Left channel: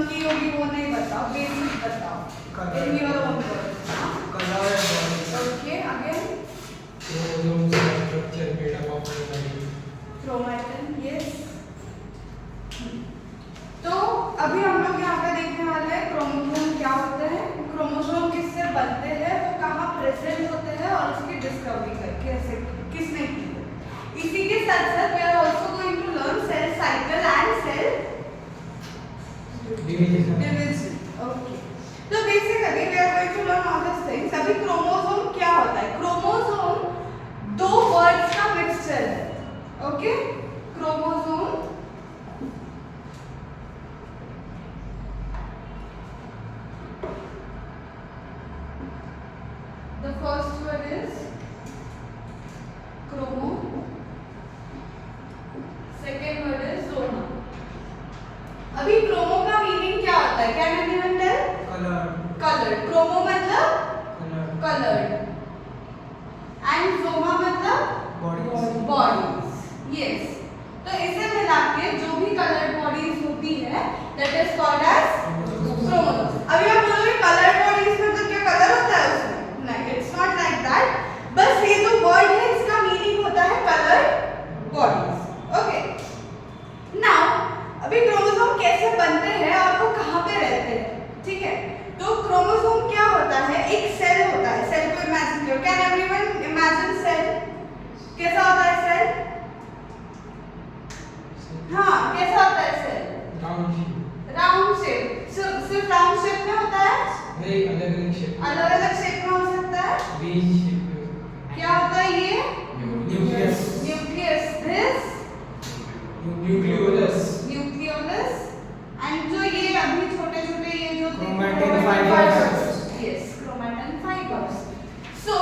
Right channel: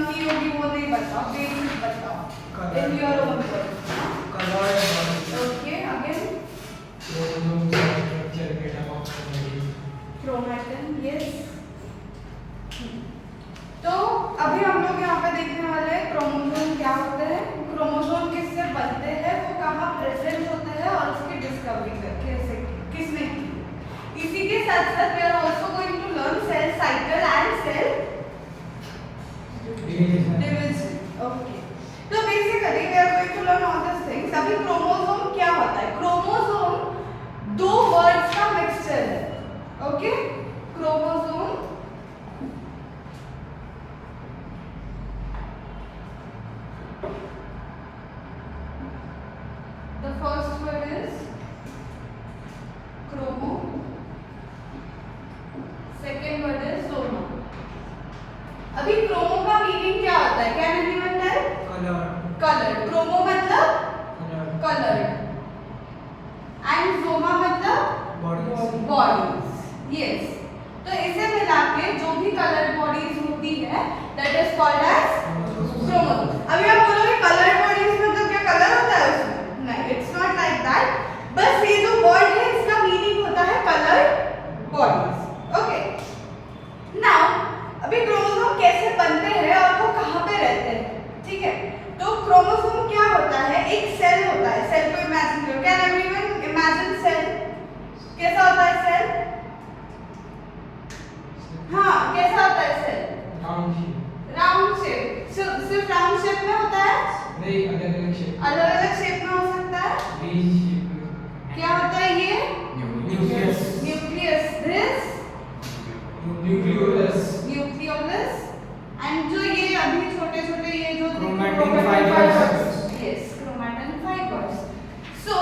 Learn की होगी वो नहीं बताओ, बेसिक बताओ in your own words. Colour okay again chromatin, yes. तो अभी हम लोग यहाँ पे देखने वाले हैं क्रोमोसोम क्या होते हैं, क्रोमोसोम किससे बनते हैं, वो कहाँ प्रेजेंट होते हैं और उसकी डिस्कवरी कैसे किसने की। इसी के साथ साथ we are also going to learn cell cycle and cell division. Okay, तो basically we are going to learn all this things. अभी क्रोमोसोम क्या होता है? क्रोमोसोम दो वर्ड्स का मिक्सचर है। Okay, chromosome the first word is chromo, second word is soma। अभी chromo का मीनिंग क्या होता है? क्या मीनिंग बनता है? कलर्ड। क्रोमो मतलब कलर्ड एंड सोमा मतलब बॉडीज, यस। तो इसे मिला के जो भी कलर्ड बॉडीज होती है that is called as chromosome. अभी आप बोलोगे कलर्ड बॉडीज मतलब क्या कलर होता है उसमें? नहीं, इट्स नॉट लाइक दैट। बस ये जो वर्ड है इसका मीनिंग होता है कलर्ड बॉडीज। ओके, नाउ अभी क्रोमोसोम कैसे बनते हैं और वो कहाँ पे रहते हैं, ठीक है? तो क्रोमोसोम क्या होता है? एक सेल होता है। सेल को इमेजिन करो। Can everyone imagine cell? कैसा होता है सेल? हाँ, कैसा होता है सेल? Round shape. सिर्फ राउंड शेप में होता है? नहीं, अलग-अलग शेप में हो सकता है। क्या होता है ये? Nucleus, this nucleolus. एंड जो ये अभी छोटे-छोटे ये जो chromatin fibres, yes, chromatin fibres. So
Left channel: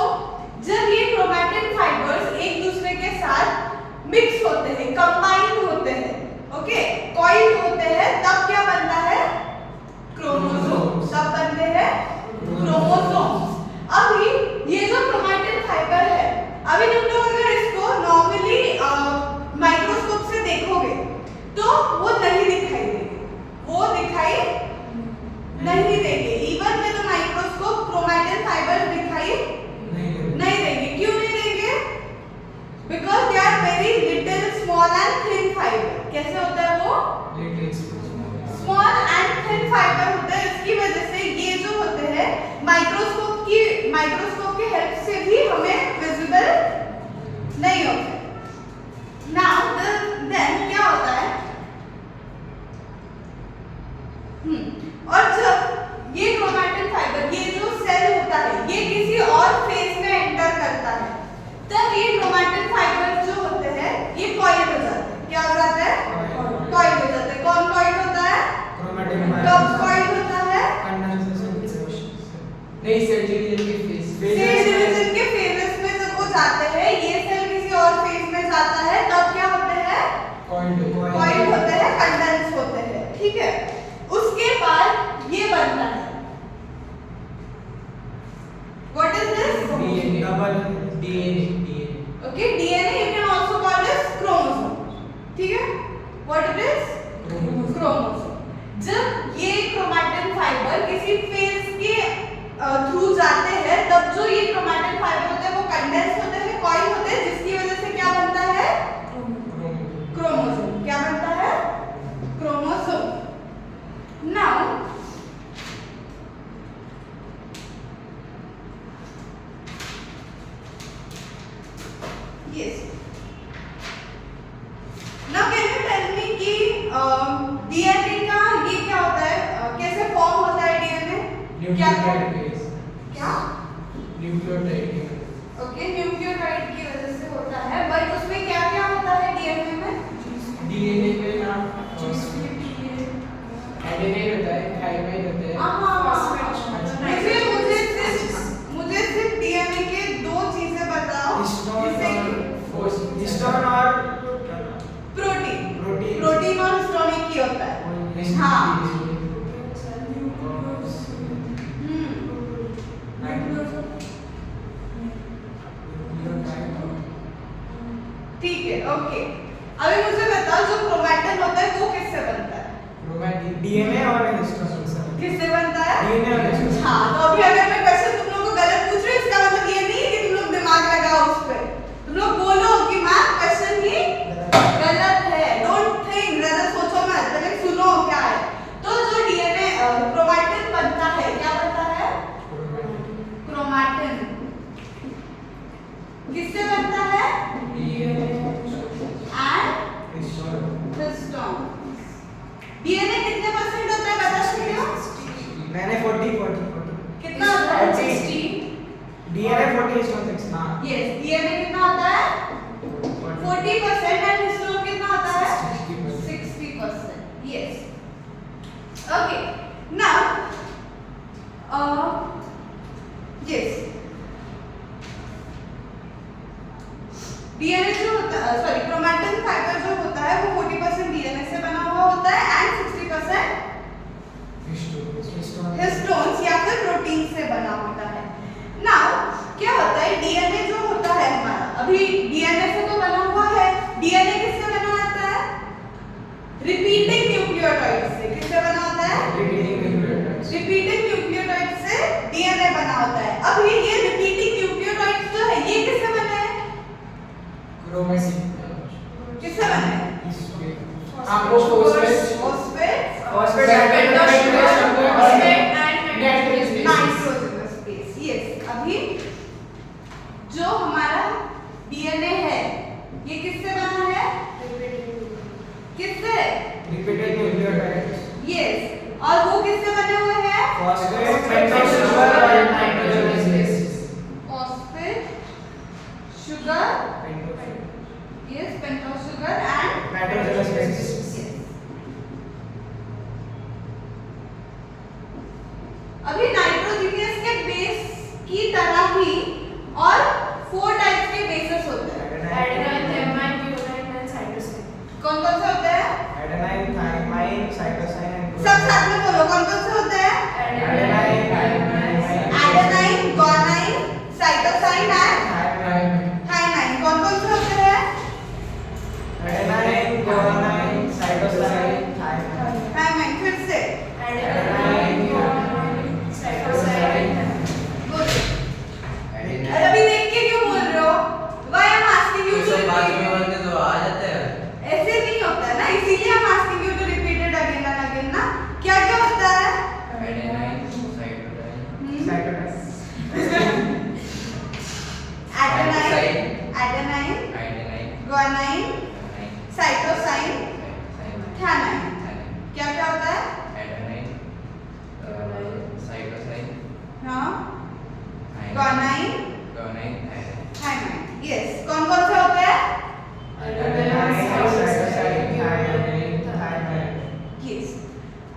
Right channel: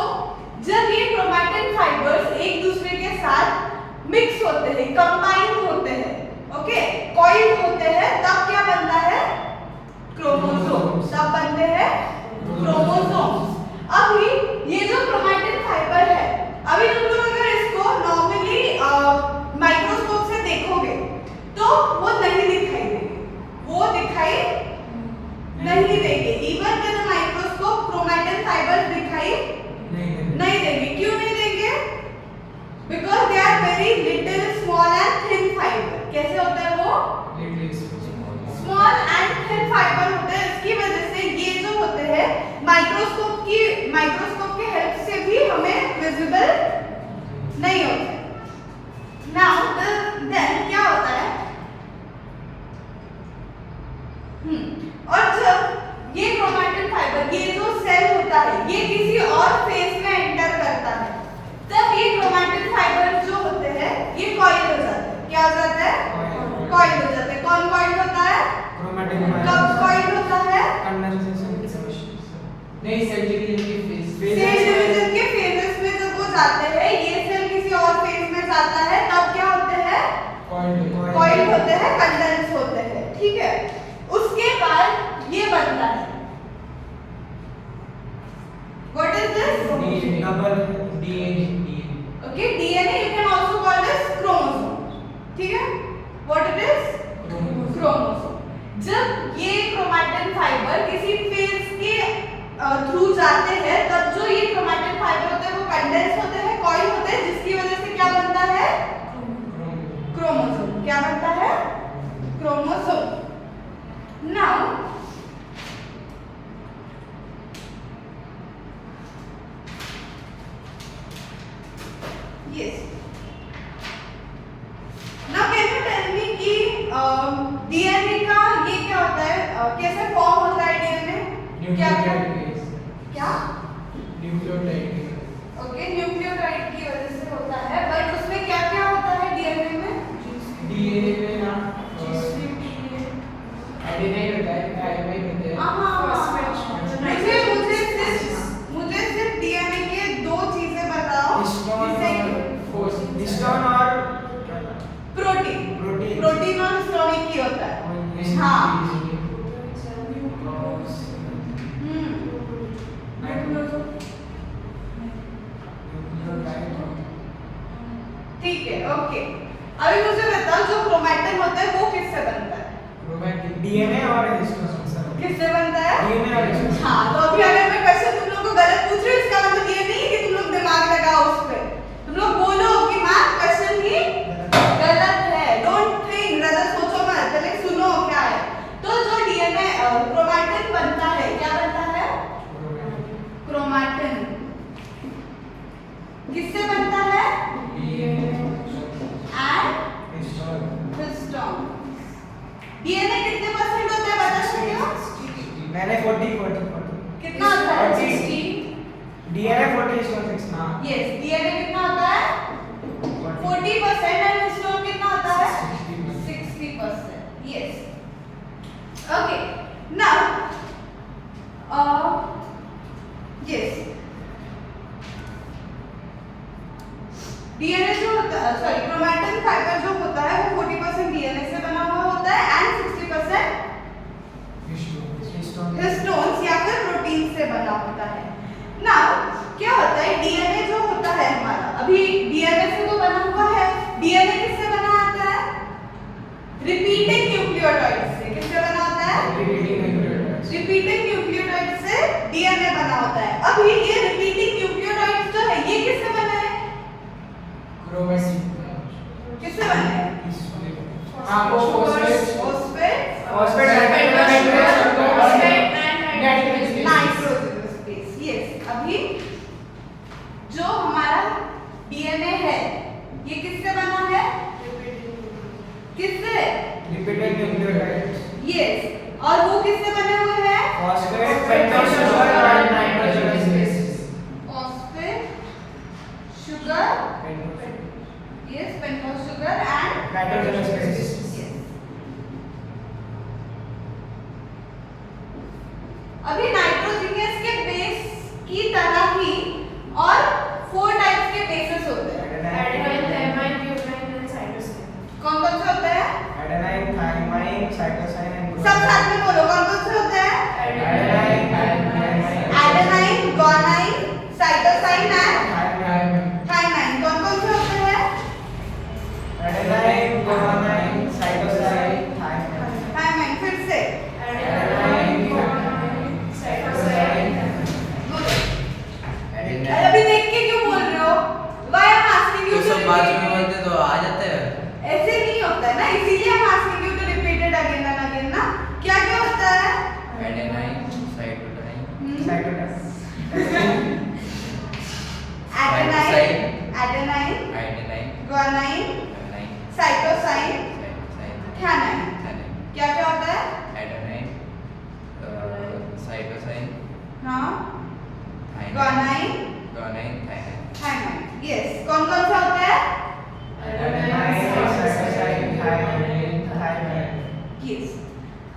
जब ये क्रोमैटिन फाइबर्स एक दूसरे के साथ मिक्स होते हैं, कंबाइन होते हैं, ओके, कॉइल्ड होते हैं, तब क्या बनता है? क्रोमोसोम। तब बनते हैं क्रोमोसोम्स। अभी ये जो क्रोमैटिन फाइबर है, अभी तुम लोग अगर इसको नॉर्मली माइक्रोस्कोप से देखोगे तो वो नहीं दिखाई देंगे, वो दिखाई नहीं देंगे। Even with microscope chromatin fibre दिखाई नहीं देंगे। क्यों नहीं देंगे? Because they are very little small and thin fibre. कैसे होता है वो? स्मॉल एंड थिन फाइबर होते हैं। इसकी वजह से ये जो होते हैं माइक्रोस्कोप के हेल्प से भी हमें विजिबल नहीं होते। नाउ देन क्या होता है? और जब ये क्रोमैटिन फाइबर, ये जो सेल होता है, ये किसी और फेज में एंटर करता है, तब ये क्रोमैटिन फाइबर जो होते हैं ये कॉइल हो जाते हैं। क्या हो जाता है? कॉइल हो जाते हैं। कौन कॉइल होता है? कब कॉइल होता है? नहीं, सेल डिवीजन के फेजेस में जब वो जाते हैं, ये सेल किसी और फेज में जाता है, तब क्या होते हैं? कॉइल होते हैं, कंडेंस होते हैं, ठीक है? उसके बाद ये बनता है। What is this? DNA। Okay, DNA you can also call this chromosome, ठीक है? What it is? क्रोमोसोम। जब ये क्रोमैटिन फाइबर किसी फेज के थ्रू जाते हैं, तब जो ये क्रोमैटिन फाइबर होते हैं वो कंडेंस होते हैं, कॉइल होते हैं, जिसकी वजह से क्या बनता है? क्रोमोसोम। क्या बनता है? Chromosome. Now yes, now can you tell me कि डीएनए का ये क्या होता है? कैसे फॉर्म होता है डीएनए? क्या ओके, न्यूक्लियोटाइड की वजह से होता है। बट उसमें क्या क्या होता है डीएनए में? डीएनए में ना एडेनाइन होता है, थाइमाइन होता है। मुझे सिर्फ डीएनए के दो चीजें बताओ। हिस्टोन और प्रोटीन और हिस्टोन एक ही होता है। हाँ, ठीक है, ओके। अभी मुझे बताओ जो क्रोमैटिन होता है वो किससे बनता है? डीएनए और हिस्टोन। किससे बनता है? डीएनए और हिस्टोन। हाँ, तो अभी अगर मैं क्वेश्चन तुम लोगों को गलत पूछ रही हूँ, इसका मतलब ये नहीं है कि तुम लोग दिमाग लगाओ उस पे। तुम लोग बोलो कि मैम क्वेश्चन ही गलत है। डोंट थिंक, ज्यादा सोचो मत, पहले सुनो क्या है। तो जो डीएनए क्रोमैटिन बनता है, क्या बनता है? क्रोमैटिन। किससे बनता है? And histone. डीएनए कितने परसेंट होता है बता सकते हो? मैंने 40 कितना होता है? 40 डीएनए 40 हिस्टोन 60। हां यस, डीएनए कितना होता है? 40% एंड हिस्टोन कितना होता है? 60%। Yes. Okay, now yes, DNA जो होता है, सॉरी, क्रोमैटिन फाइबर जो होता है वो 40% डीएनए से बना हुआ होता है एंड 60% हिस्टोन्स या फिर प्रोटीन से बना होता है। नाउ क्या होता है, डीएनए जो होता है हमारा, अभी डीएनए से तो बना हुआ है। डीएनए किससे बना होता है? रिपीटिंग न्यूक्लियोटाइड से। किससे बना होता है? रिपीटिंग न्यूक्लियोटाइड से डीएनए बना होता है। अभी ये रिपीटिंग न्यूक्लियोटाइड जो है ये किससे बना है? क्रोमेटिन। किससे बना है? हां वो phosphate phosphate nitrogenous base. Yes, अभी जो हमारा डीएनए है ये किससे बना है? किससे? Repeated nucleotide. यस, और वो किससे बने हुए हैं? फॉस्फेट, पेंटोस शुगर और nitrogenous base. Phosphate, sugar, yes, pentose sugar and nitrogenous base. अभी नाइट्रोजनियस के बेस की तरह ही और 4 टाइप्स के बेसेस होते हैं। कौन कौन से होते हैं? एडेनाइन, थायमाइन, साइटोसाइन एंड सब साथ में बोलो, कौन कौन से होते हैं? Adenine, guanine, cytosine and thymine. कौन कौन से होते हैं? Adenine, guanine, cytosine, thymine. Thymine. फिर से एडेनाइन, अभी देख के क्यों बोल रहे हो? Why I'm asking you to repeat? तो आ जाता है। ऐसे नहीं होता है ना, इसीलिए हम asking you to repeat it again and again ना। क्या क्या होता है? Adenine, cytosine, adenine, guanine, cytosine, thymine. क्या क्या होता है? एडेनाइन, साइटोसाइन, हाँ, ग्वानाइन, थायमाइन। यस, कौन कौन से होते हैं? Adenine, cytosine, thymine. यस।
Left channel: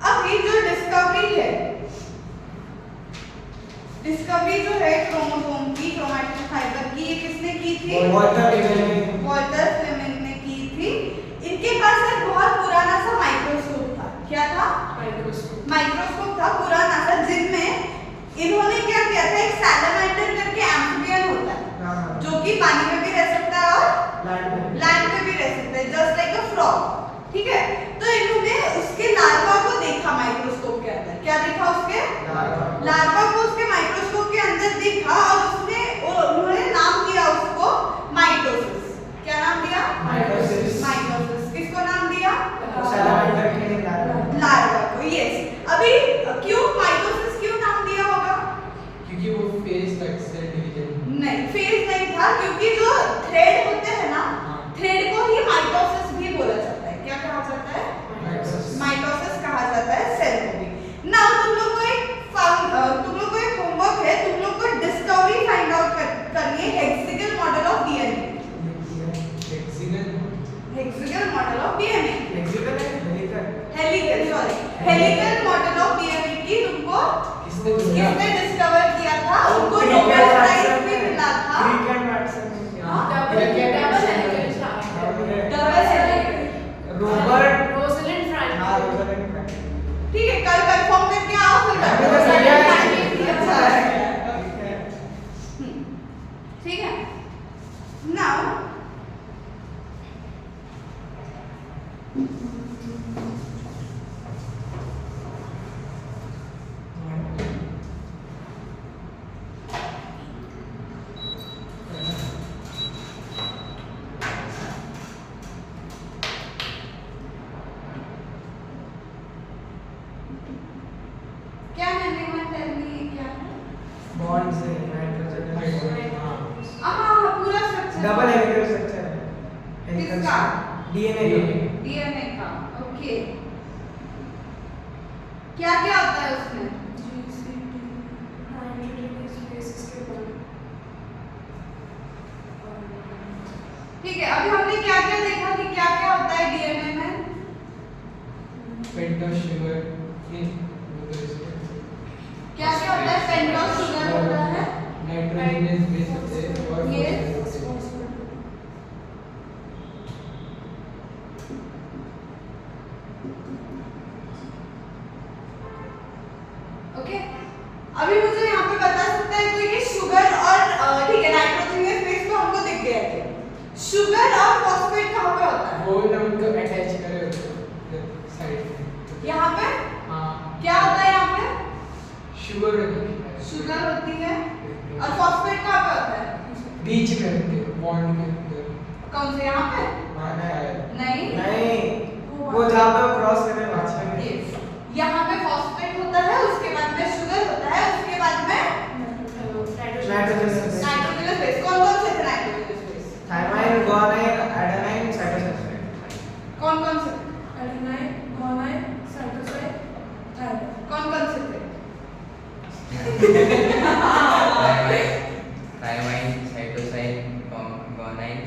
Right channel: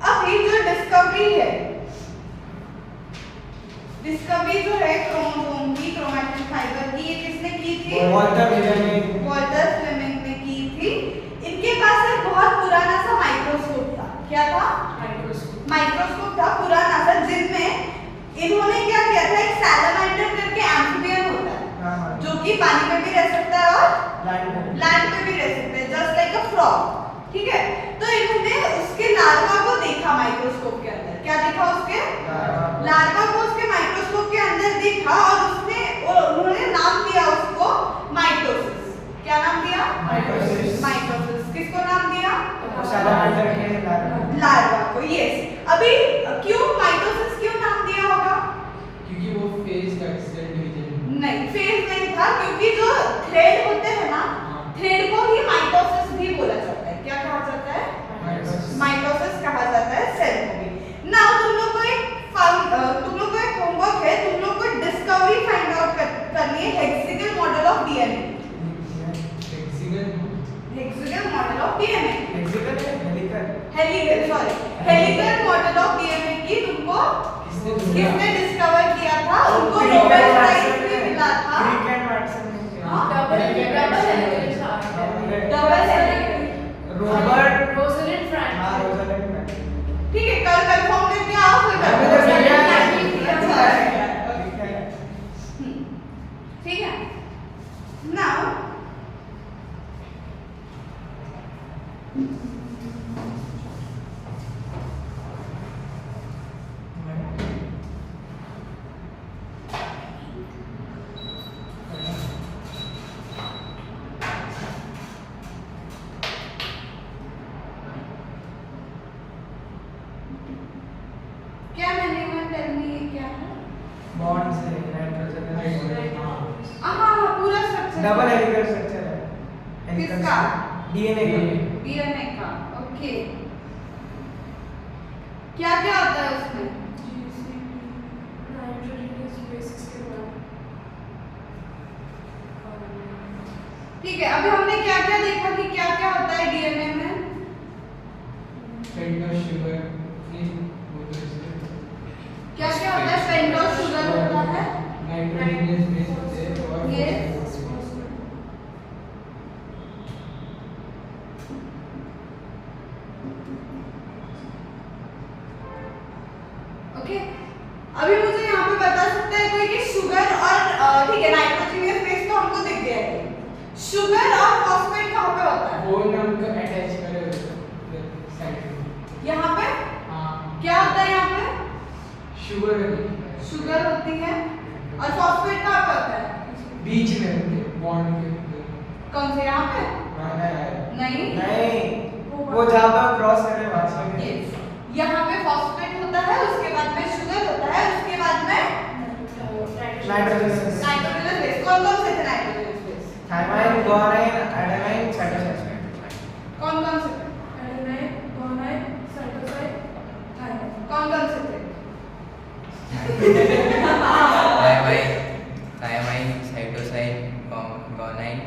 अब ये जो डिस्कवरी है, डिस्कवरी जो है क्रोमोसोम की, क्रोमैटिन फाइबर की, ये किसने की थी? Walter Flemming. वॉल्टर फ्लेमिंग ने की थी। इनके पास एक बहुत पुराना सा माइक्रोस्कोप था। क्या था? माइक्रोस्कोप था पुराना सा, जिनमें इन्होंने क्या किया था, एक सैलामाइटर करके एम्फिबियन होता है जो कि पानी में भी रह सकता है और लैंड पे भी रह सकता है, जस्ट लाइक अ फ्रॉग। ठीक है, तो इन्होंने उसके लार्वा को देखा माइक्रोस्कोप के अंदर। क्या देखा? उसके लार्वा को उसके माइक्रोस्कोप के अंदर देखा और उन्होंने नाम दिया उसको माइटोसिस। क्या नाम दिया? माइटोसिस। किसको नाम दिया? सैलामाइटर के लार्वा को। यस, अभी क्यों माइटोसिस क्यों नाम दिया होगा? क्योंकि वो फेज का सेल डिवीजन नहीं, फेज नहीं था, क्योंकि जो थ्रेड होते हैं ना, थ्रेड को ही माइटोसिस भी बोला जाता है। क्या कहा जाता है? माइटोसिस कहा जाता है सेल को भी। नाउ तुम लोग को एक होमवर्क है, तुम लोग को डिस्कवरी फाइंड आउट करनी है hexagonal model of DNA. Hexagonal model of DNA, helical model of DNA की तुमको किसने डिस्कवर किया था? उनको नोबेल प्राइज भी मिला था। Double helical Robert Rosalind Frank. हाँ रोज़लिंड फ्रैंक। ठीक है, कल कंफर्म करके आओ फिर अभी तो भैया ठीक है। नाउ टेल मी क्या है? बॉन्ड से नाइट्रोजन हाँ पूरा स्ट्रक्चर डबल हेलिकल स्ट्रक्चर है हेलिकल किसका? डीएनए का डीएनए का ओके क्या क्या होता है उसमें? ठीक है अभी हमने क्या क्या देखा कि क्या क्या होता है डीएनए में? पेंटोस शुगर क्या क्या होता है? पेंटोस शुगर होता है नाइट्रोजनस बेस होते हैं और ये ओके अभी मुझे यहाँ पे बता सकता है कोई कि शुगर और ठीक है नाइट्रोजनस बेस तो हमको दिख गया है शुगर और फॉस्फेट कहाँ पे होता है? वो नमक अटैच करे होते हैं साइड यहाँ पे हाँ क्या होता है? यहाँ पे शुगर होती है शुगर होती है और फॉस्फेट कहाँ पे होता है? बीच में होते हैं बॉन्ड के अंदर कौन से यहाँ पे? नहीं नहीं वो जहाँ पे क्रॉस करे वहाँ पे Yes. यहाँ पे फॉस्फेट होता है उसके बाद में शुगर होता है उसके बाद में नाइट्रोजन नाइट्रोजनस बेस कौन कौन से थे nitrogenous base? Thymine guanine adenine cytosine कौन कौन से थे? कौन कौन से थे? थायमाइन साइटोसाइन गुआनाइन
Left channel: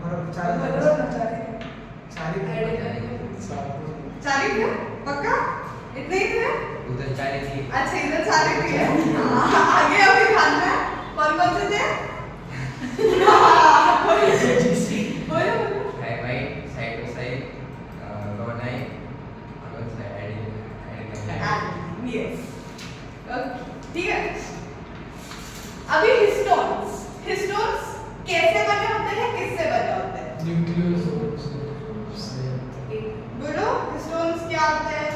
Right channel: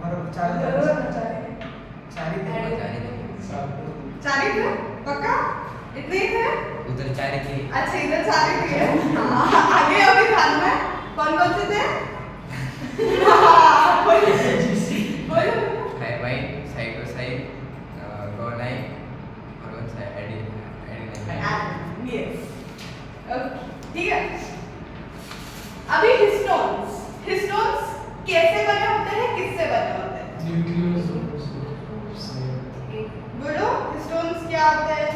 बरोबर चार चार ही थे पक्का इतने ही थे? उधर चार थी अच्छा इधर चार ही थे हाँ, आगे अभी ध्यान में कौन कौन से थे? हाँ, बोलो बोलो थायमाइन साइटोसाइन गुआनाइन और एडेनाइन यस ठीक है अभी हिस्टोन्स कैसे बने होते हैं किससे बने होते हैं? न्यूक्लियोसोम्स बोलो हिस्टोन्स क्या होते हैं?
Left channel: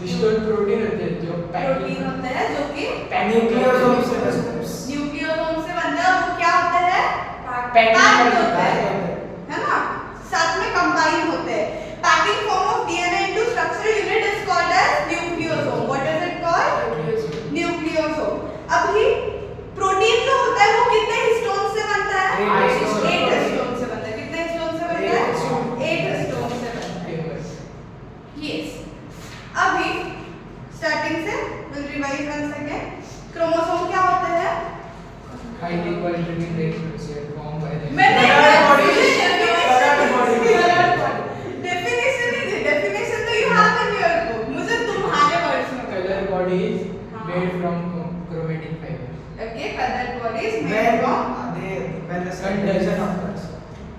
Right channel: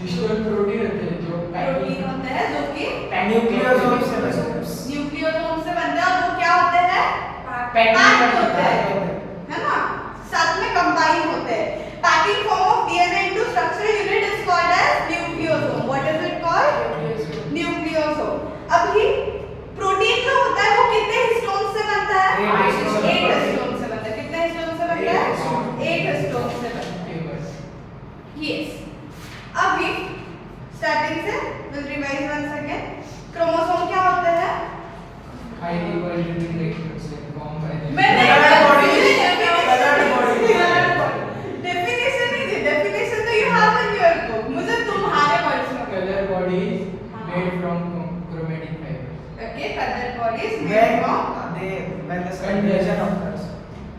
हिस्टोन प्रोटीन होते हैं जो प्रोटीन होते हैं जो कि न्यूक्लियोसोम से बनते हैं न्यूक्लियोसोम से बनते हैं और वो क्या होते हैं? पैकिंग पैक्ड होते होता हैं है है ना साथ में कंबाइन होते हैं packing form of DNA into structural unit is called as nucleosome what is it called? Nucleosome अभी प्रोटीन जो होता है वो कितने हिस्टोन से बनता है? 8 हिस्टोन 8 हिस्टोन से बनता है कितने हिस्टोन से बनता है? 8 हिस्टोन से बनता है यस अभी स्टार्टिंग से will revise once again chromosome क्या होते हैं? हाईली पॉलिटेड से फॉर्म बाय मैंने Colored body. डेफिनेशन नहीं दी डेफिनेशन तो you have in your book मुझे तुम्हारे वर्ड्स में colour body is made from chromatic fibres okay colour body is made from when the cell division occurs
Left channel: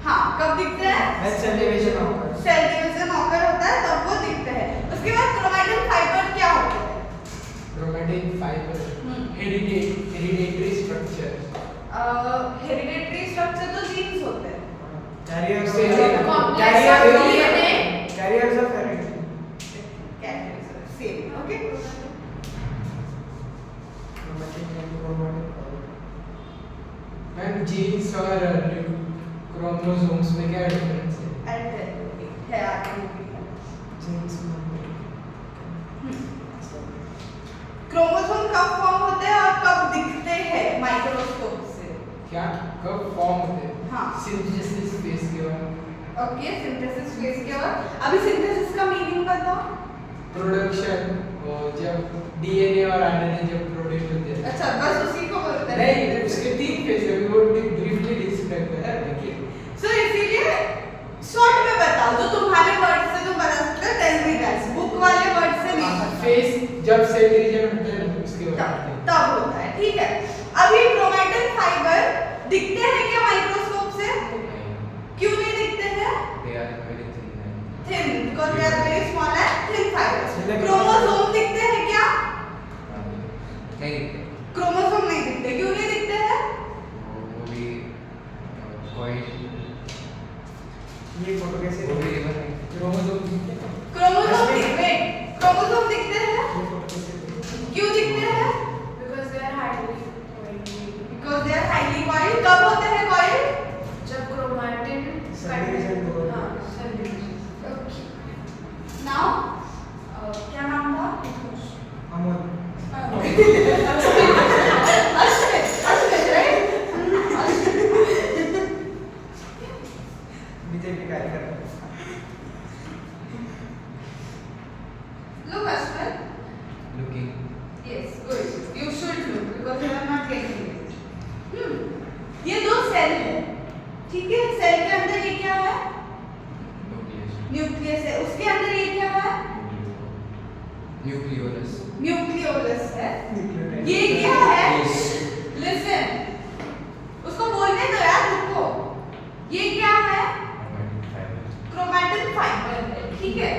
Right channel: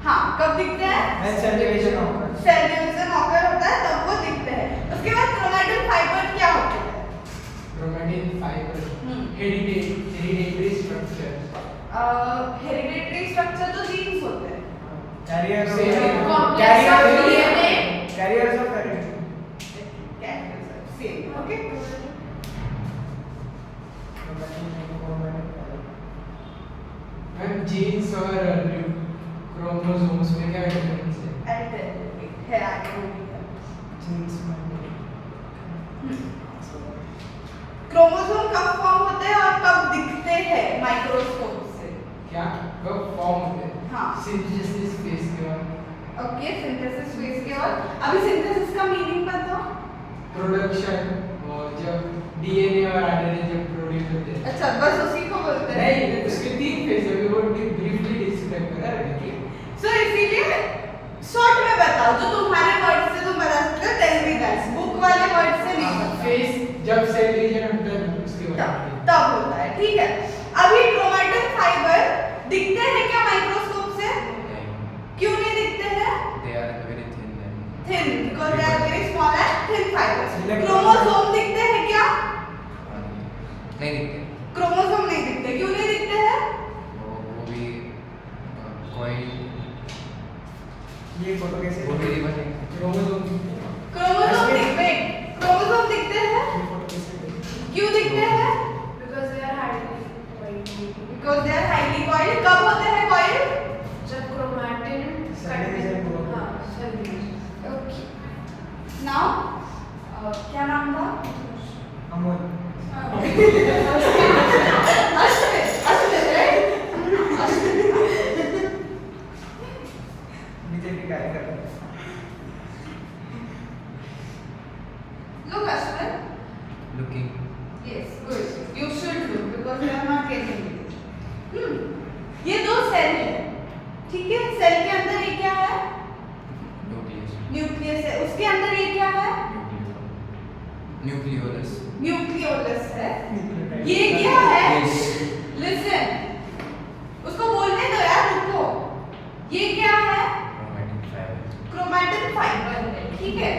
हाँ कब दिखते हैं? when cell division occurs cell division occur होता है तब वो दिखते हैं उसके बाद क्रोमैटिन फाइबर क्या होते हैं? Chromatic fibre hereditary structure hereditary structure तो जीन्स होते हैं carriers Same. carriers of heredity same okay and genes और क्रोमोसोम्स में क्या डिफरेंस है? एंड है genes क्रोमोसोम कब फॉर्म होते हैं और कब दिखते हैं माइक्रोस्कोप से? क्या कब फॉर्म होते हैं? हाँ। सिंथेसिस फेज के बाद ओके सिंथेसिस फेज के बाद अभी सिंथेसिस का मीनिंग बताओ प्रोडक्शन जब डीएनए और आरएनए जब प्रोड्यूस होते हैं अच्छा बस उसी को बोलते हैं नहीं उसके 3 फेज है वो ब्रीफली डिस्क्राइब कर रहा है सो इसीलिए शॉर्ट में बताओ जो तुम्हारे वर्ड से तुम बता सकते हो टेल मी दैट्स बुक वाले वर्ड से नहीं बताओ फेज जब सेल डिवीजन होता है उसके बाद तब होता है ठीक है अभी क्रोमैटिन फाइबर दिखते हैं क्या माइक्रोस्कोप से? क्यों नहीं दिखते हैं? they are very thin thin because they are very small and thin fibres Electron- chromosome दिखते हैं क्या? नहीं दिखते क्रोमोसोम नहीं दिखते क्यों नहीं दिखते हैं? वो भी कोई ये फोटो कैसे वो भी रिबन है क्रोमोसोम क्रोमोसोम दिखते क्रोमोसोम दिखते हैं ये फोटो कैसे क्यों दिखते हैं? Because they are highly because they are highly coiled कब होते हैं कॉइल्ड? जब chromatin Cell division को- हाँ, cell division. ओके नाउ क्या नाम था? अमोल अश्विन, right? बीजेपी कार्यकर्ता Look, Ashwin. Looking. Yes, good. You should look because you are not getting it. ये दो सेल है, ठीक है? सेल के अंदर ये क्या है? Nucleus. न्यूक्लियस है। उसके अंदर ये क्या है? Nucleolus. न्यूक्लियोलस है। ये क्या है? Listen. उसको बोलने दो यार, रुको। ये क्या है? Chromatin fiber. क्रोमैटिन फाइबर है, ठीक है?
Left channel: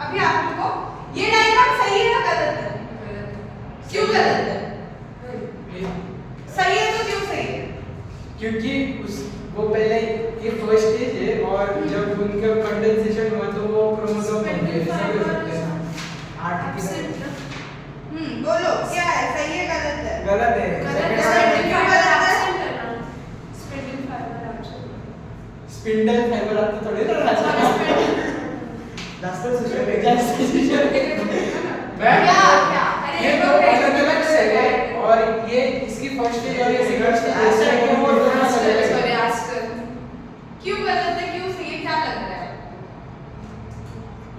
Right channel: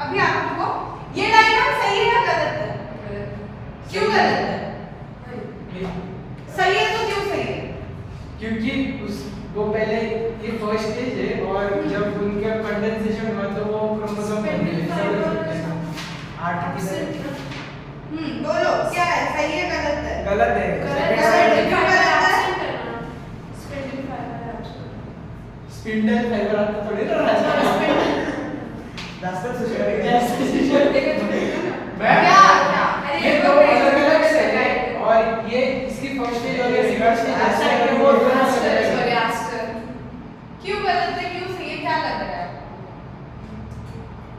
अभी आप रुको। ये डायग्राम सही है या गलत है? क्यों गलत है? सही है तो क्यों सही है? क्योंकि वो पहले ये फर्स्ट स्टेज है और जब उनका कंडेंसेशन हुआ तो वो क्रोमोसोम बन गए। आठ की बोलो क्या है, सही है गलत है? गलत है गलत है। क्यों गलत है? स्पिंडल फाइबर आता थोड़ी ना जास्त सुशर आहे क्या क्या? ये दो अलग अलग सेल है और ये इसकी फर्स्ट स्टेज और ये सेकंड स्टेज ऐसा है कि वो क्यों गलत है, क्यों सही है, क्या लग रहा है?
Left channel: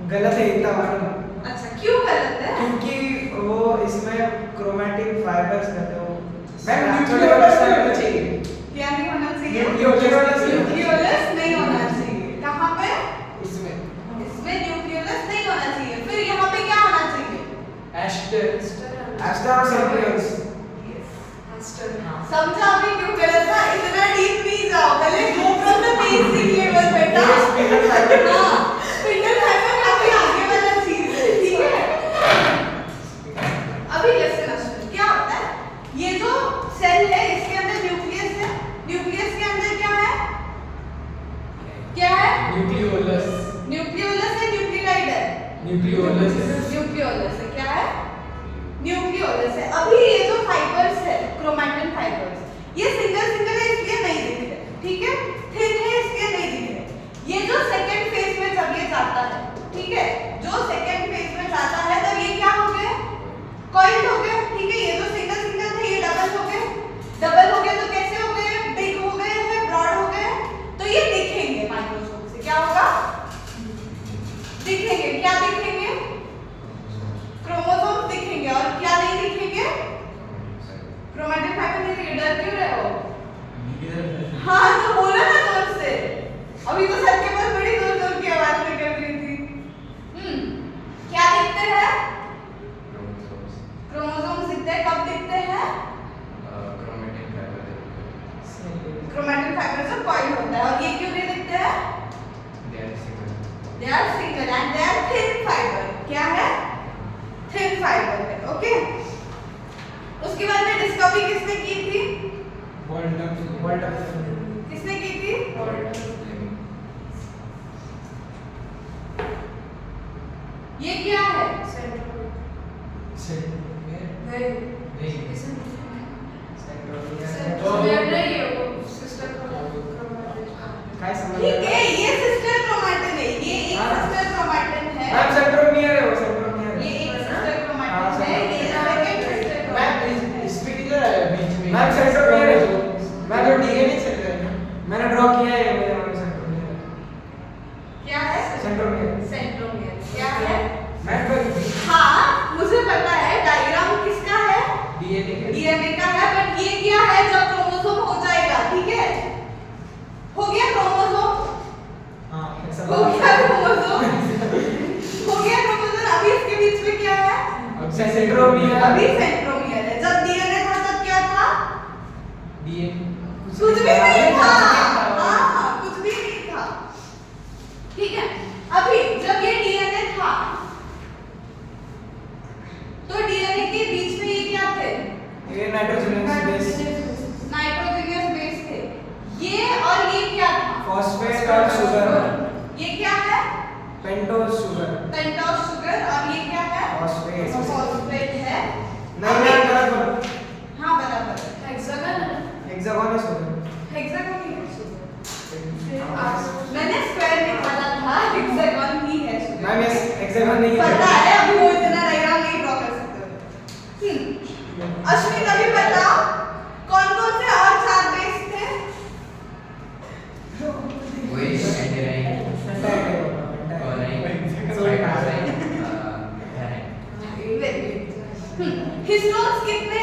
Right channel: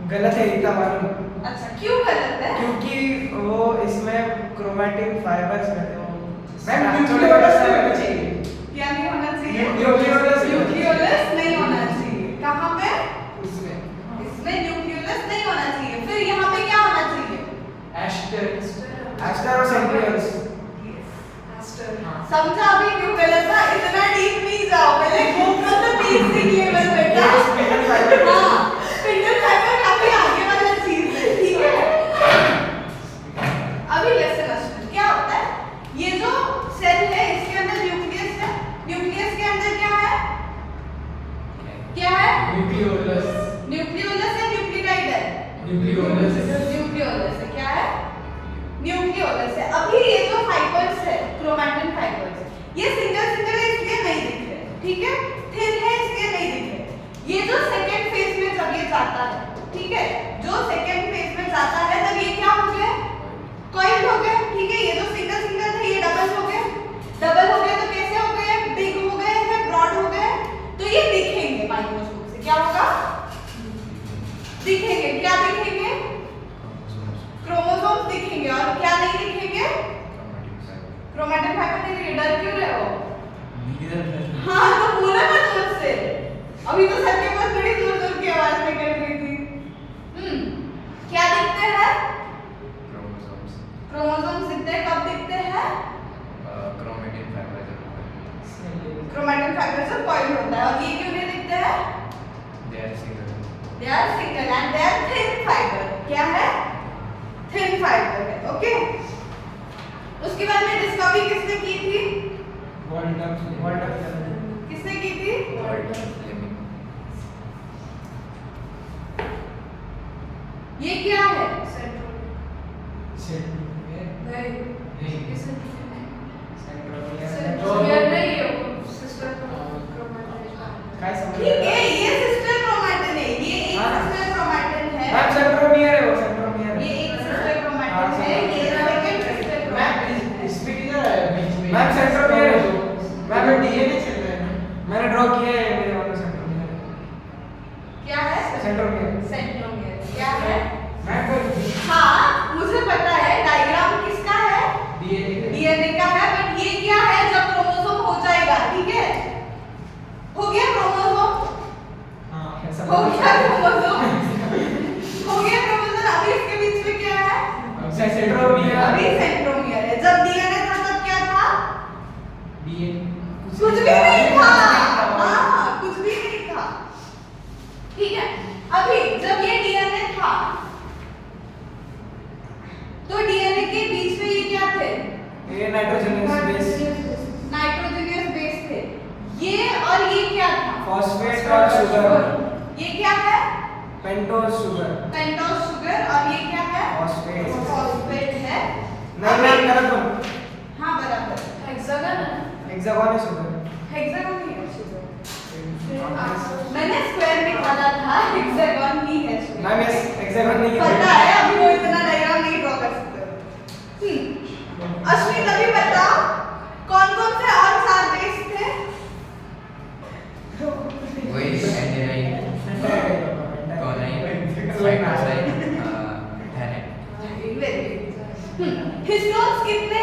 गलत है इतना मालूम अच्छा, क्यों गलत है? क्योंकि वो इसमें क्रोमैटिन फाइबर्स रहते हो मैम, छोटे न्यूक्लियोलस बच्चे होना चाहिए क्या नहीं होना चाहिए? न्यूक्लियोलस न्यूक्लियोलस नहीं होना चाहिए। कहाँ पे? उसमें इसमें न्यूक्लियोलस नहीं होना चाहिए। फिर यहाँ पे क्या होना चाहिए? एस्टर एस्टर और सेंट्रियोल्स समझा अभी क्यों गलत था? इतना डीप नहीं जाओ, पहले go from the basic level बेटा। ये स्पिंडल फाइबर हाँ, स्पिंडल फाइबर काफी आगे वाला चीज है, ठीक है? अभी लिसन अश्विन, क्या होता है? ये जो सेल है इसके अंदर न्यूक्लियस है। न्यूक्लियस के अंदर क्या है? क्या है? न्यूक्लियोलस न्यूक्लियोलस है, न्यूक्लियोटाइड है? न्यूक्लियोलस न्यूक्लियोलस है। क्या है? न्यूक्लियोलस है। अभी ये जो फाइबर्स है, क्रोमैटिन फाइबर्स, ये सिंगल सिंगल है इसलिए नहीं दिख रहे, ठीक है? थिन है इसलिए नहीं दिख रहे। ये जो सेकंड फेज में जब ये जाता है, ठीक है? जो सेकंड फेज में जाता है तब ये क्या हो गया? कॉइल्ड हो गया, ठीक है? ये जो सिंगल सिंगल थे ये डबल हो गए। डबल हो गए तो कैसे हो गए? बिग हो गए हैं, ब्रॉड हो गए। तो ये दिखेंगे माइक्रोस्कोप से। क्या होगा? दिखेंगे। क्या दिखेंगे? क्रोमोसोम दिखेंगे। और क्या नहीं दिखेंगे? क्रोमैटिन फाइबर नहीं दिखेंगे। डर क्यों रहे हो? हाँ तो बोला ना जोर से। अभी तो सर के पास बड़ी जोर जोर की आवाज निकल रही थी। क्या दिखते हैं? Chromosomes. क्रोमोसोम्स दिखते हैं। कब दिखते हैं? Chromatin fiber जब क्रोमैटिन फाइबर से कॉइल होता है। और ये क्यों नहीं दिखते हैं? they are single. They are single and they are thin fiber. क्या है? Thin fiber है, ओके? उसके बाद में डिस्कवरी किसने की थी? वर्ल्ड किसने की थी? Living. ये क्या है? काय समझ ठीक है, ये सिस्टर क्रोमैटिन है। ये एक सिस्टर क्रोमैटिन है। मैम सेंट्रोमियर है वो सेंट्रोमियर ये एक सिस्टर हाँ, क्रोमैटिन है। ये सेकंड सिस्टर क्रोमैटिन है। इसमें किधर है बीच में मैम सेंट्रोमियर है मैं जो डीएनए चल रहा है मैंने ड्रॉ किया है मेरे वाला सेंट्रोमियर क्या है? Centromere centromere. क्या है? मैं तो हाँ, मुझे पता है। डायग्राम किसका है? डीएनए का है। बट ये क्या है? जब क्रोमोसोम हो जाएगा, ठीक है? हो गया क्रोमोसोम? हाँ ऐसा हो गया क्रोमोसोम? हो गया क्रोमोसोम। अभी इसके बीच में क्या है? सेंट्रोमियर अभी सेंट्रोमियर है। जब डीएनए था तब क्या था? डीएनए कुछ भी नहीं था। हाँ, कुछ भी नहीं था। ठीक है? अभी जब ये डीएनए था तो डीएनए के बीच में ये क्या थे? ये नाइट्रोजनस बेस नाइट्रोजनियस बेस थे। ये और ये क्या था? फॉस्फेट और शुगर ये क्या है? Pentose sugar pentose sugar. और ये क्या है? फॉस्फेट फॉस्फेट है। नहीं मैं गलत बोल हाँ बराबर। हेक्सागन हेक्सागोनस होगा। हेक्सागन ही है शुगर। मैंने स्क्वायर निकाला था, हेक्सागन ही है शुगर। मैम ये हेक्सागन नहीं पता है, अभी वो इतना डायग्राम नहीं ड्रॉ कर सकते हो। अश्विन अभी बताओ कौन-कौन से और 4 बेस थे? वही एंटेनाइन, साइटोसाइन, हिस्टोन्स कितने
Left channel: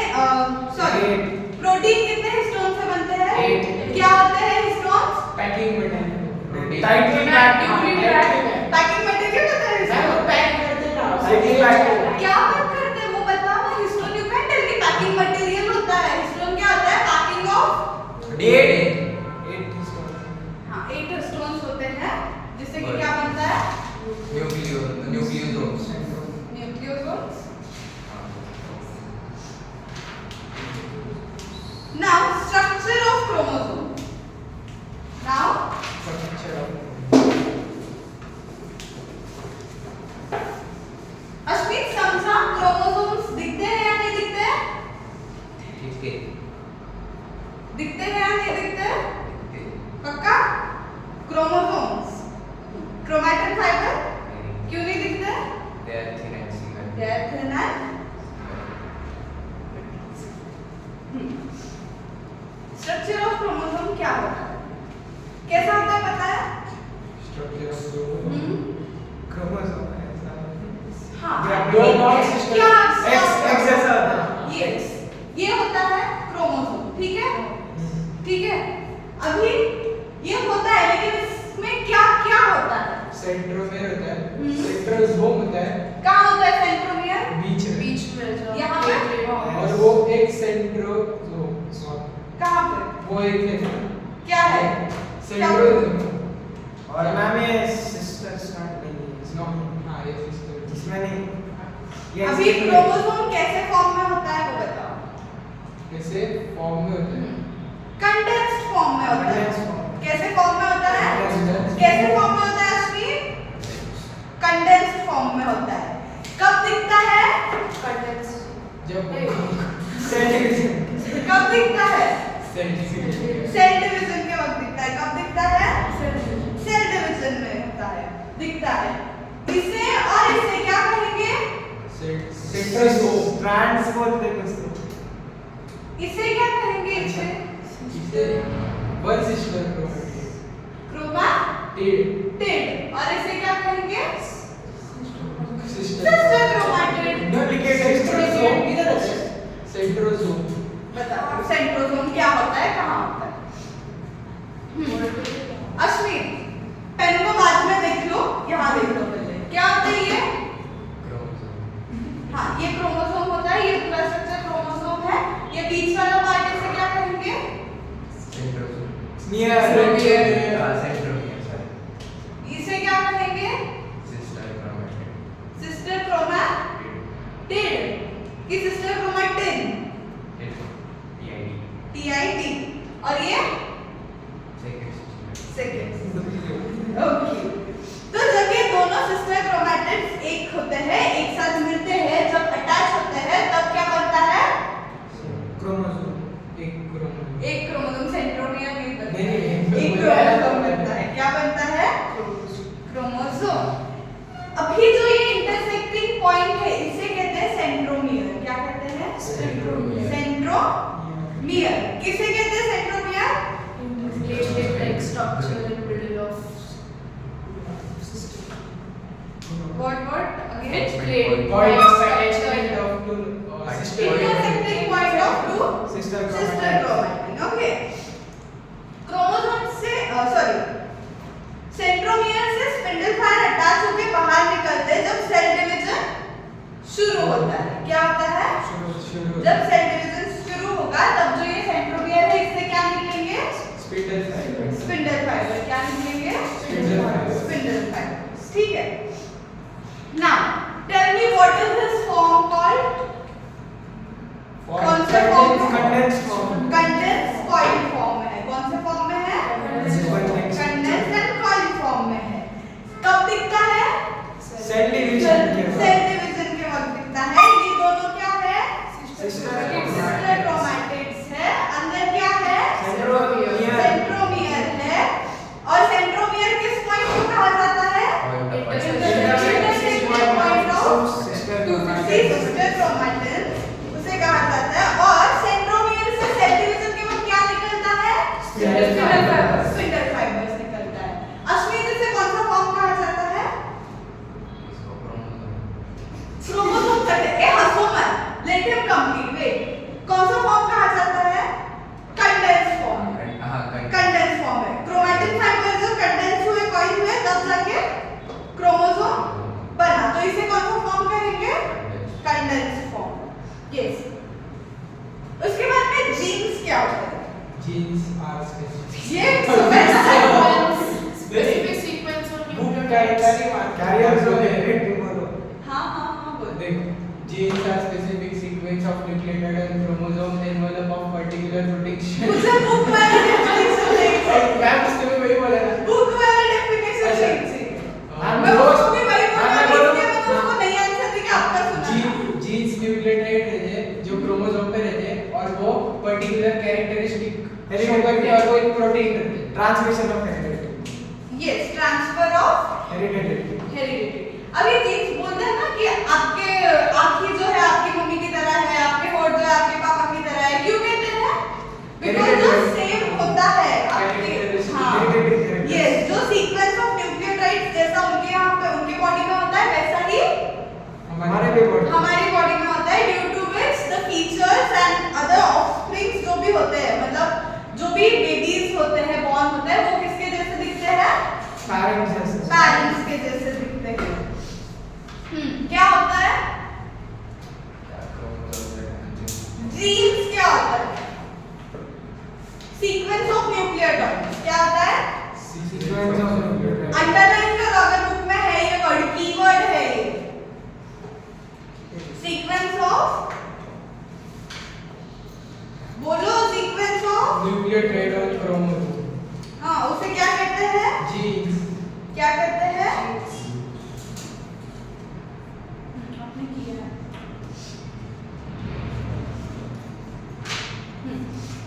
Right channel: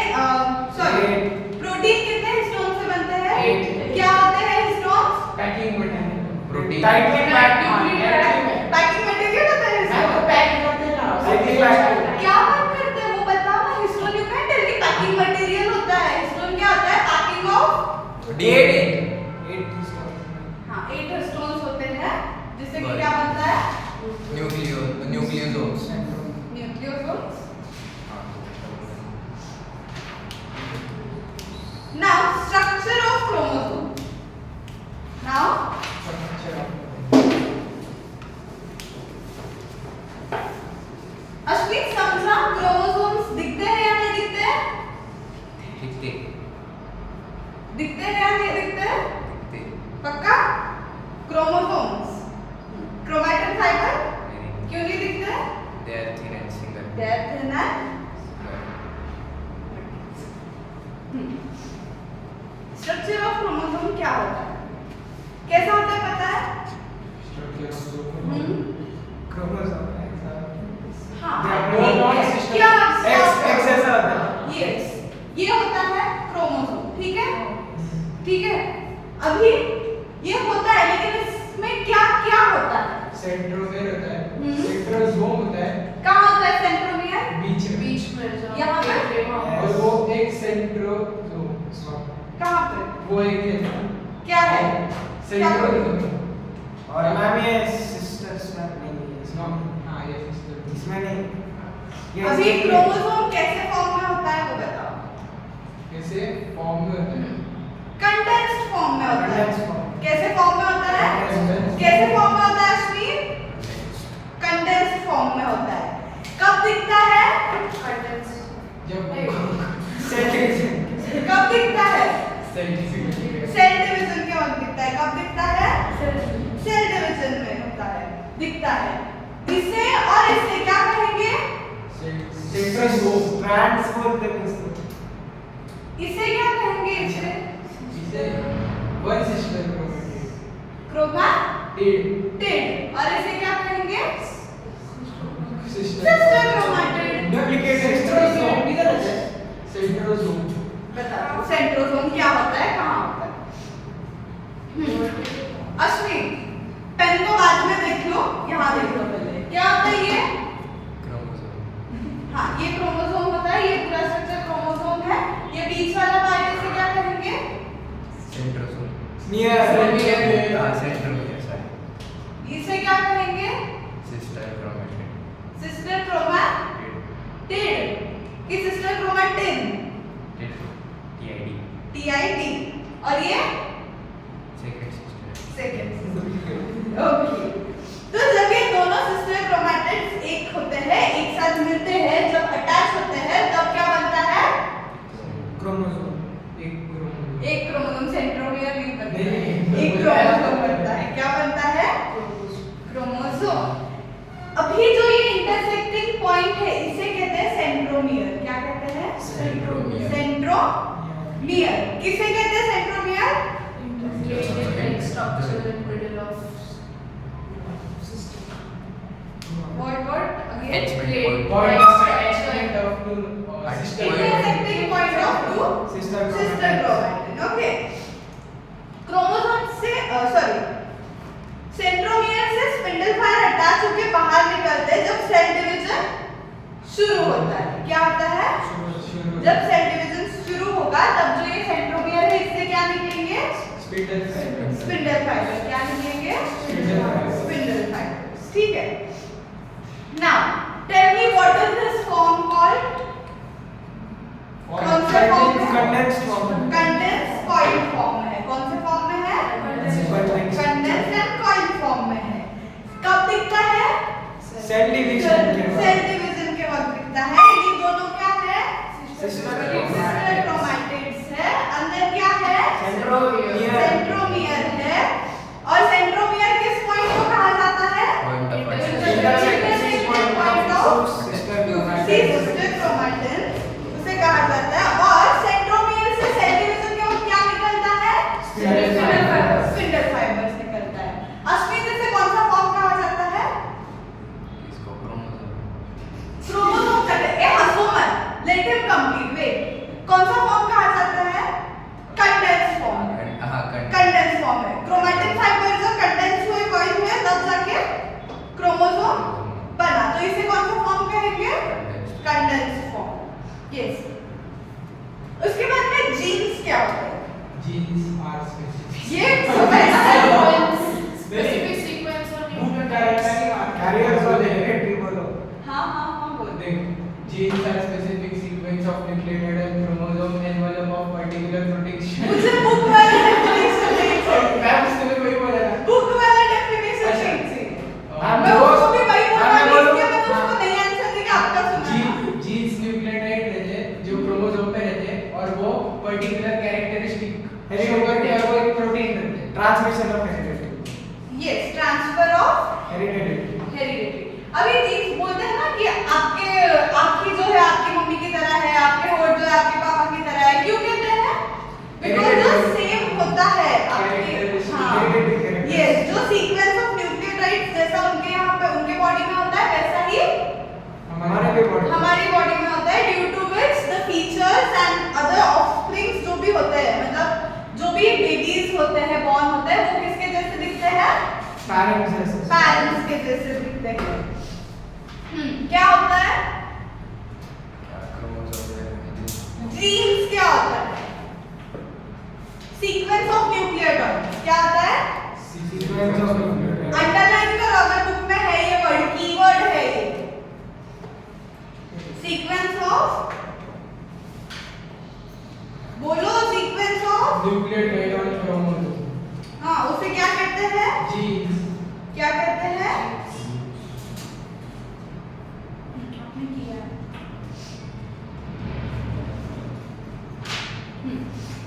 सॉरी प्रोटीन कितने हिस्टोन से बनते हैं? 8। क्या होते हैं histones? Packing material. Protein. Tightly packed. Packing material होता है हिस्टोन। Tightly packed. क्या बात करते हैं वो बताओ ना। हिस्टोन डिपेंडेंटली पैकिंग मटेरियल होता है। हिस्टोन क्या होता है? Packing of 8 histone. हाँ 8 हिस्टोन्स होते हैं जिससे कि क्या बनता है? Nucleosomes. Nucleosomes. Now structure of chromosome. Now Ashwin समझा क्रोमोसोम्स दिखते हैं या नहीं दिखते हैं? दिखते दिखते हैं या नहीं दिखते हैं? दिखते पक्का? क्रोमोसोम्स क्रोमैटिन फाइबर क्यों नहीं दिखते हैं? they are thin and single. They are thin and structure of chromosome क्या होता है? कैसा होता है पता है? क्रोमोसोम हाँ X क्या ऐसा होता है। ये होता है क्रोमोसोम। ठीक है ठीक है। अभी ये होता है लेकिन इसमें क्या क्या होता है? सेंट्रोमेयर होता है, सेंट्रोसोम होता है, कहाँ होता है सेंट्रोमियर? बीच में, बीच में यहाँ पे? और वो एक सेंट्रोसोम, कहाँ पे? वो एक है, क्या है? सेंट्रोसोम। और मैम ये सिस्टर स्ट्रैंड नहीं है इसमें। हाँ ये सिस्टर इसमें नहीं ये अभी क्रोमोसोम कैसे फॉर्म में होता है वो बताओ। कैसे फॉर्म में होता है? कंडेंस्ड फॉर्म में होता है। Condensed form। कैसे फॉर्म में होता है? Condensed। कैसे फॉर्म में होता है अश्विन? कंडेंस्ड फॉर्म में होता है। कब दिखता है? जब सेल डिवीजन कब दिखता है? सेल सेल डिवीजन के वक्त दिखता है। कब दिखता है? सेल डिवीजन में होता है दिखता है। इसे और इसे क्या कहेंगे? सेंट्रोसोम। स्ट्रैंड्स बोलते हैं कुछ तो। इसे क्या कहेंगे? इसे इसे वन सिस्टर क्रोमैटिड। क्रोमैटिड। और इसे क्या कहेंगे? Sister sister chromatid. Duplicate centrosome किधर है? सेंट्रोसोम। बताओ सेंट्रोसोम क्या होता है? कहाँ होता है? अश्विन पेन को बाद में देख लो, यहाँ देख लो पहले। क्या होता है ये? क्रोमोसोम। हाँ ये क्रोमोसोम होता है। ये पूरा स्ट्रक्चर क्रोमोसोम है। ये बीच वाला पार्ट इसे क्या कहेंगे? सेंट्रोसोम। Near centromere side. इसे क्या कहेंगे? Sister chromatid. सिस्टर क्रोमैटिड की सिस्टर क्रोमैटिन TID। और ये सेकंड सिस्टर। सेकंड। ओके तो जब ये दोनों सिस्टर क्रोमैटिड्स एक होते हैं, एक साथ मिलते हैं, जब अटैच होते हैं तब क्या बनता है? क्रोमोसोम एक क्रोमोसोम। एक क्रोमोसोम सेंट्रोमियर नहीं बनता है। नहीं, एक क्रोमोसोम बनता है। क्या बनता है? क्रोमोसोम। अभी जो ये इंटरसेक्टिंग पॉइंट है इसे कहते हैं सेंट्रोमियर। क्या कहते हैं? सेंट्रोमियर। सेंट्रोमियर। किसे कहते हैं centromere? What again? Attachment Point point. of attachment of two sister. Intersecting point of two sister sister chromatin. Okay. Chromosome से सेंट्रोमियर से स्पिंडल फायर अटैच होकर बाहर निकलते हैं जब सेल डिवीजन शुरू होता है। क्या होता है? शुरू जब सेल डिवीजन शुरू होगा तब जो ये सेंट्रोमियर है इससे क्या निकलेंगे? Spindle fibre. Spindle fibre. क्या निकलेंगे? Spindle fibre. Spindle fibre. ठीक है। Now tell me what is this form called? कौन से form में? Condensed form Condensed coil form में है। कौन से form में है? Condensed। Condensed and coil form में है। कब दिखता है? सेल डिवीजन के सेल बाद डिवीजन के वक्त दिखता है। ये दोनों क्या है? सिस्टर सिस्टर क्रोमैटिड्स है। अंदर क्या है? यस। उसके बाद में जीन्स क्या होता है? जीन्स आर स्पेसिफिक ये सब Specific sequence of book nucleotides. Carriers और हेरिडिटी बोलो। हाँ बोल। देख genes are specific sequence of nucleotide and chromosome envelope of particular protein. मुझे बुक वाला डेफिनेशन चाहिए। मैं उसने वही बोला था। बुक वाला डेफिनेशन अच्छा। चाहिए। हाँ, मैं उसको भी वही हाँ, मैं बोल बोलूँ। रही थी, मैंने उसको नहीं आंसर दिया, आपका सुना। जीन्स न्यूक्लियोटाइड रहते हैं जो क्रोमोसोम पे रहते हैं और वो पर्टिकुलर कैरेक्टरिस्टिक शो करके और वो एक प्रोटीन रहते हैं। Transmission of heredity. Yes, transfer of heredity. Heredity. अभी जीन्स बोलते हैं ना कि आपके आँखें जो है आपकी मम्मी की तरह है, आपके होंठ जो है आपके पापा की तरह है। क्यों कहते हैं? बिकॉज़ जो सेम होता है आपके, हाँ, Hereditary यस, जो सीक्वेंस ऑफ न्यूक्लियोटाइड्स जैसा उनके यहाँ पे उनके बॉडी में होता है वैसा ही हमारे भी बॉडी। हमारी बॉडी में होता है, due to which the features and other offsprings जो भी होते हैं, मतलब जो भी बेबीज होते हैं, बॉर्न होते हैं, वो किसके जैसे दिखते हैं? पेरेंट्स जैसे। पेरेंट्स के जैसे दिखते हैं। क्या होता है? जीन्स क्या होता है? सीक्वेंस ऑफ न्यूक्लियोटाइड्स क्या होता है? Sequence of nucleotide. अंडरलाइन करो, अगर बुक में है ये वर्ड, कीवर्ड है ये। सीक्वेंस ऑफ, बोलो, सीक्वेंस ऑफ न्यूक्लियोटाइड और क्रोमोसोम। हाँ, उसे क्या कहते हैं? जीन्स। क्या कहते हैं? आपने किया है।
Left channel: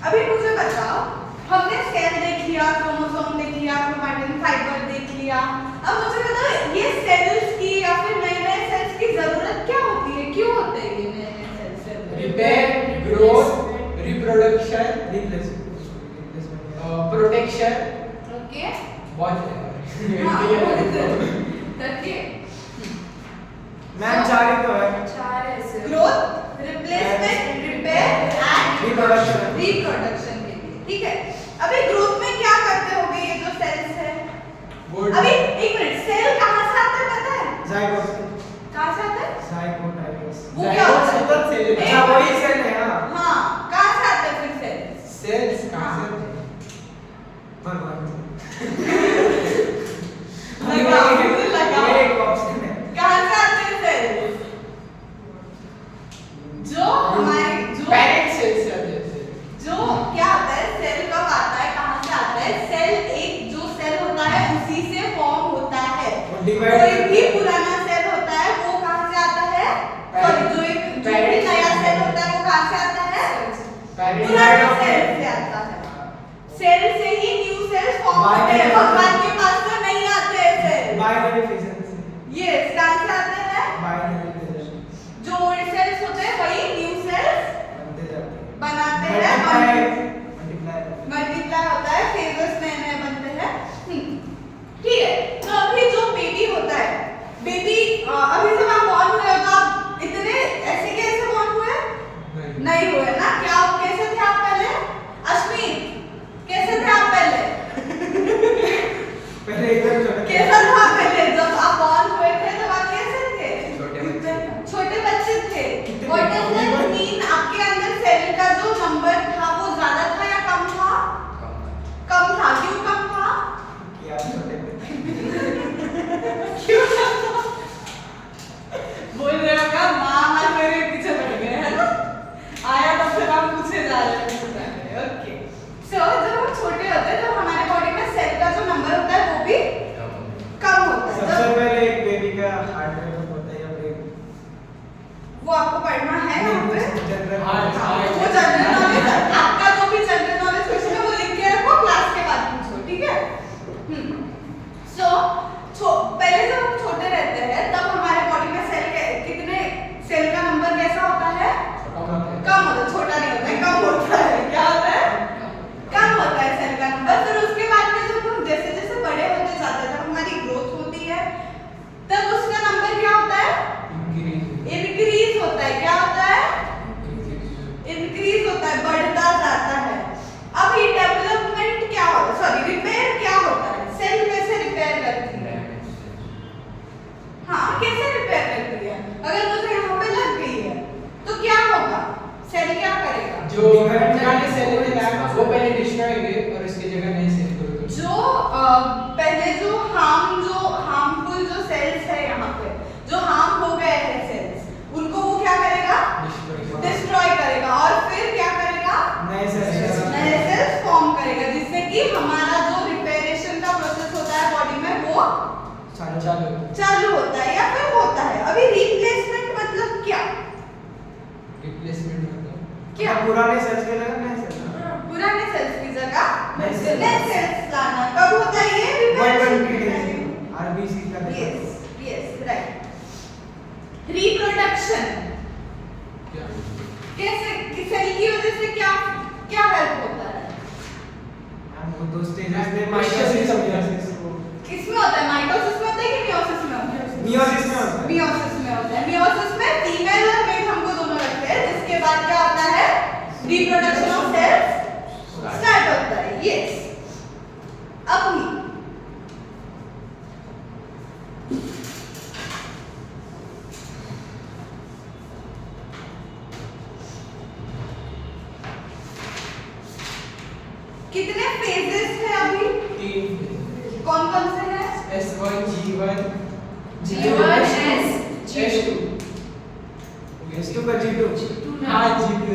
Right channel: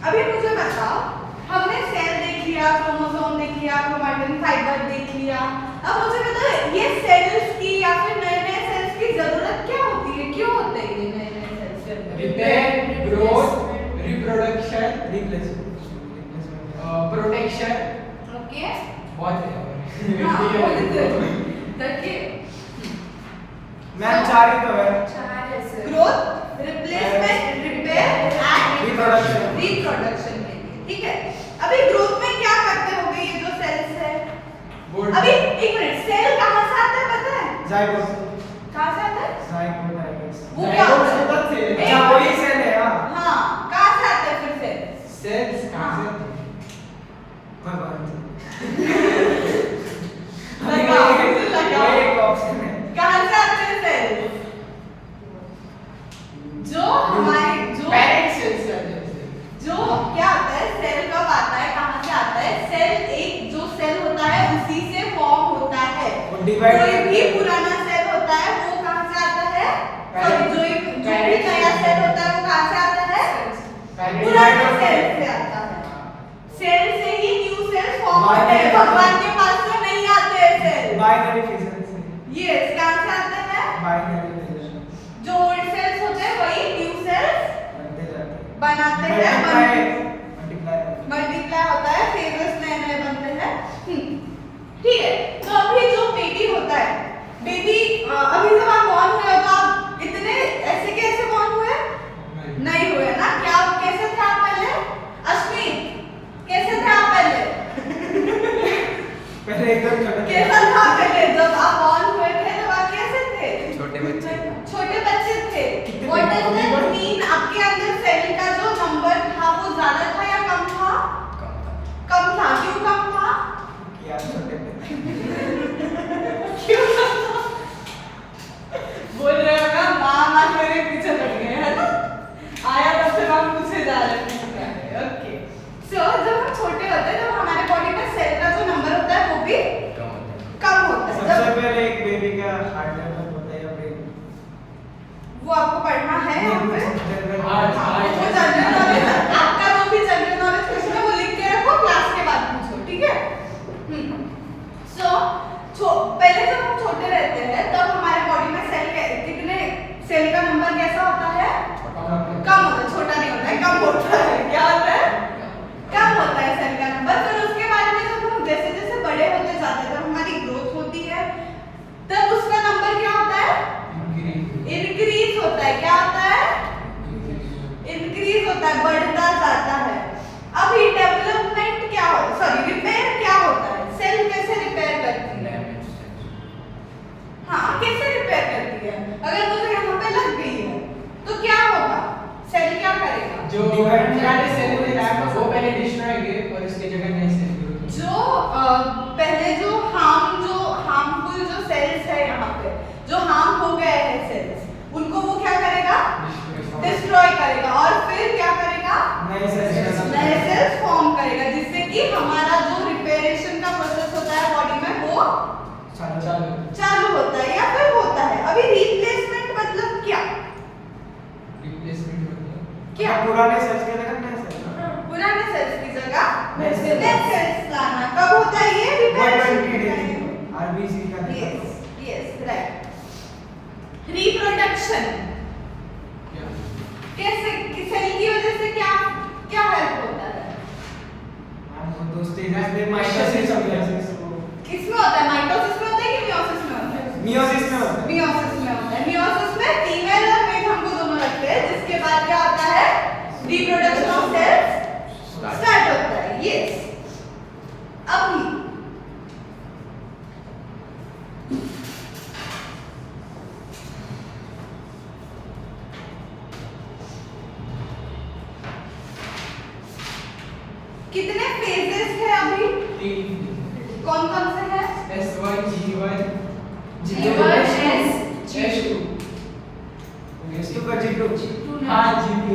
अभी मुझे बताओ, हमने सेल देख लिया, क्रोमोसोम देख लिया, क्रोमैटिन फाइबर देख लिया। अब मुझे बताओ ये सेल्स की या फिर नए नए सेल्स की जरूरत क्या होती है? क्यों होते हैं ये नए नए cells? Repair, growth, reproduction, replacement. Protection, okay, बहुत है। देखिए, मैम चार ही तो है। चार ऐसे। Growth, replacement, repair and reproduction. Reproduction के लिए, ठीक है। अभी ग्रोथ में क्या करते होंगे ये जो सेल्स है? Good. अभी एक मिनट, सेल कहाँ से आता है पता है? जाइगोट। कहाँ से आता है? Zygote I guess. वो क्या होता है? जाइगोट से- एक- अच्छा वही सेल है। हाँ हाँ, कहाँ से आता है फिर सेल? सेल्स कहाँ से? भगवान से। लगाओ। वही एक ऑप्शन है। कहाँ से आते हैं सेल? जो हमारी जो Parent cells are there. जो क्या होता है, सेल कब आता है, कहाँ से आता है? सेल एक जो सेल होता है उसी से फॉर्म होता है। वो divide कोई करता भी है। पुराना सेल होता है वो कहाँ से आता है? Parent- सॉरी, जो भी नया सेल होता है वो कहाँ से आता है? Parent- पुराने सेल से आता है। सेल से ही न्यू सेल्स फॉर्म By होते हैं। definition- भगवान के पास तो नहीं आते हैं सेल। बाइनरी फिजन से। यस, कहाँ से आते हैं? बाइनरी फिजन जो ओल्ड सेल्स होते हैं वही न्यू सेल्स बनते जाते हैं। बनाते हैं। मल्टीप्लाई मल्टीप्लाई होता है, फेजेस नए नए बनते हैं। ठीक है, तो अभी जो बेबी होता है, बेबी अभी जब आप बॉर्न हुए हो तो आप इतने ऐसे कैसे बॉर्न हुए? नहीं हुए ना? क्या कैसे थे आप पहले? अश्विन, कैसे थे आप पहले? पहले एकदम छोटे थे। कैसा था पहले जब आप बॉर्न हुए थे? तब आप कैसे थे? छोटे बच्चे। छोटे बच्चे थे। कितने व्हाट डज बच्चे? That mean? आपके अंदर सेल का जो नंबर था वो ज्यादा था या कम था? कम था। क्यों कम था? कि आप छोटे थे। क्यों कम था? बोल रहे हो ना, माँ मेरे पीछे पड़ गए, है ना? आया तब से हम पूछे जा रहे हैं। ओके, सो जब हम छोटे होते हैं तो हमारे बॉडी में सेल का जो नंबर होता है वो भी कम होता है। सबसे जब- पहले एक बेबी का हार्ट डेवलप होता है या ब्रेन। वो आपको पढ़ना है यहाँ पे? जनरल वो जनरल नॉलेज है। आपका जो भी जनरल नॉलेज क्वेश्चन है वो लिख के रखो, क्लास के बाद पूछो, ठीक है? सो पहले जब हम छोटे रहते हैं तब हमारे बॉडी में कितने सेल का नंबर कैसा होता है? कम होता है, छोटा नहीं होता है, कम होता है। क्या होता है? कम होता है सेल का नंबर। फिर उसके बाद में जब हम जैसे जैसे बड़े होते जाते हैं, जब हमारी ग्रोथ होती है तब उसका नंबर क्या होता है? इंक्रीज होता है। क्या होता है? इंक्रीज होता है, बढ़ता जो पुराने सेल में है वो पहले डिस्ट्रॉय करेंगे और इसकी जगह नई सेल करोगे। जो पहले जो हार्मफुल जो सेल्स है यहाँ पे जो हार्म हो गए हैं सेल्स उनको वो क्या करेगा डिस्ट्रॉय करेगा और फिर क्या करेगा नए सेल्स फॉर्म करेगा जिससे कि हमारा जो रिपेयरेशन का प्रोसेस होता है बॉडी में वो चालू होता है या फिर होता है। अभी रिप्लेसमेंट मतलब क्या रिप्लेसमेंट मतलब क्या पुराने सेल्स के जगह नए सेल्स पुराने सेल्स की जगह नए नए सेल्स लाना कब होता है ये 120 डेज आरबीसी का यस यस राइट। रिप्रोडक्शन कैसे सेल की वजह से क्या क्या हेल्प होता है वो दो स्टेजेस में माइटोसिस किसमें होता है माइटोसिस में होता है कि मियोसिस में होता है मियोसिस में होता है मियोसिस में होता है। मियोसिस में फीमेल और मेल हमको दोनों लगते हैं जिसके बाद क्या होता है रिप्रोडक्शन ऑफ सेल्स स्टार्ट होता है। यस अभी कितने फेजेस है अभी 3 कौन कौन से हैं S1 G1 G1 S2 S2 का G2 हाँ G2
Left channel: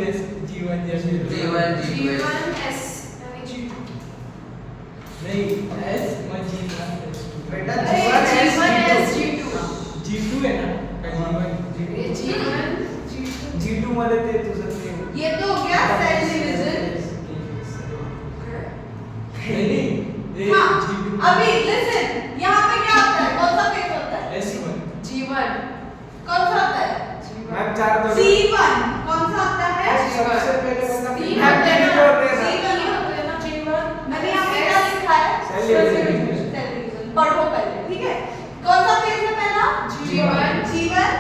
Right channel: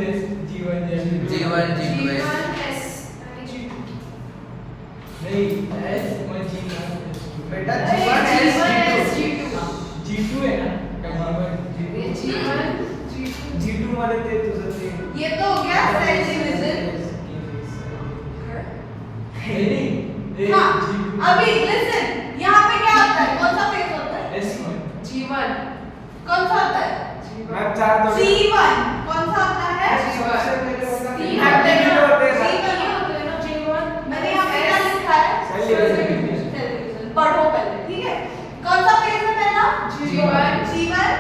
G1 G1 G2 S नहीं S1 G1 S2 बेटा G1 G1 G2 G2 है ना G1 G2 मध्ये ते तुझं ते ये तो हो गया सेल डिवीजन। नहीं हाँ अभी लिसन यहाँ पे क्या होता है कौन सा फेज होता है S1 G1 कौन सा होता है मैप 4 तो G1 कौन सा होता है मैप के लिए होते हैं G1 मैंने यहाँ पे क्या लिखा है सेल डिवीजन सेल डिवीजन पढ़ो पहले ठीक है। कौन सा फेज है पहला G1 G1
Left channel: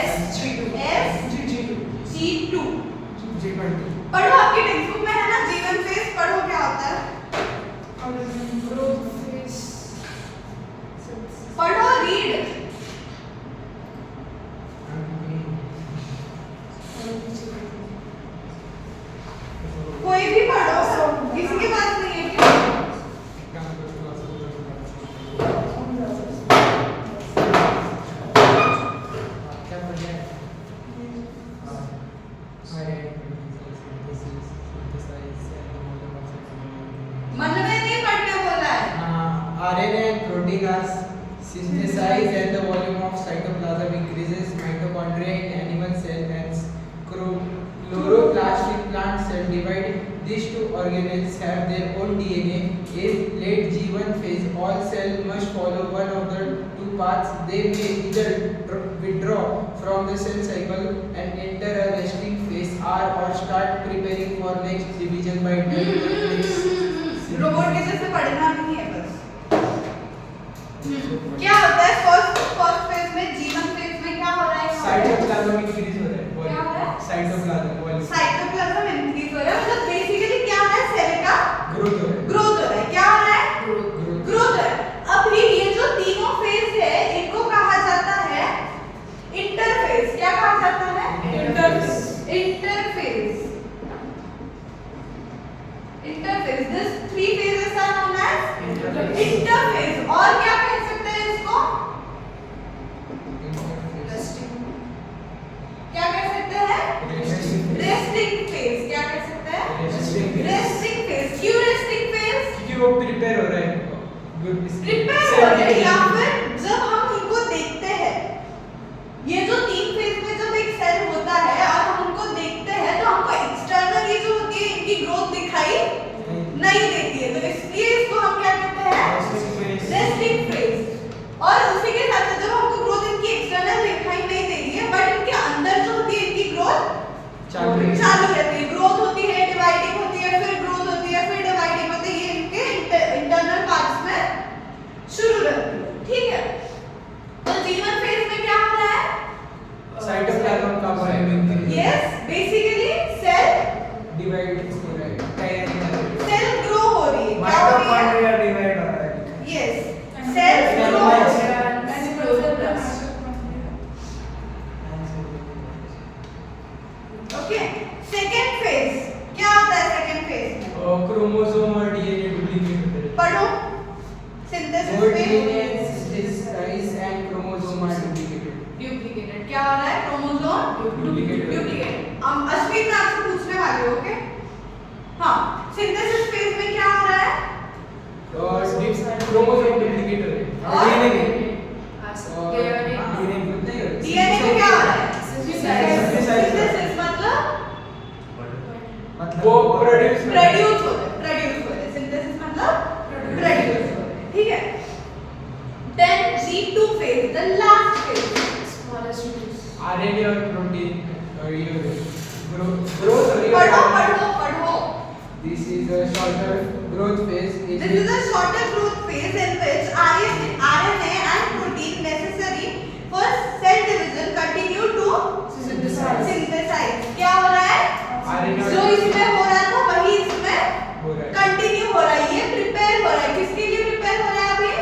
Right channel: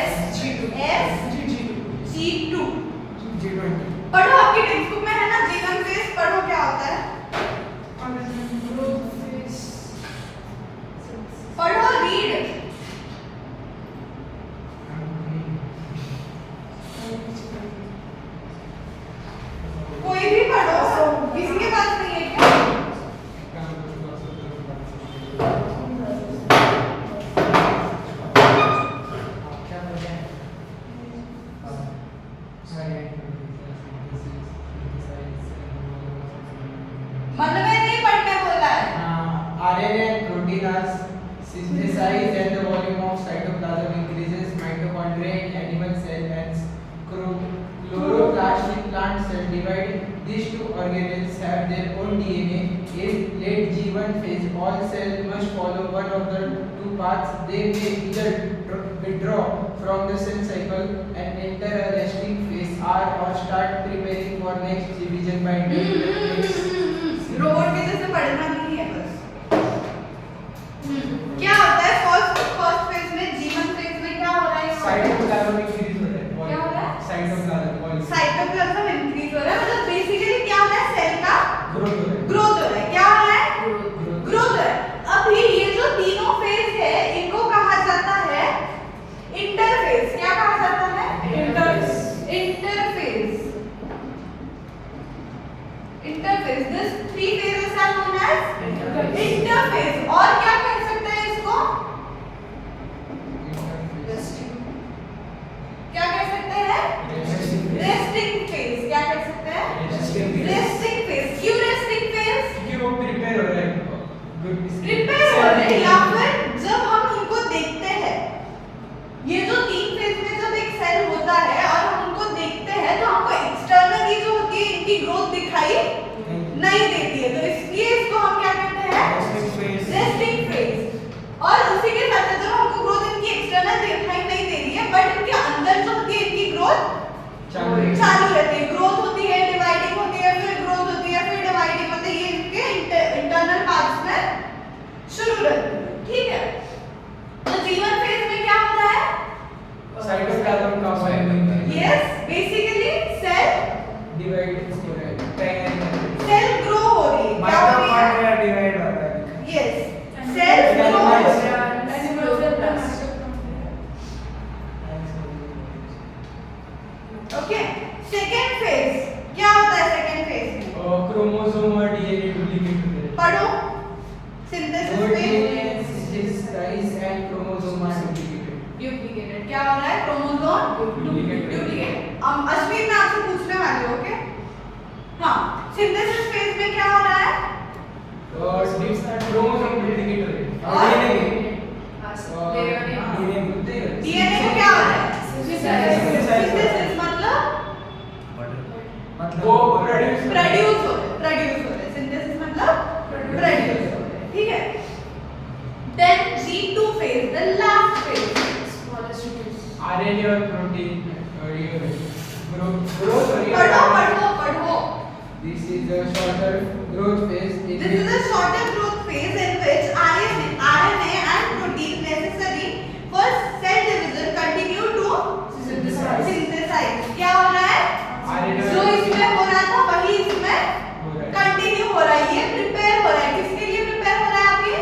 S G2 S G2 G20 पढ़ो आपकी टेक्स्ट बुक में है ना G1 फेज पढ़ो क्या होता है पढ़ो रीड कोई भी पढ़ो किसी के पास नहीं है क्या मतलब नहीं पढ़ने बोला है RNA proteinase synthesize and the volume of cytoplasm increases mitochondria in animal cell and chloroplast in plant cell divide. These two organelles have their own DNA. In late G1 phase, all cells must follow one of the two paths. They may either withdraw from the cell cycle and enter a resting phase or start preparing for next division by robot के जैसे पढ़ना नहीं है बस। क्या होता है first phase में G1 फेज में क्या हो रहा है साइटोप्लाज्म इंक्रीज हो रहा है क्या हो रहा है साइटोप्लाज्म साइटोप्लाज्म इंक्रीज हो रहा है मतलब बेसिकली क्या हो रहा है सेल का ग्रोथ हो रहा है ग्रोथ हो रहा है। क्या हो रहा है ग्रोथ हो रहा है। अभी ये जो तीनों फेज है इनको कहा जाता है इंटरफेज। क्या कहा जाता है interphase this three phases are known as interphase. और क्या कह सकते हैं इसको क्या कह सकते हैं रेस्टिंग फेज। क्या कह सकते हैं रेस्टिंग फेज। क्यों रेस्टिंग फेज क्योंकि वो प्रिपेयर हो रहा है प्रिपेयर हो रहे हैं या फिर जब हम इनको देखते हैं ये जो तीन फेज में जब एक सेल होता है और हम उनको देखते हैं तो हमको एक्सटर्नल ये जो होती है इनकी ग्रोथ दिखाई नहीं देती है तो इसलिए इसको हम क्या कहते हैं रेस्टिंग फेज। और उसी के साथ जब हमको ग्रोथ इनकी एक्सटर्नल दिखाई नहीं दे रही है बट इनके अंदर जो होती है इनकी ग्रोथ चालू रहती है। ग्रोथ होती है डिवाइडिंग होती है फिर ग्रोथ होती है फिर डिवाइडिंग होती है ये इनके इंटरनल पार्ट्स में शुरू रहती है ठीक है। तो G1 फेज में क्या हो रहा है साइटोप्लाज्म का फाइबिंग यस बेसिकली सेल डिवाइड हो रहा है सेल ग्रो हो रही है क्या हो रही है माइटोकॉन्ड्रिया डिवाइड हो रहा है यस सेल ग्रो हो रही है। ओके सेकंड फेज फेज में क्रोमोसोम और डीएनए डुप्लीकेट होते हैं। पढ़ो सिंथेसिस Both में DNA synthesized and chromosome are duplicated. Duplicated क्या हो रहा है क्रोमोसोम Duplicated. डुप्लीकेट। अश्विन मैं आपसे पूछने वाली हूँ ओके हाँ सिंथेसिस फेज में क्या हो रहा है और क्रोमोसोम डुप्लीकेट हो रहे हैं। और डीएनए में क्या हो रहा है सिंथेसिस मतलब वो प्रोड्यूस प्रोड्यूस हो रहा है सिंथेसिस मतलब प्रोड्यूस हो रहा है ठीक है then G2 phase the last phase RNA और प्रोटीन और ये ग्रोथ पढ़ो This is a shorter growth phase. This is a shorter growth phase in which RNA and protein necessary for cell division continue to synthesize. क्या हो रहा है? RNA जो इसमें हो रहा था वही इसमें हो रहा है। कंटिन्यू हो रहा है ये प्रिपेयर हो रहा है किसके लिए प्रिपेयर हो रहा है अभी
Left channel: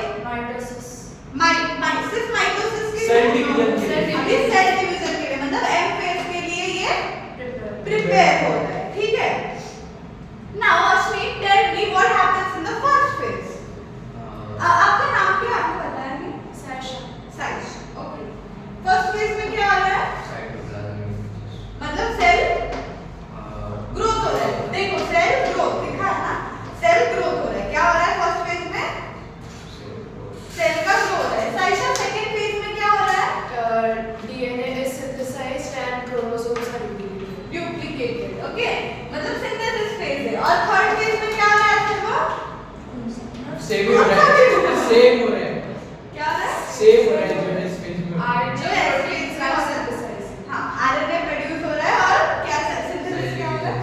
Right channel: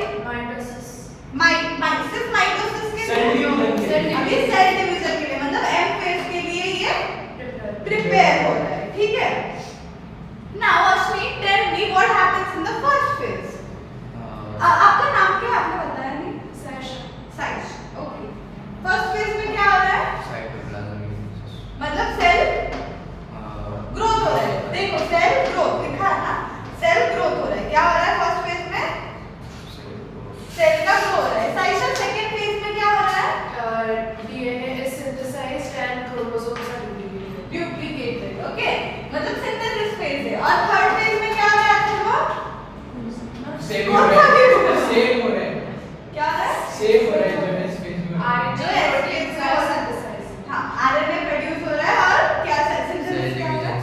सिर्फ माइटोसिस के Cell लिए division के लिए। अभी सेल डिवीजन के लिए मतलब एम फेज के लिए ये प्रिपेयर हो रहा है ठीक है Now Ashmi, tell me what happens in the first phase. आपका नाम क्या है? आपने बताया नहीं? साइश. Okay. First phase में क्या हो रहा है? मतलब सेल ग्रोथ हो रहा है. देखो सेल ग्रोथ लिखा है ना? सेल ग्रोथ हो रहा है. क्या हो रहा है फर्स्ट फेज में? सेल का ग्रो हो रहा है. साइशा सेकंड फेज में क्या हो रहा है? DNA is synthesized and chromosomes are duplicated. Duplicated. Okay. मतलब सिंथेसिस फेज है. और थर्ड फेज में क्या हो रहा है आपका? सेम हो रहा है। सेम हो रहा है। क्या हो रहा है? सेम हो रहा है जो इस phase में। RNA जो and एक्सप्लेन proteins में हो are रहा है synthesized. हाँ आरएनए प्रोड्यूस हो रहा है और क्या सिंथेसिस क्या हो रहा है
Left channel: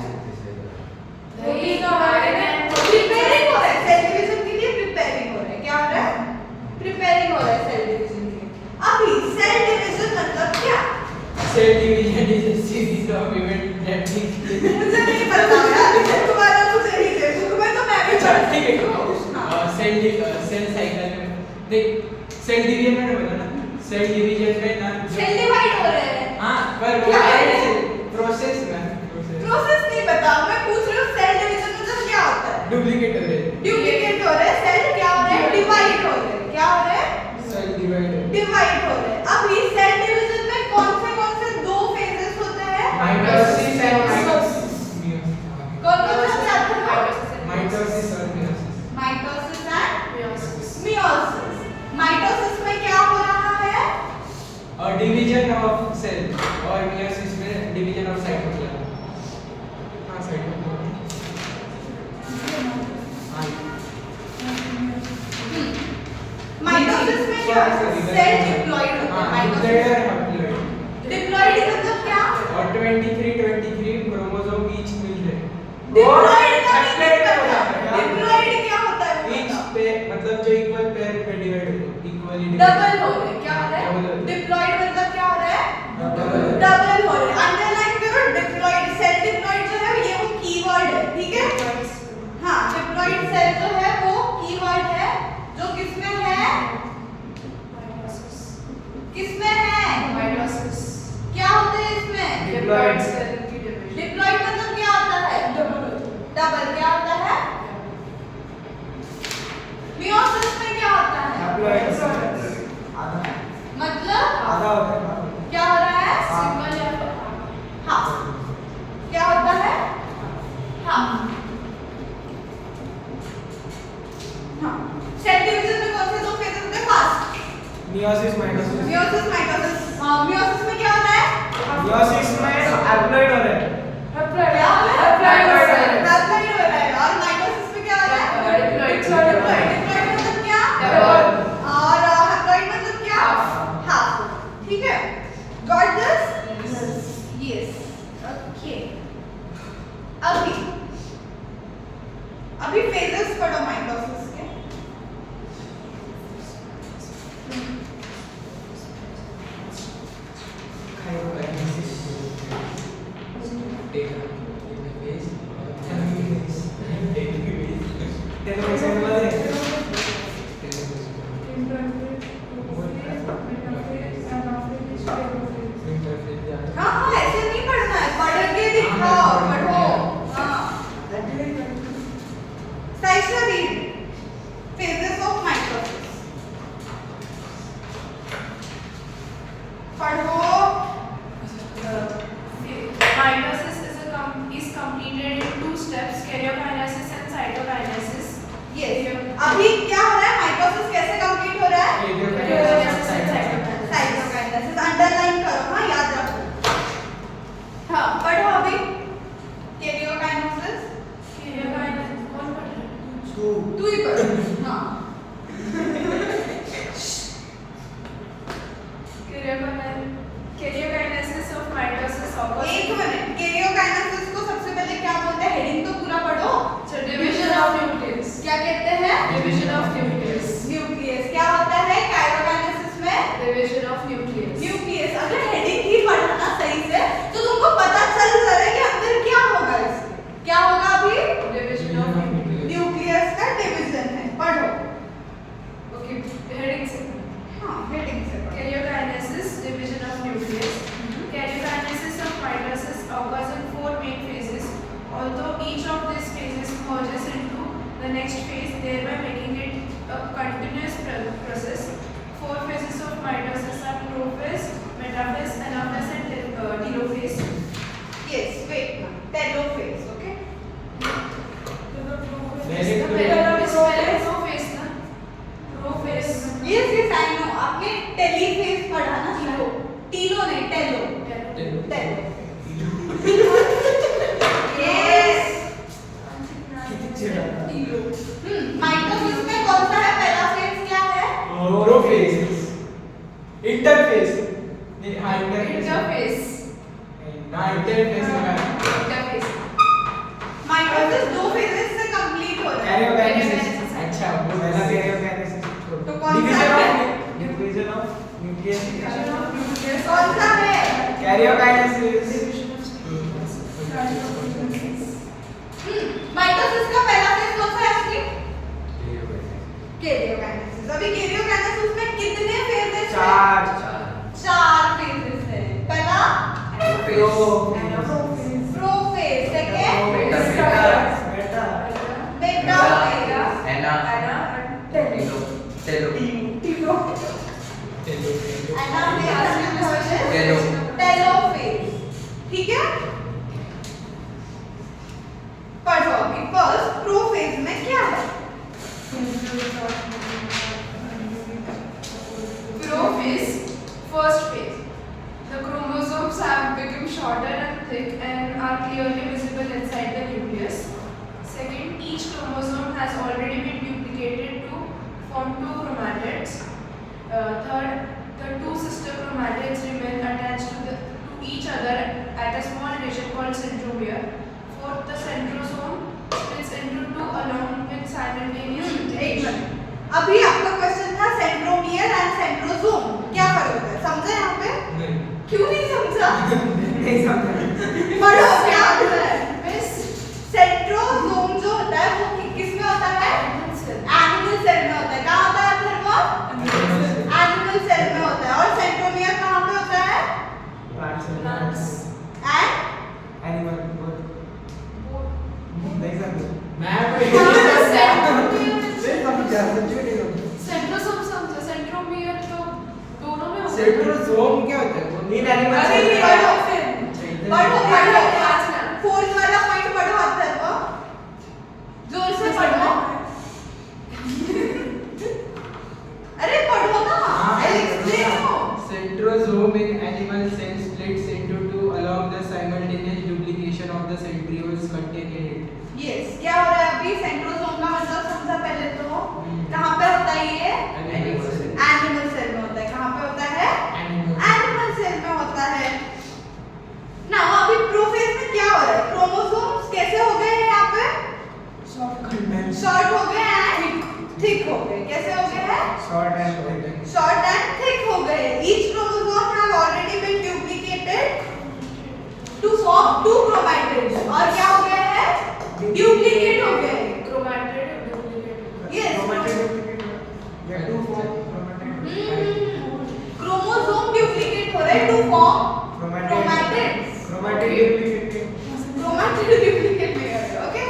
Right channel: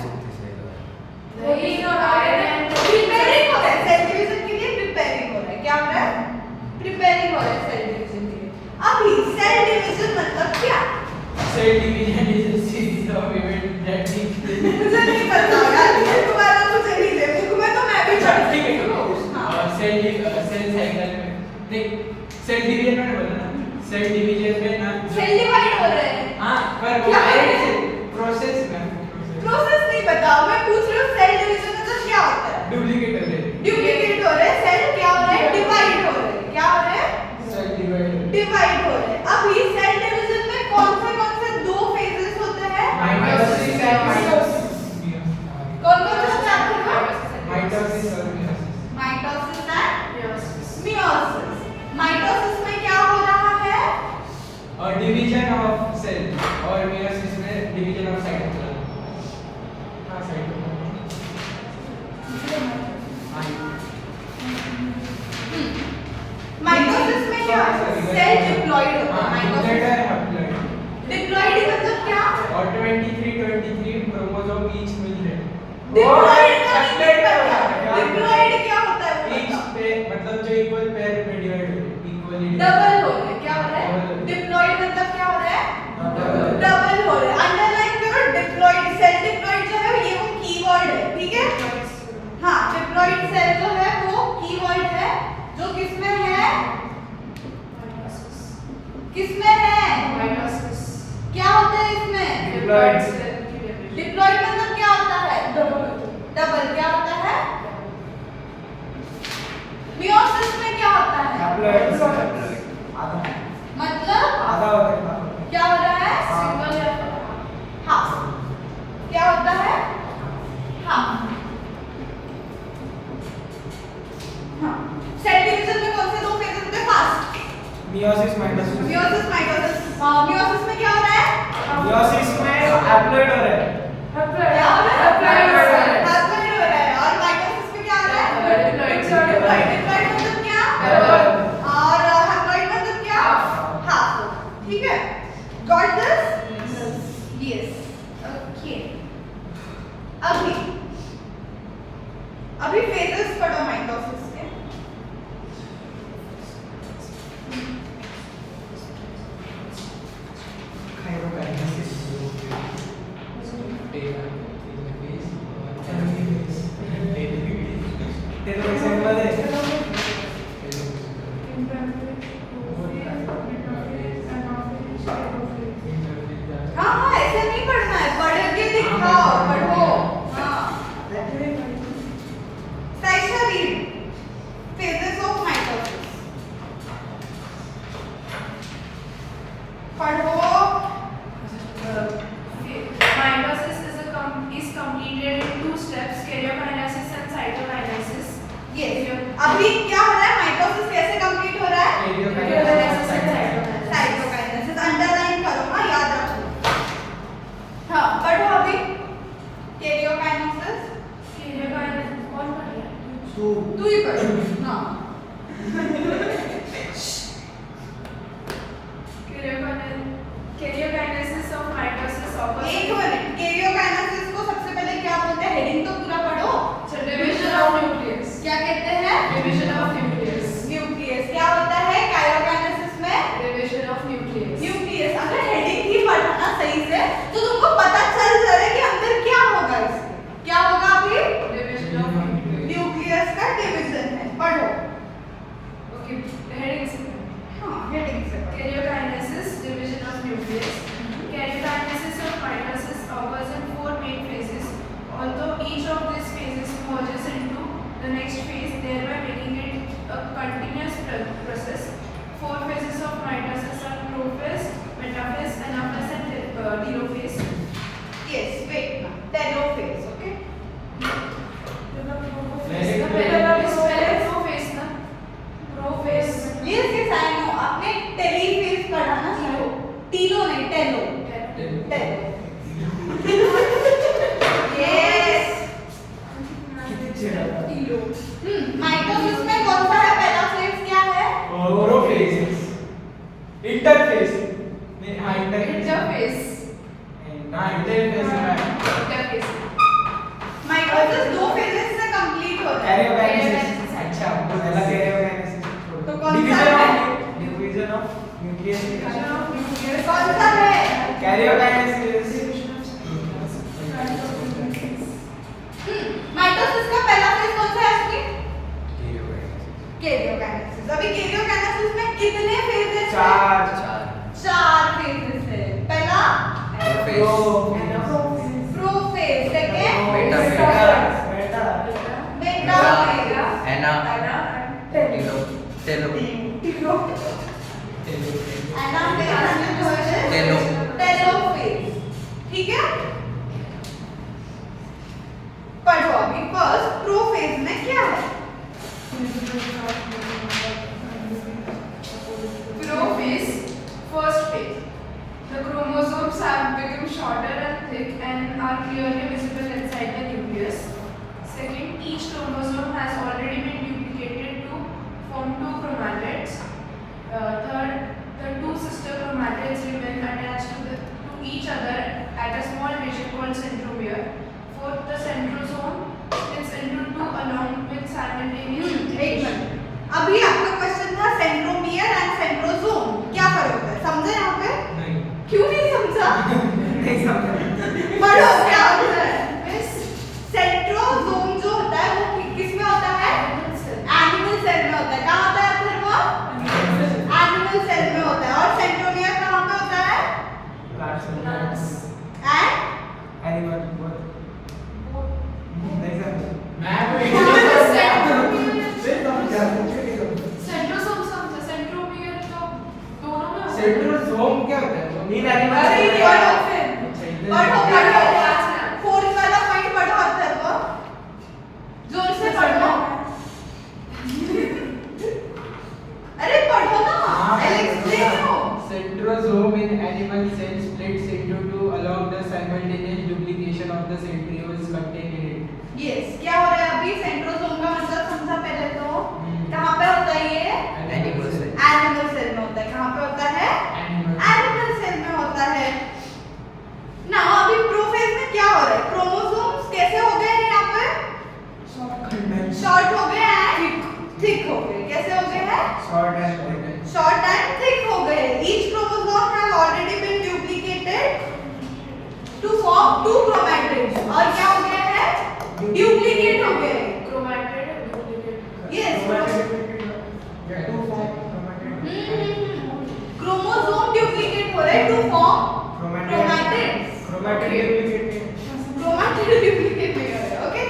नहीं, RNA and प्रिपेयरिंग हो रहा है सेल डिवीजन के लिए प्रिपेयरिंग हो रहा है क्या हो रहा है प्रिपेयरिंग हो रहा है सेल डिवीजन के लिए अभी सेल डिवीजन मतलब क्या Cell division is a series of events that take मुझे नहीं पता यार तुम्हारा मुझे नहीं दे बुक में तो मैं भी पढ़ती ठीक है हाँ सेल साइकिल में देख सेल डिवीजन में बोला ना सेल डिवीजन में ना सेल डिवाइड हो रहे हैं हां पर वो क्या है? प्रोसेस में प्रोसेस नहीं बताओ मैं पूछ रही हूँ सेल डिवीजन मतलब क्या होता है डुप्लीकेट हो रहे हैं डुप्लीकेट हो रहे हैं सेल क्या हो रहे हैं डिवाइड हो रहे हैं क्या हो रहे हैं सेल डिवाइड डिवाइड हो रहे हैं अभी सेल डिवीजन में कौन से दो फेजेस होते हैं माइटोसिस एंड माइटोसिस कौन से होते हैं आपको माइटोसिस और meiosis mitosis and meiosis. Meiosis mitosis में क्या हो रहा है और डिवीजन ऑफ सेल और मियोसिस में डिवीजन ऑफ साइटोप्लाज्म हां साइटोप्लाज्म माइटोसिस में क्या सेल डिप्लॉयड होता है माइटोसिस डिप्लॉयड मतलब क्या और 23 क्रोमोसोम ईच मिल रहे हैं डिप्लॉयड का डिप्लॉयड क्या होता है ईच पे मतलब जो इक्वल पेयर पे डिवाइड हो रहे हैं इक्वली डबल हो रहे हैं क्या हो रहा है डिप्लॉयड मतलब क्या हो रहा है डबल हो रहे हैं अंडरलाइन करो डिप्लॉयड सेल डिप्लॉयड जो है ये वो कीवर्ड है ठीक है हाँ डिप्लॉयड सेल जो है वो कीवर्ड है जो किसमें है किसमें है Mitosis. क्या होता है इसमें Diploid. Cell की division. डिप्लॉयड मतलब क्या होता है डबल क्या होता है मियोसिस में क्या होता है Haploid. आधा मतलब आधा होता है ना क्या हो रहा है Single या हाँ क्या होता है हाँ हाँ सेल डिवीजन में कौन से दो फेजेस होते हैं fast meiosis mitosis meiosis mitosis meiosis में क्या हो रहा है मियोसिस में हैप्लॉइड हो रहा है क्या हो रहा है Haploid हो रहा है। Haploid हो रहा है और माइटोसिस में क्या हो रहा है Diploid. डिप्लॉयड डिप्लॉयड मतलब क्या Double. और हैप्लॉइड मतलब क्या हाफ ठीक है गॉट दिस यस ओके अभी फेजेस पढ़ो माइटोसिस के काइरोकाइनेसिस टेलोमेर से वाले हाँ हाँ ऐसे नहीं पढ़ना है पढ़ के दिखाओ पढ़ो हाँ Mitosis is completed in 2 steps: karyokinesis and cytokinesis. Yes अभी क्या हो रहा है माइटोसिस कैसे कंप्लीट हो रहा है Karyokinesis and cytokinesis. Cytokinesis underline करो हाँ याद रखो हाँ पढ़ो अभी कैरियोकाइनेसिस Karyokinesis कौन पढ़ रहा है? तू ही पढ़ हाँ Karyokinesis of mitosis occurs. एक मिनट कैरियोकाइनेसिस को सबसे पहले क्या बोलते हैं हेडिंग तो पूरा पढ़ो So division of nucleus. क्या कहते हैं Division of nucleus. न्यूक्लियस क्या होता है काइरोकाइनेसिस में Division of nucleus. न्यूक्लियस अगर हेडिंग ही पढ़ा ना सही से तो तुमको पता चल जाए कि अंदर क्या होगा इसके क्या होगा अभी Division of nucleus. न्यूक्लियस का डिवीजन है पढ़ो Okay, heading से. हाँ हेडिंग से पढ़ो Karyokinesis, division of nucleus. Karyokinesis of mitosis occurs in 4 main phases. Although each of these phases merges into the next phase, thereby making it a continuous process. 4 phases of mitosis are prophase, metaphase, anaphase, and telophase. yes wait now telophase okay Prophase ना? Prophase. yes yes I know आपने टेलीफेज पढ़ा ना तीनों नहीं टेलो टेलो yes mitosis में कौन सा है पहला फेज क्या है प्रोफेज इंटरफेज नहीं हाँ इंटरफेज Interphase. हाँ इंटरफेज है Interphase. माइटोसिस दो फेजेस से कंप्लीट होता है कैरियोकाइनेसिस अच्छा पहला कैरियोकाइनेसिस तो कौन सा है division of nucleus Division of nucleus. कौन सा है कैरियोकाइनेसिस माइटोसिस का पहला फेज कौन सा है इसमें कैरियोकाइनेसिस अभी कैरियोकाइनेसिस में कितने फेज है चार चार फेजेस है पहला प्रोफेज सेकंड बेटा बेटा फेज एना टेलो टेलोफेज ठीक है पढ़ो अभी फर्स्ट प्रोफेज में क्या है Prophase, first phase. The chromosomes have become shorter and thick and are clearly visible inside the nucleus. Second, each chromosome has already been duplicated to form 2 chromatids. Third, the 2 sister chromatids remain attached to each other at a small region called centromere. Fourth, the centrosome splits into 2 along with simultaneous एक duplication. Minute अभी आपका question था centromere and centrosome क्या फर्क है समझे यहाँ पे नहीं क्यों नहीं समझा नहीं समझा पढ़ो क्या आंसर है Miss सेंट्रोसोम जो होता है वो किस में होता है एनिमल सेल में होता है कहाँ होता है फिर वो एनिमल सेल में होता है और सेंट्रोमियर कहाँ पे होता है एंड एनिमल नहीं समझा मैं सेंट्रोसोम समझो सेंट्रोमियर तो दोनों में होता है। सेंट्रोसोम क्या होता है नील एनिमल अरे सेल पढ़ो फिर पढ़ो फोर्थ वाला पॉइंट पढ़ो अथर्व जोर से पढ़ो अरे पढ़ो ना I explain you Centrosome in animal cells splits into 2 along the simultaneous duplication of the centrioles contained in it. Yes क्या हो रहा है अभी सेंट्रोसोम का मतलब समझा पहले तो कहाँ पे होता है ये एनिमल सेल एनिमल सेल में होता है कहाँ पे होता है एनिमल सेल में होता है ना अभी प्रोफेज में क्या हो रहा है क्रोमोसोम्स कैसे हो गए हैं यहाँ पे शॉर्ट हो गए हैं थिक हो गए कैसे हो गए हैं short and short and thick हो गए each chromosome has already been duplicated to form 2 chromatids और क्या हो गए हैं डुप्लीकेट हो गए Chromatid duplicate. यस या टू क्रोमोसोम डुप्लीकेट हो रहे हैं to form chromatids chromatid duplicate नहीं हो रहे ओके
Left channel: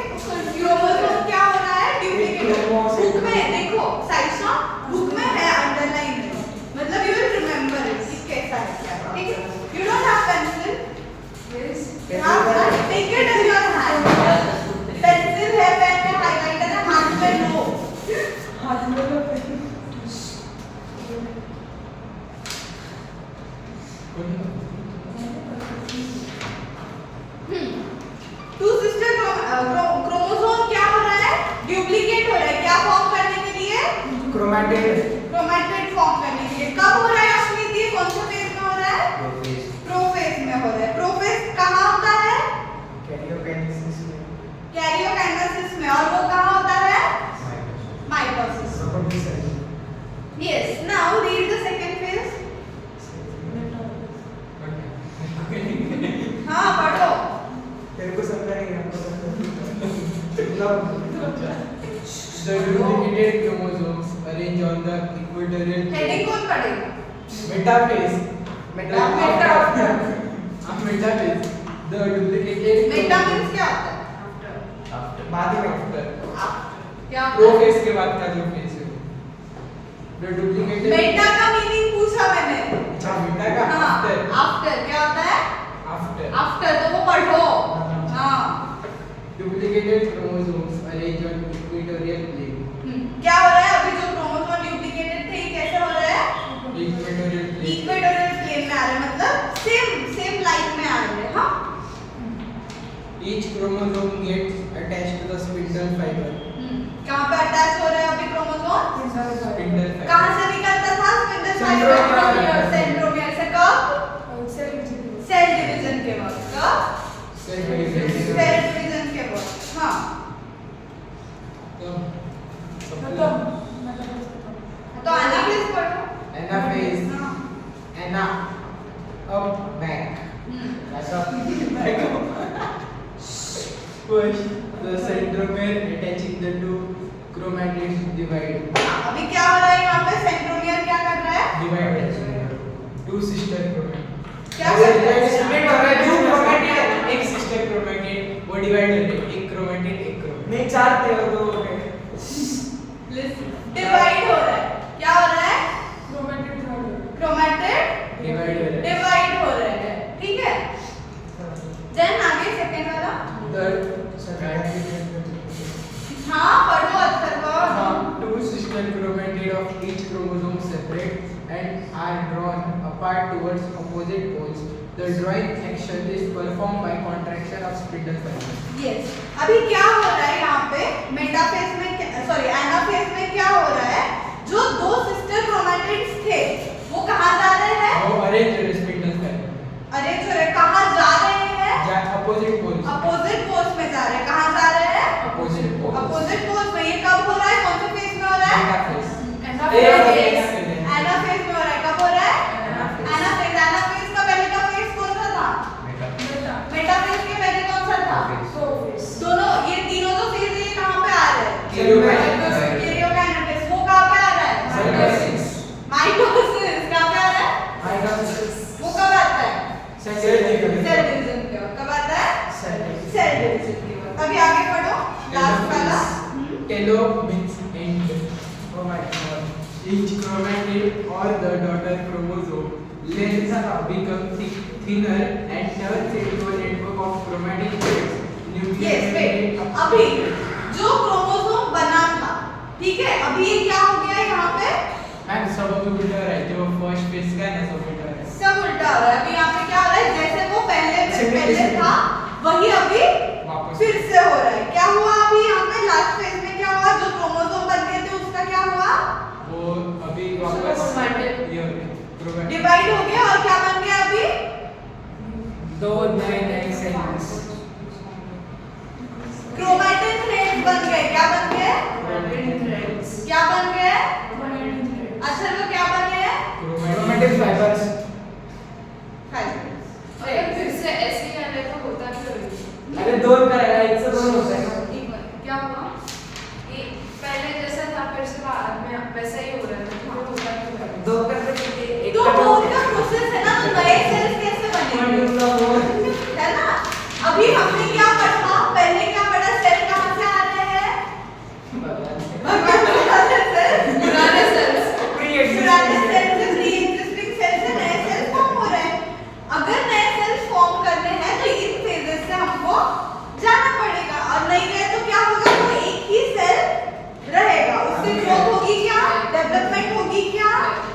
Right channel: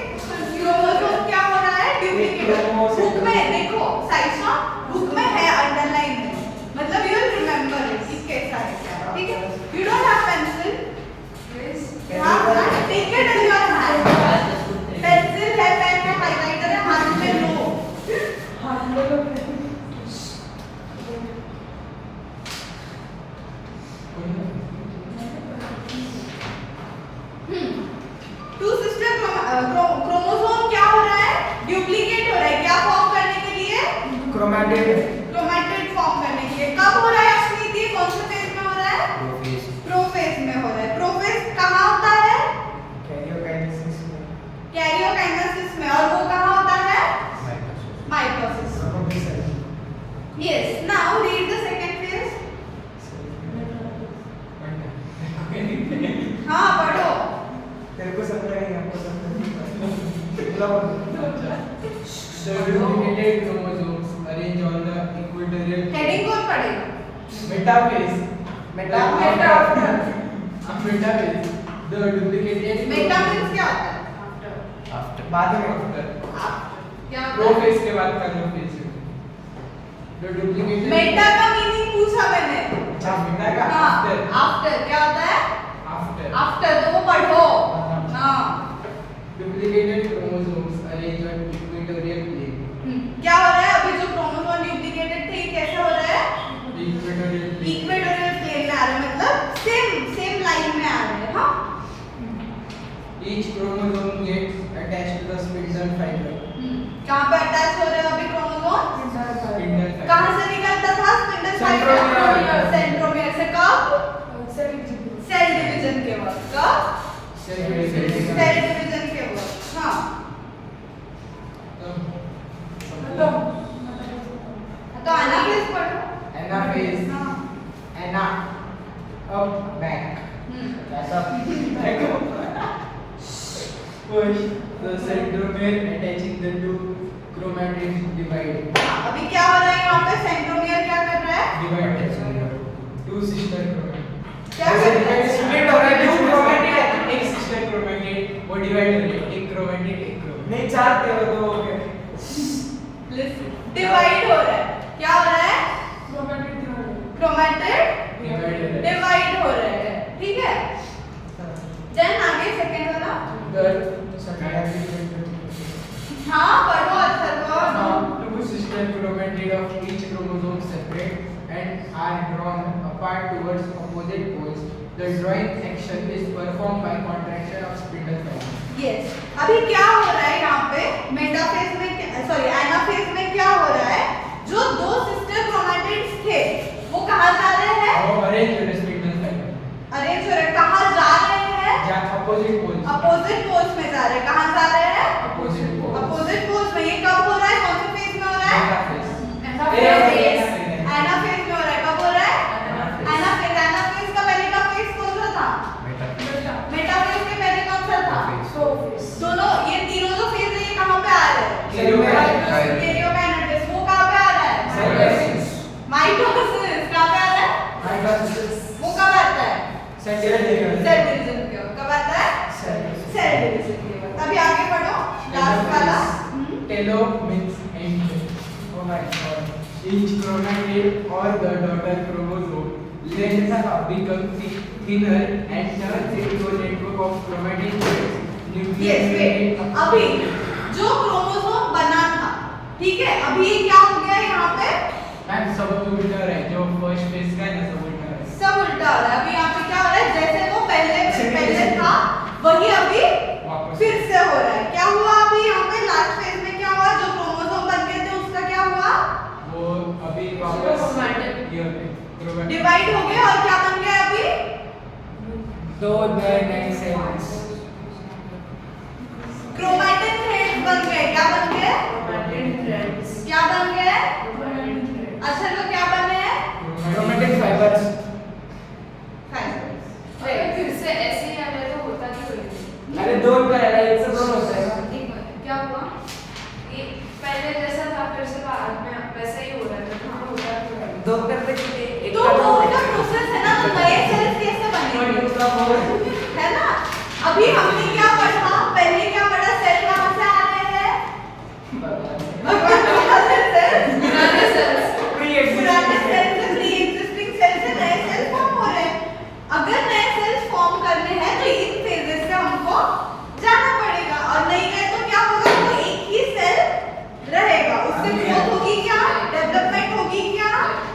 क्रोमोसोम क्या हो रहा है डुप्लीकेट बुक में देखो साइसा बुक में है अंडरलाइन है मतलब यू विल रिमेंबर इट कि कैसा है क्या ठीक है you don't have pencil Yes. हाँ क्रोमैटिड फॉर्म करने के लिए कब हो रहा है अश्विनी? ये कौन से फेज में हो रहा है? प्रोफेज में हो रहा है। प्रोफेज कहाँ होता है? कैरियोकाइनेसिस में। और वो कहाँ होता है? Mitosis. Yes, now read the second phase. हाँ पढ़ो। तेरे को समझा नहीं, हमको समझा नहीं। The duplicated chromosomes arrange on the equatorial heading कौन पढ़ेगा? metaphase. Metaphase. Metaphase. The duplicated Meta means क्या होता है? बाद में क्या प्रोफेज के बाद का जो फेज है। The duplicated मेटा का मीनिंग पूछा मैंने। अच्छा मेटा का हाँ, after आफ्टर क्या होता है? after आफ्टर, तो वो पढ़ो। हाँ। duplicated chromosomes arrange on equatorial plane. क्या हो रहा है अभी? जो क्रोमोसोम डुप्लीकेटेड थे ये कैसे हो रहा है? Equatorial plane. इक्वेटोरियल प्लेन में आ रहे हैं, मतलब सेम लाइन में आ रहे हैं। हाँ। Each chromosome gets attached to the spindle fiber. कहाँ पे अटैच हो रहे हैं अभी क्रोमोसोम? Spindle fiber. कहाँ से निकलता था स्पिंडल सेंट्रोमियर। फाइबर? सेंट्रोमियर से। कब? सेल डिवीजन के वक्त। कब? Cell division. सेल डिवीजन के वक्त। हाँ। तो एनाफेज पढ़ो। Anaphase. हाँ। Ana. Up, back. Push the centromere attaching the two chromatids divide. अभी क्या हो रहा है यहाँ पे? सेंट्रोमियर क्या कर रहा है? Divide. Two sister chromatids. क्या कर रहा है? स्प्लिट हो रहा है, Two two chromatid, एक sister chromatid वो divide हो रहे हैं, एक chromatid एक chromatid. नहीं, 4 थे और 2 हो गए। डिवाइड हो रहा है। क्या हो रहा है? क्रोमैटिड Divide हो रहे हैं. डिवाइड हो रहे हैं। ठीक है। देन आगे सेकंड वाला। हाँ पढ़ो अच्छा पढ़ो। Two sister chromatid of each chromosome separate and are drawn apart towards opposite poles. The drawing action is performed by contraction of spindle fiber. Yes, अभी क्या हो रहा है यहाँ पे? मेटाफेज में सॉरी एनाफेज में क्या हो रहा है? जो दो सिस्टर क्रोमैटिड्स थे वो कहाँ जा रहे हैं? वो arrange the spindle fiber. Arrange हो रहे हैं। कहाँ जा रहे हैं? या opposite poles. अपोजिट पोल्स में जा रहे हैं। कहाँ जा रहे हैं? Opposite poles. अपोजिट पोल्स में। ये कब हो रहा है? कौन से फेज में हो रहा है? Metaphase. एनाफेज में हो रहा है। कब हो रहा है? एनाफेज। एनाफेज का पहले का फेज कौन सा था? मेटाफेज के पहले कौन सा था? दोनों ये तीनों जो फेज है ये कहाँ पे आ रहे हैं? कैरियोकाइनेसिस। वो कहाँ पे आ रहा है? माइटोसिस। कहाँ पे आ रहा है? वो कब आता है? सेल डिवीजन के वक्त। कब आता है? सेल डिवीजन के वक्त। अभी आगे बढ़ो। लास्ट वाला। Telomeres end. Each chromatid or the daughter chromosome length become thinner and turns into a network of chromatic threads. Yes wait, अभी जो क्रोमोसोम बना था, ठीक है, अभी ये क्या हो गया यहाँ पे? मैम सब उल्टा हो रहा है, जो फर्स्ट फेज का है ना सब उल्टा हो रहा है. सब उल्टा हो रहा है। अभी यहाँ पे क्या हो रहा है? जैसे वो पहले था वही अभी वापस. फिर से हो रहा है। क्या हुआ अभी यहाँ पे लास्ट फेज में? क्या हुआ? जो क्रोमोसोम बन गए थे उसका क्या हुआ? वो अभी वापस ये हो रहे chromatic. डिवाइड हो गया और क्या बन गया अभी? 2 नए सेल्स। क्रोमैटिन थ्रेड बन गए। क्या बन गए? क्या बन गए? अच्छा तो क्या बन गए? Chromatic fibres. फिर से ऐसे ही आ रहे तो होता क्यों? अरे 2 का है, 1 से 2 होता है ना। एक मिनट, क्या हुआ? ये पहले जैसा था फिर से बाद में वैसा ही हो रहा है तो होता क्यों? 2 करते कितने? एक तो का वो उनका प्रोसेस है ना, तो नए सेल्स कैसे बनेंगे? है ना? अभी हमने क्या पढ़ा? पहले क्या पढ़ा? सेल कहाँ से आ रहे हैं? भगवान से कहाँ से सेल? पुराने सेल्स। पुराने सेल से प्री एग्जिस्टिंग सेल से नए सेल फॉर्म हो रहे हैं। अगर नए सेल्स फॉर्म करने हैं तो इन फेजेस से हमको जाना पड़ेगा, और नहीं रहे तो क्या होगा? तो एक ही सेल रहेगा, उससे ग्रोथ होगी क्या? डेवलपमेंट होगी क्या?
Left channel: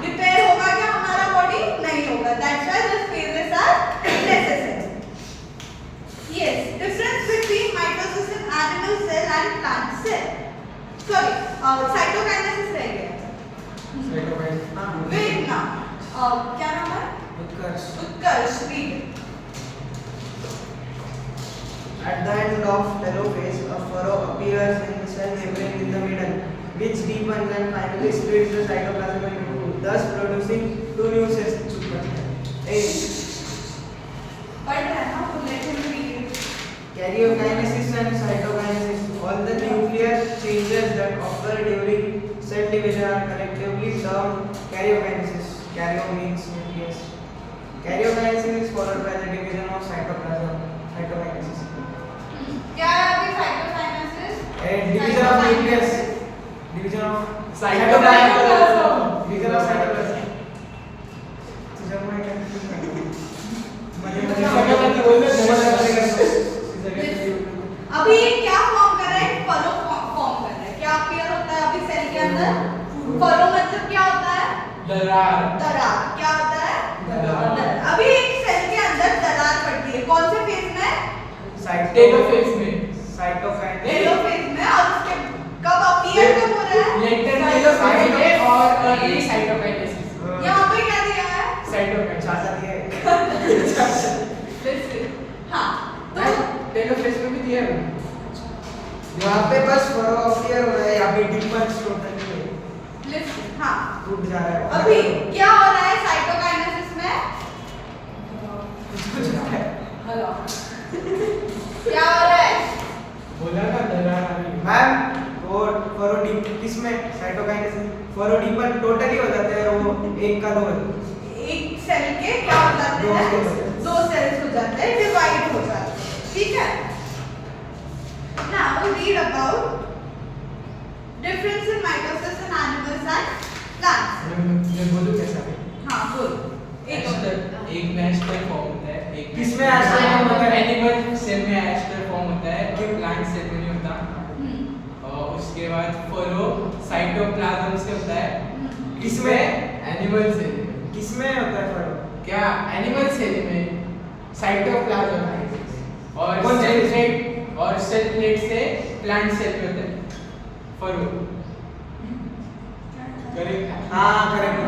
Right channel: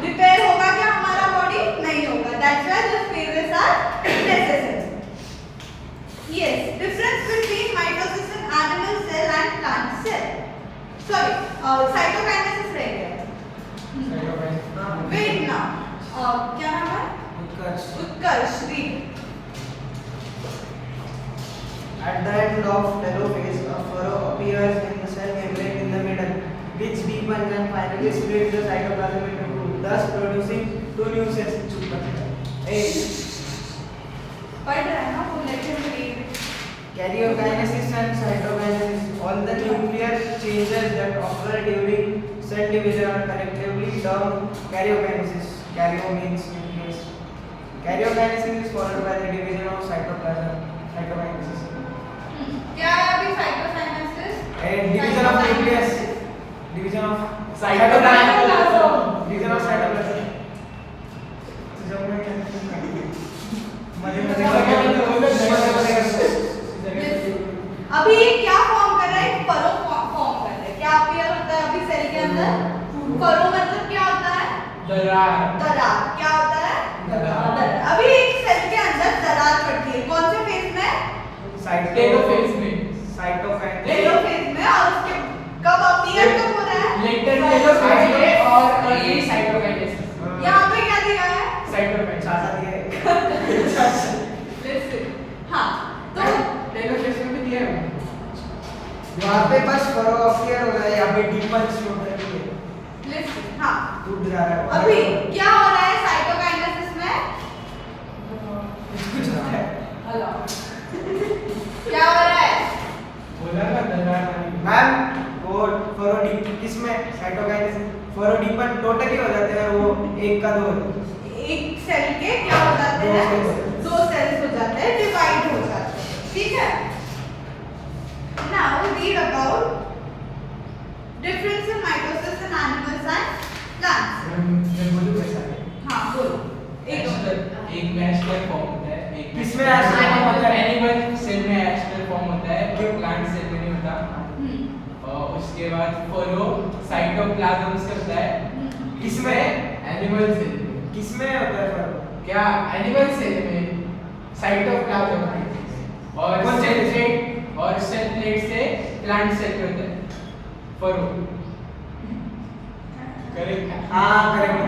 रिपेयर होगा क्या हमारा बॉडी? नहीं होगा। That's why this phases are necessary. Yes, difference between mitosis in animal cell and plant cell. Sorry, cytokinesis रह गया। वेट ना, क्या नाम है? उत्कर्ष, read. At the end of telophase, a furrow appears in the cell membrane in the middle, which deepens and finally splits the cytoplasm into two, thus producing two new cells. पढ़ रहा है ना, तो let him read. Karyokinesis and cytokinesis. All the nuclear changes that occur during cell division are collectively termed karyokinesis. Karyo means nucleus. Karyokinesis is followed by the division of cytoplasm. Cytokinesis. क्या है अभी cytokinesis? Division of nucleus. Division of cytoplasm. Division of cytoplasm. तुझ्यामुळे confusion झाली. मध्ये अभी क्या form कर रहा है? फरो फॉर्म कर रहा है। क्या अपीयर होता है अभी सेल के अंदर? फरो मतलब क्या होता है? दरार। क्या होता है? दरार। अभी एक सेल के अंदर दरार पड़ती है, कौन से फेज में? टेलोफेज में। टेलोफेज में। और उसके कब अपीयर कब हो रहा है? लेटर टेलोफेज में और अर्ली साइटोकाइनेसिस। यहाँ पे क्या दिया है? साइटोकाइनेसिस चाचा दिया है। हाँ, तो टेलोफेज में भी दिया है। यहाँ पे बस फरो अपीयर हो रहा है, यहाँ पे डीपन टोटली है। लिस्ट, हाँ, टूट जा रहा है। अभी क्या हो रहा है साइटोकाइनेसिस में? कुछ होता है। क्या हो रहा है? बोला ना दरार। मैम वो फरो डीप किसमें साइटोकाइनेसिस फरो डीपन टोटली हो जाते हैं, वो एक का दो एक सेल के क्या हो जाते दो हैं? cells। दो सेल्स हो जाते हैं, डिवाइड हो जाते हैं, ठीक है? Now read about difference in mitosis in animals and plants. मैं बोलूं कैसा है? हाँ, बोलो। एक एक में एस्टर फॉर्म होता है, एक किसमें एस्टर फॉर्म होता है? एनिमल सेल में एस्टर फॉर्म होता है, जो प्लांट सेल में नहीं होता। और उसके बाद फरो साइटोप्लाज्म से होता है। किसमें? एनिमल सेल में। किसमें होता है फरो? क्या एनिमल सेल में साइटोप्लाज्म और कौन सेल से? प्लेट और सेल प्लेट से प्लांट सेल में होता है फरो। करेक्ट? हाँ करेक्ट।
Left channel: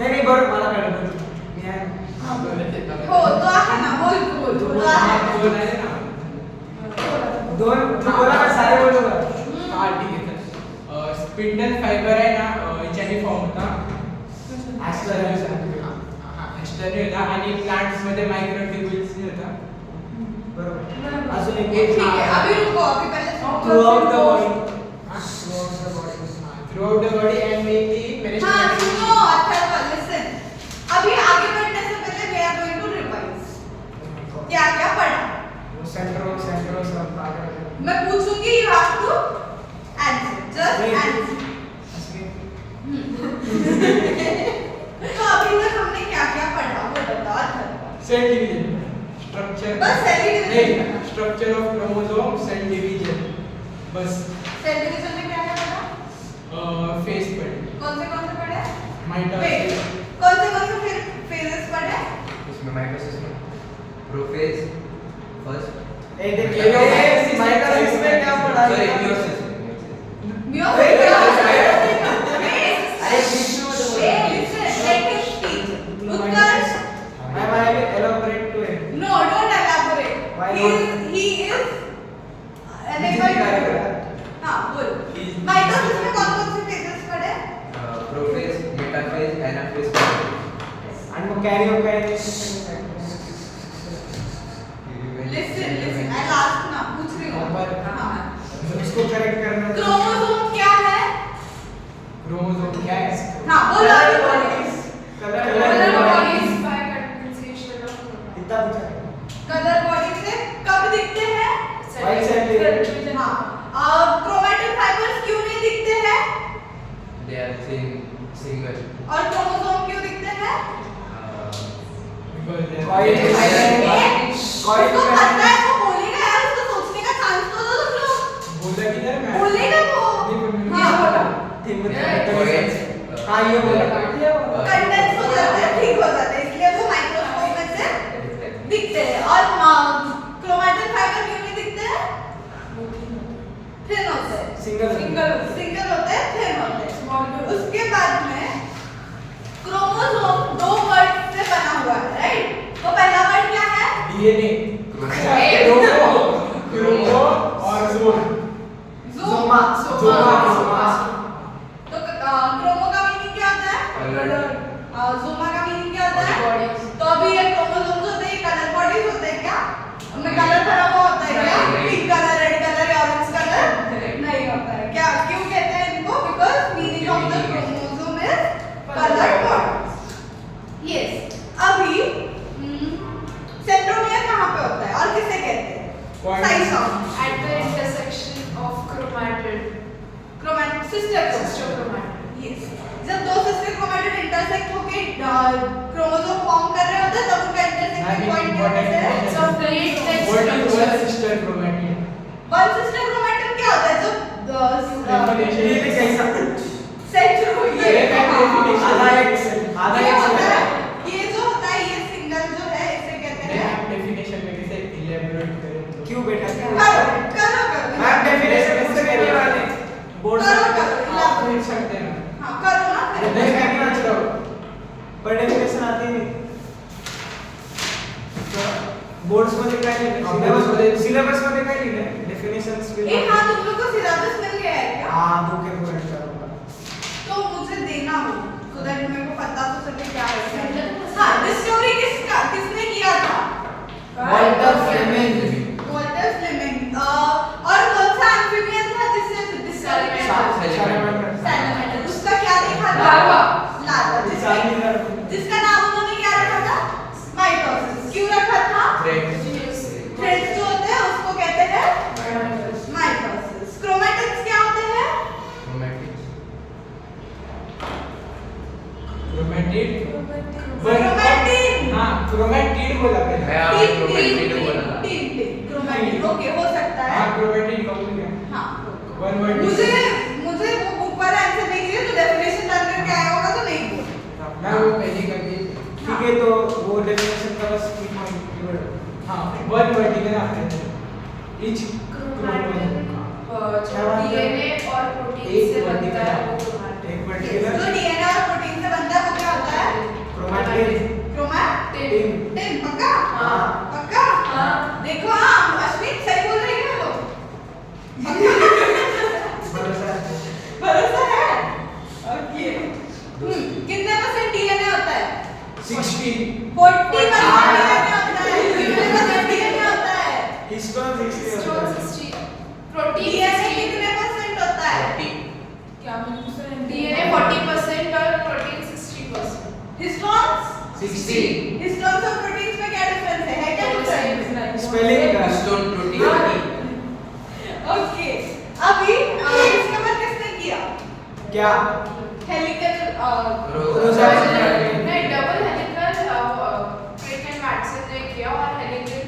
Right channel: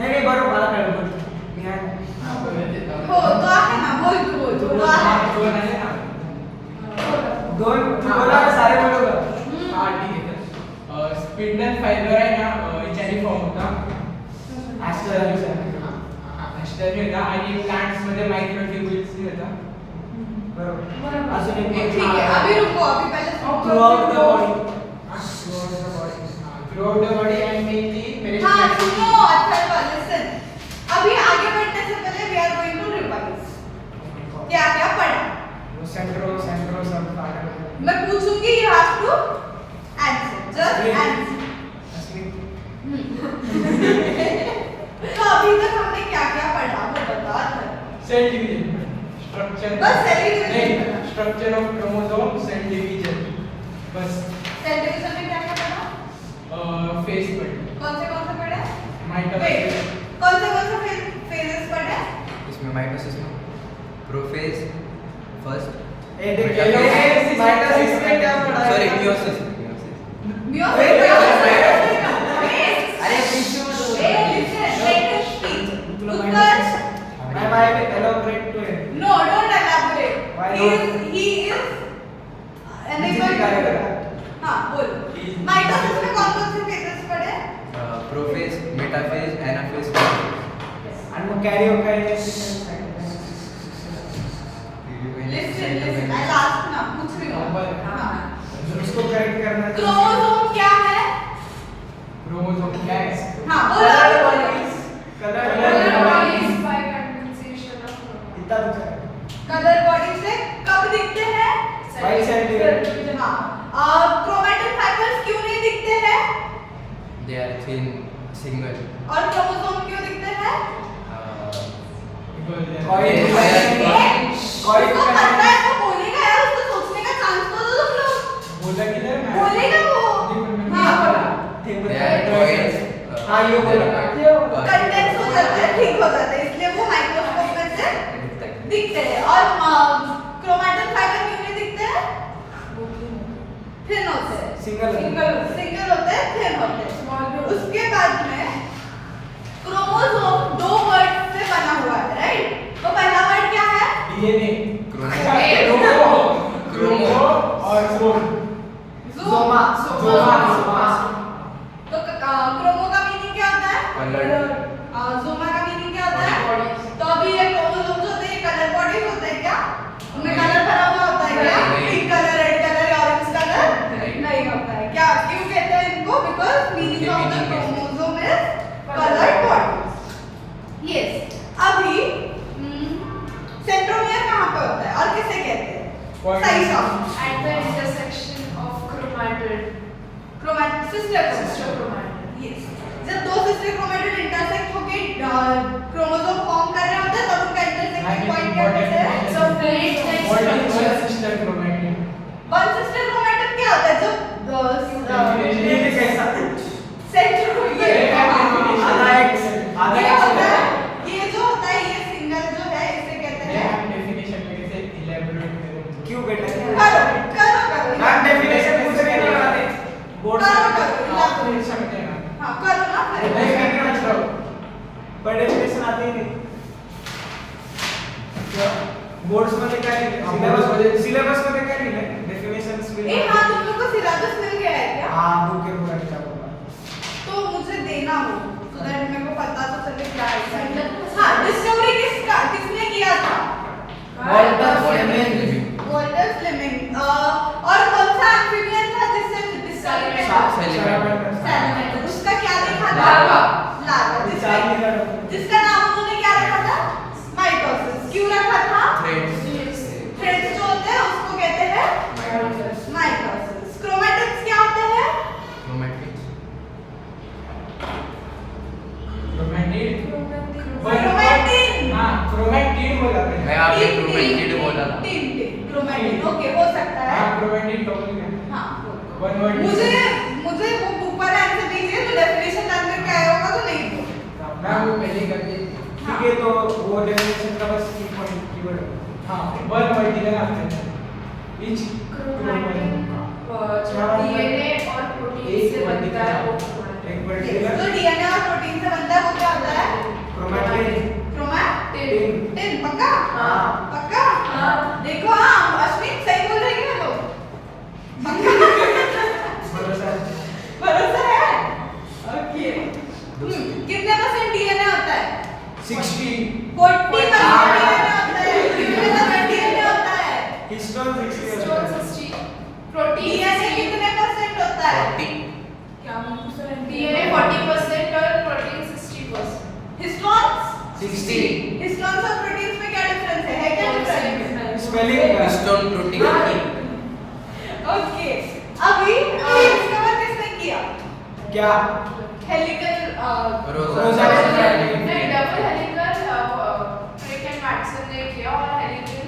नहीं बरोबर मला कळलं मी आहे हाँ बोले हो, तो आहे ना, बोल तो आहे। बोल रहे हैं ना। दोन बोला मैं सारे बोलूंगा। हाँ ठीक है सर। स्पिंडल फाइबर है ना, याच्याने फॉर्म होता। एस्टर एस्टर नाही होता आणि प्लांट्स मध्ये मायक्रोट्यूब्यूल्स नाही होता। बरोबर। अजून एक ठीक है, अभी रुको, अभी पहले throughout the body throughout the body and mainly हाँ, सुनो, अच्छा लिसन। अभी आगे बढ़ने से पहले we are going to revise. क्या क्या पढ़ा? वो सेंट्रो सब पागल। मैं पूछूंगी, you have to answer, just answer. असली तो अभी तक हमने क्या क्या पढ़ा वो बता दो। सेल डिवीजन स्ट्रक्चर, बस cell division। नहीं structure of chromosome, cell division, बस। सेल डिवीजन में क्या क्या पढ़ा? फेज पढ़े, कौन से पढ़े? माइटोसिस, कौन से फेजेस पढ़े? इसमें माइटोसिस में प्रोफेज फर्स्ट, ए देखिए माइटोसिस में क्या पढ़ा सॉरी है? Meiosis meiosis. अरे बीच में तो Utkarsh, ma'am I will elaborate to it. no, don't elaborate. Why not? He is किसी कार्य कर रहा है। हाँ, बोल। माइटोसिस में कौन से फेजेस पढ़े? प्रोफेज, मेटाफेज, एनाफेज, आणि मग कॅरियोकाइनेसिस आणि साइटोकाइनेसिस। Listen, I'll ask ना, पूछ रही हूँ। हाँ। उसको करेक्ट करना है। क्रोमोसोम क्या है? क्रोमोसोम क्या है? हाँ, बोलो अभी बोलो। Colour Color body by condensation of इतना पूछा है। कलर बॉडी से कब दिखते हैं? White cell division। हाँ। क्रोमैटिन फाइबर्स क्यों नहीं दिखते हैं? दे आर थिन सिंगल, और क्रोमोसोम क्यों दिखते हैं? कॉइल उसको पता है, वो बोलेगा यार, उसको सोचने का चांस तो दो तुम लोग। बोला किधर मैं? बोलेगा वो। हाँ, बोला। They are coils. हाँ ये बोला। कंडेंस हो जाता है, ठीक हो जाता है, इसलिए वो माइक्रोस्कोप में से दिखते हैं। और क्रोमैटिन फाइबर क्यों नहीं दिखते हैं? थिन होते हैं। सिंगल सिंगल होते हैं, थिन होते हैं। सही song. At the intersection of chromatid. Sister Sister chromatid. Yes, जब दो सिस्टर क्रोमैटिड इंटरसेक्ट होके क्रोमोसोम फॉर्म कर रहे होते हैं तब उनका इंटरसेक्टिंग पॉइंट क्या कहते हैं? So plate like What is structure. one sister chromatid? One sister chromatid क्या होता है? जब ये भी कैसा सेंटर हो ये है definition. आधा ये एक होता है, से ये जो होता है ये सिंगल जो है इसे कहते हैं। आप definition में कैसे elaborate करेंगे? क्यों बेटा क्यों करो मैम डेफिनेशन पूछ रहे हैं वाले बोर्ड से करो आप पूछ सकते हैं ना। हाँ करो ना फिर। नहीं मैं नहीं आज करो पर डेफिनेशन आते ही नहीं बोर्ड्स मध्ये काय लिहिले सिलेबस मध्ये काय लिहिले डेफिनेशंस विल ए हाँ तुम लोग को सिलेबस मिल गया है क्या? हां बुक के पॉइंट का बोला तो मुझे देना हो so that मेरे को पता तो चले क्या है। हाँ डिस्कवरी किसने किया था? Walter Flemming Walter Flemming. और कौन सा एम्फीबियन था जिसने डिस्कवरी किया? सैलमेंडर। उसका क्या देखा था? लार्वा। जिसका नाम उन्होंने क्या रखा था? माइटोसिस। क्यों रखा था? थ्रेड्स जो होते हैं उसको कहते हैं माइटोसिस। क्रोमैटिड्स क्या होते हैं? Chromatid. Chromatid. हाँ chromatid बोला मैंने। मैं आपने chromatid बोला था। क्रोमैटिड ओके हो सकता है। हाँ chromatid का बोल गया। हाँ One word. मुझे वो बुक वाला आंसर दीजिए तो डेफिनेशन डाल करके आया होगा तो नहीं बोल। मैं वो पहले कर दी। ठीक है तो वो डेफिनेशन का बस की पॉइंट कीवर्ड हाँ one word की तरह आता है। Each Chromatin क्या बात है? DNA और प्रोटीन एक से word बनता है वो एक chromatin. पर्टिकुलर जो डीएनए और प्रोटीन से बनता है वो क्या होता है? Chromatin chromatin. पक्का? हाँ। पक्का? हाँ। देखो हाँ अश्विन सही बोल रही है लोग। भरोसा है? ओके। कितने परसेंट डीएनए होता है? 60 40% हाँ। डीएनए होता है। कितने परसेंट डीएनए होता है? हिस्टोन 60 होता Histone है 60. Protein DNA 60. कितने परसेंट होता है? क्या DNA 40% और प्रोटीन 60%. हिस्टोन्स? 60 हिस्टोन्स और प्रोटीन्स में क्या डिफरेंस है क्या डिफरेंस? स्पेलिंग का Histone protein. ओके अभी डिस्कवर किसने किया? क्या हेलिकल रोजालिस नहीं डबल हेलिकल क्रिकेट वैक्सीन ने किया और हेलिकल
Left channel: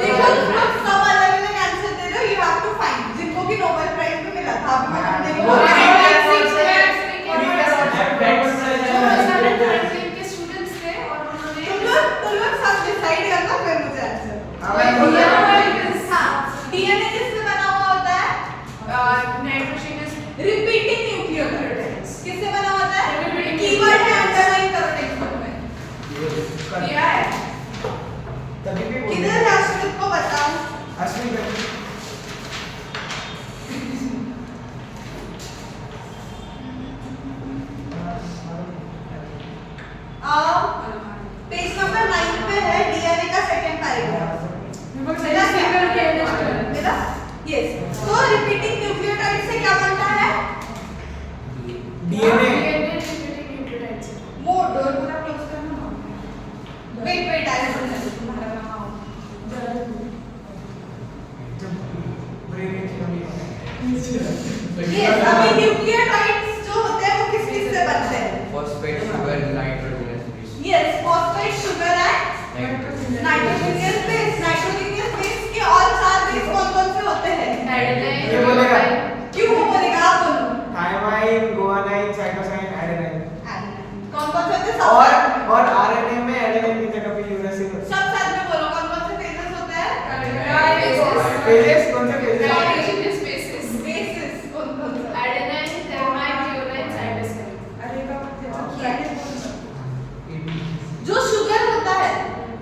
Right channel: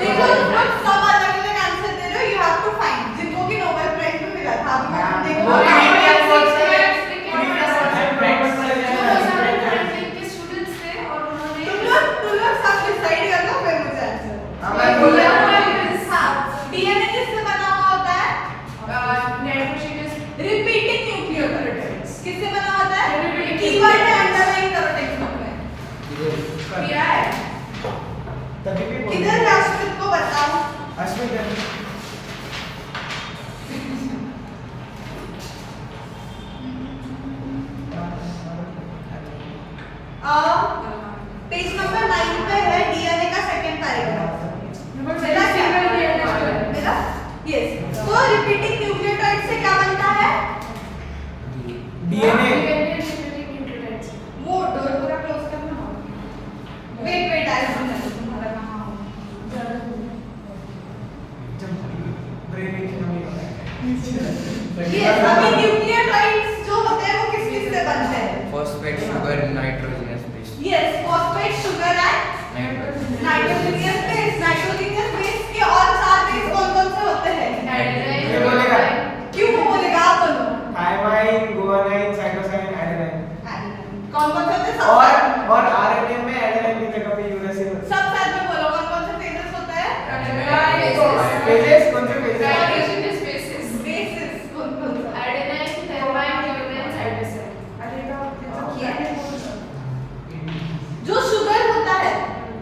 देखो तुम लोग सब अलग अलग आंसर दे दो यू हैव टू फाइंड जिनको भी नोबेल प्राइज में मिला था अभी तुम देखो वो क्रिकेट जो व्हाट्सएप फ्रैंकलिन के स्टूडेंट्स थे और उन्होंने तुम लोग सब डिसाइड कर लो फिर मुझे आंसर हाँ मैं बोल रहा हूँ हाँ डीएनए किससे बना हुआ होता है? नाइट्रोजनस रिपीटिंग न्यूक्लियोटाइड्स किससे बना होता है? Repeating कीवर्ड है nucleotides. अंडरलाइन करो टेक्स्ट बुक में किया है तभी भी बोल किधर है अश्विन को बताओ अश्विन कर पेज नंबर 9 पे है डीएनए का सेकंड पैराग्राफ मेरा क्या मेरा यस तो रिपीटिंग न्यूक्लियोटाइड से क्या बनता है? डीएनए वो डोर पूरा क्लोज करना ना वेट डायरेक्ट तुम्हारा कहां जब ब्रेन की कमी होती है ये सभी न्यूक्लियोटाइड्स जो होते हैं वो किस किस से बनते हैं? Phosphate, sugar, nitrogenous base. Yes phosphate sugar and nitrogenous base nitrogenous base के और चार बेस कौन-कौन से होते हैं? ये बोलेगा क्यों वो बोलेगा आप बोलो थायमाइन गुआनाइन साइटोसाइन एडेनाइन कौन-कौन से होते हैं? और आरएनए में एडेनाइन की जगह पे यूरेसिल होता सब साथ में बोलो कौन-कौन से फेजेस होते हैं? है फेजेस कौन से फेजेस नाइट्रोजनस बेसिस बेसिस कौन-कौन से? एडेनाइन थर्माइन यूरेन साइटोसिन अरे बाप रे जो शुगर होता है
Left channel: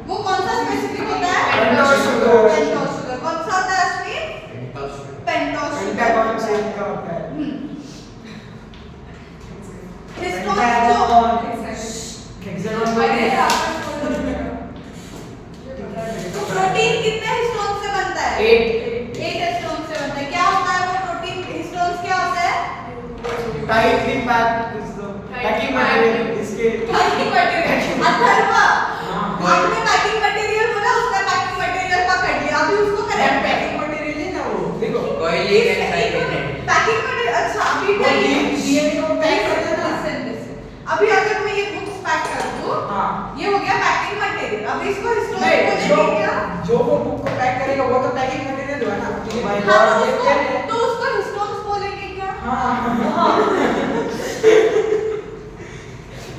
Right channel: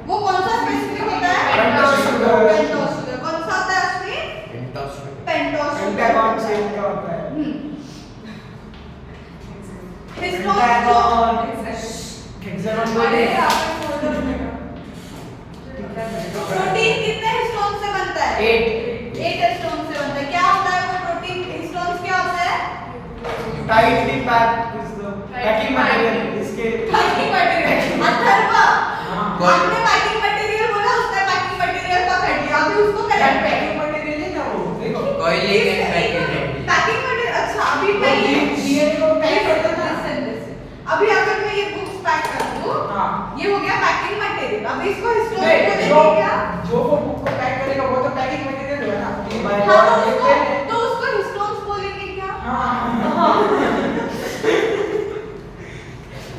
वो कौन सा स्पेसिफिक होता है? Pentose sugar. पेंटोस शुगर कौन सा होता है Ashwin? Pentose sugar. Pentose sugar pentagon shape का होता है हिस्टोन पेंटागन हेक्सागन अरे बोलिए प्रोटीन कितने हिस्टोन से बनता है? 8 हिस्टोन से बनता है क्या होता है वो प्रोटीन हिस्टोन्स क्या होता है? Tightly packed is the packing material इसके पैकिंग मटेरियल अथर्वा आपने पैकिंग मटेरियल बोला उसने पैकिंग मटेरियल पकड़ लिया अभी उसको correct Holding and packing material. Packing material. अच्छा अभी मैं DNA को पैक करते हैं ना। अभी अगर मैं ये बुक्स पैक कर दूं, हाँ। ये हो गया पैकिंग मटेरियल। अब इसको हिस्टोन नहीं, बोलेंगे क्या? जो वो बुक को पैक करेगा वो तो पैकिंग मटेरियल हुआ ना। भाई, हाँ, और तो ये उसको क्या है? तो उसको हिस्टोन्स बोलेंगे क्या? हाँ।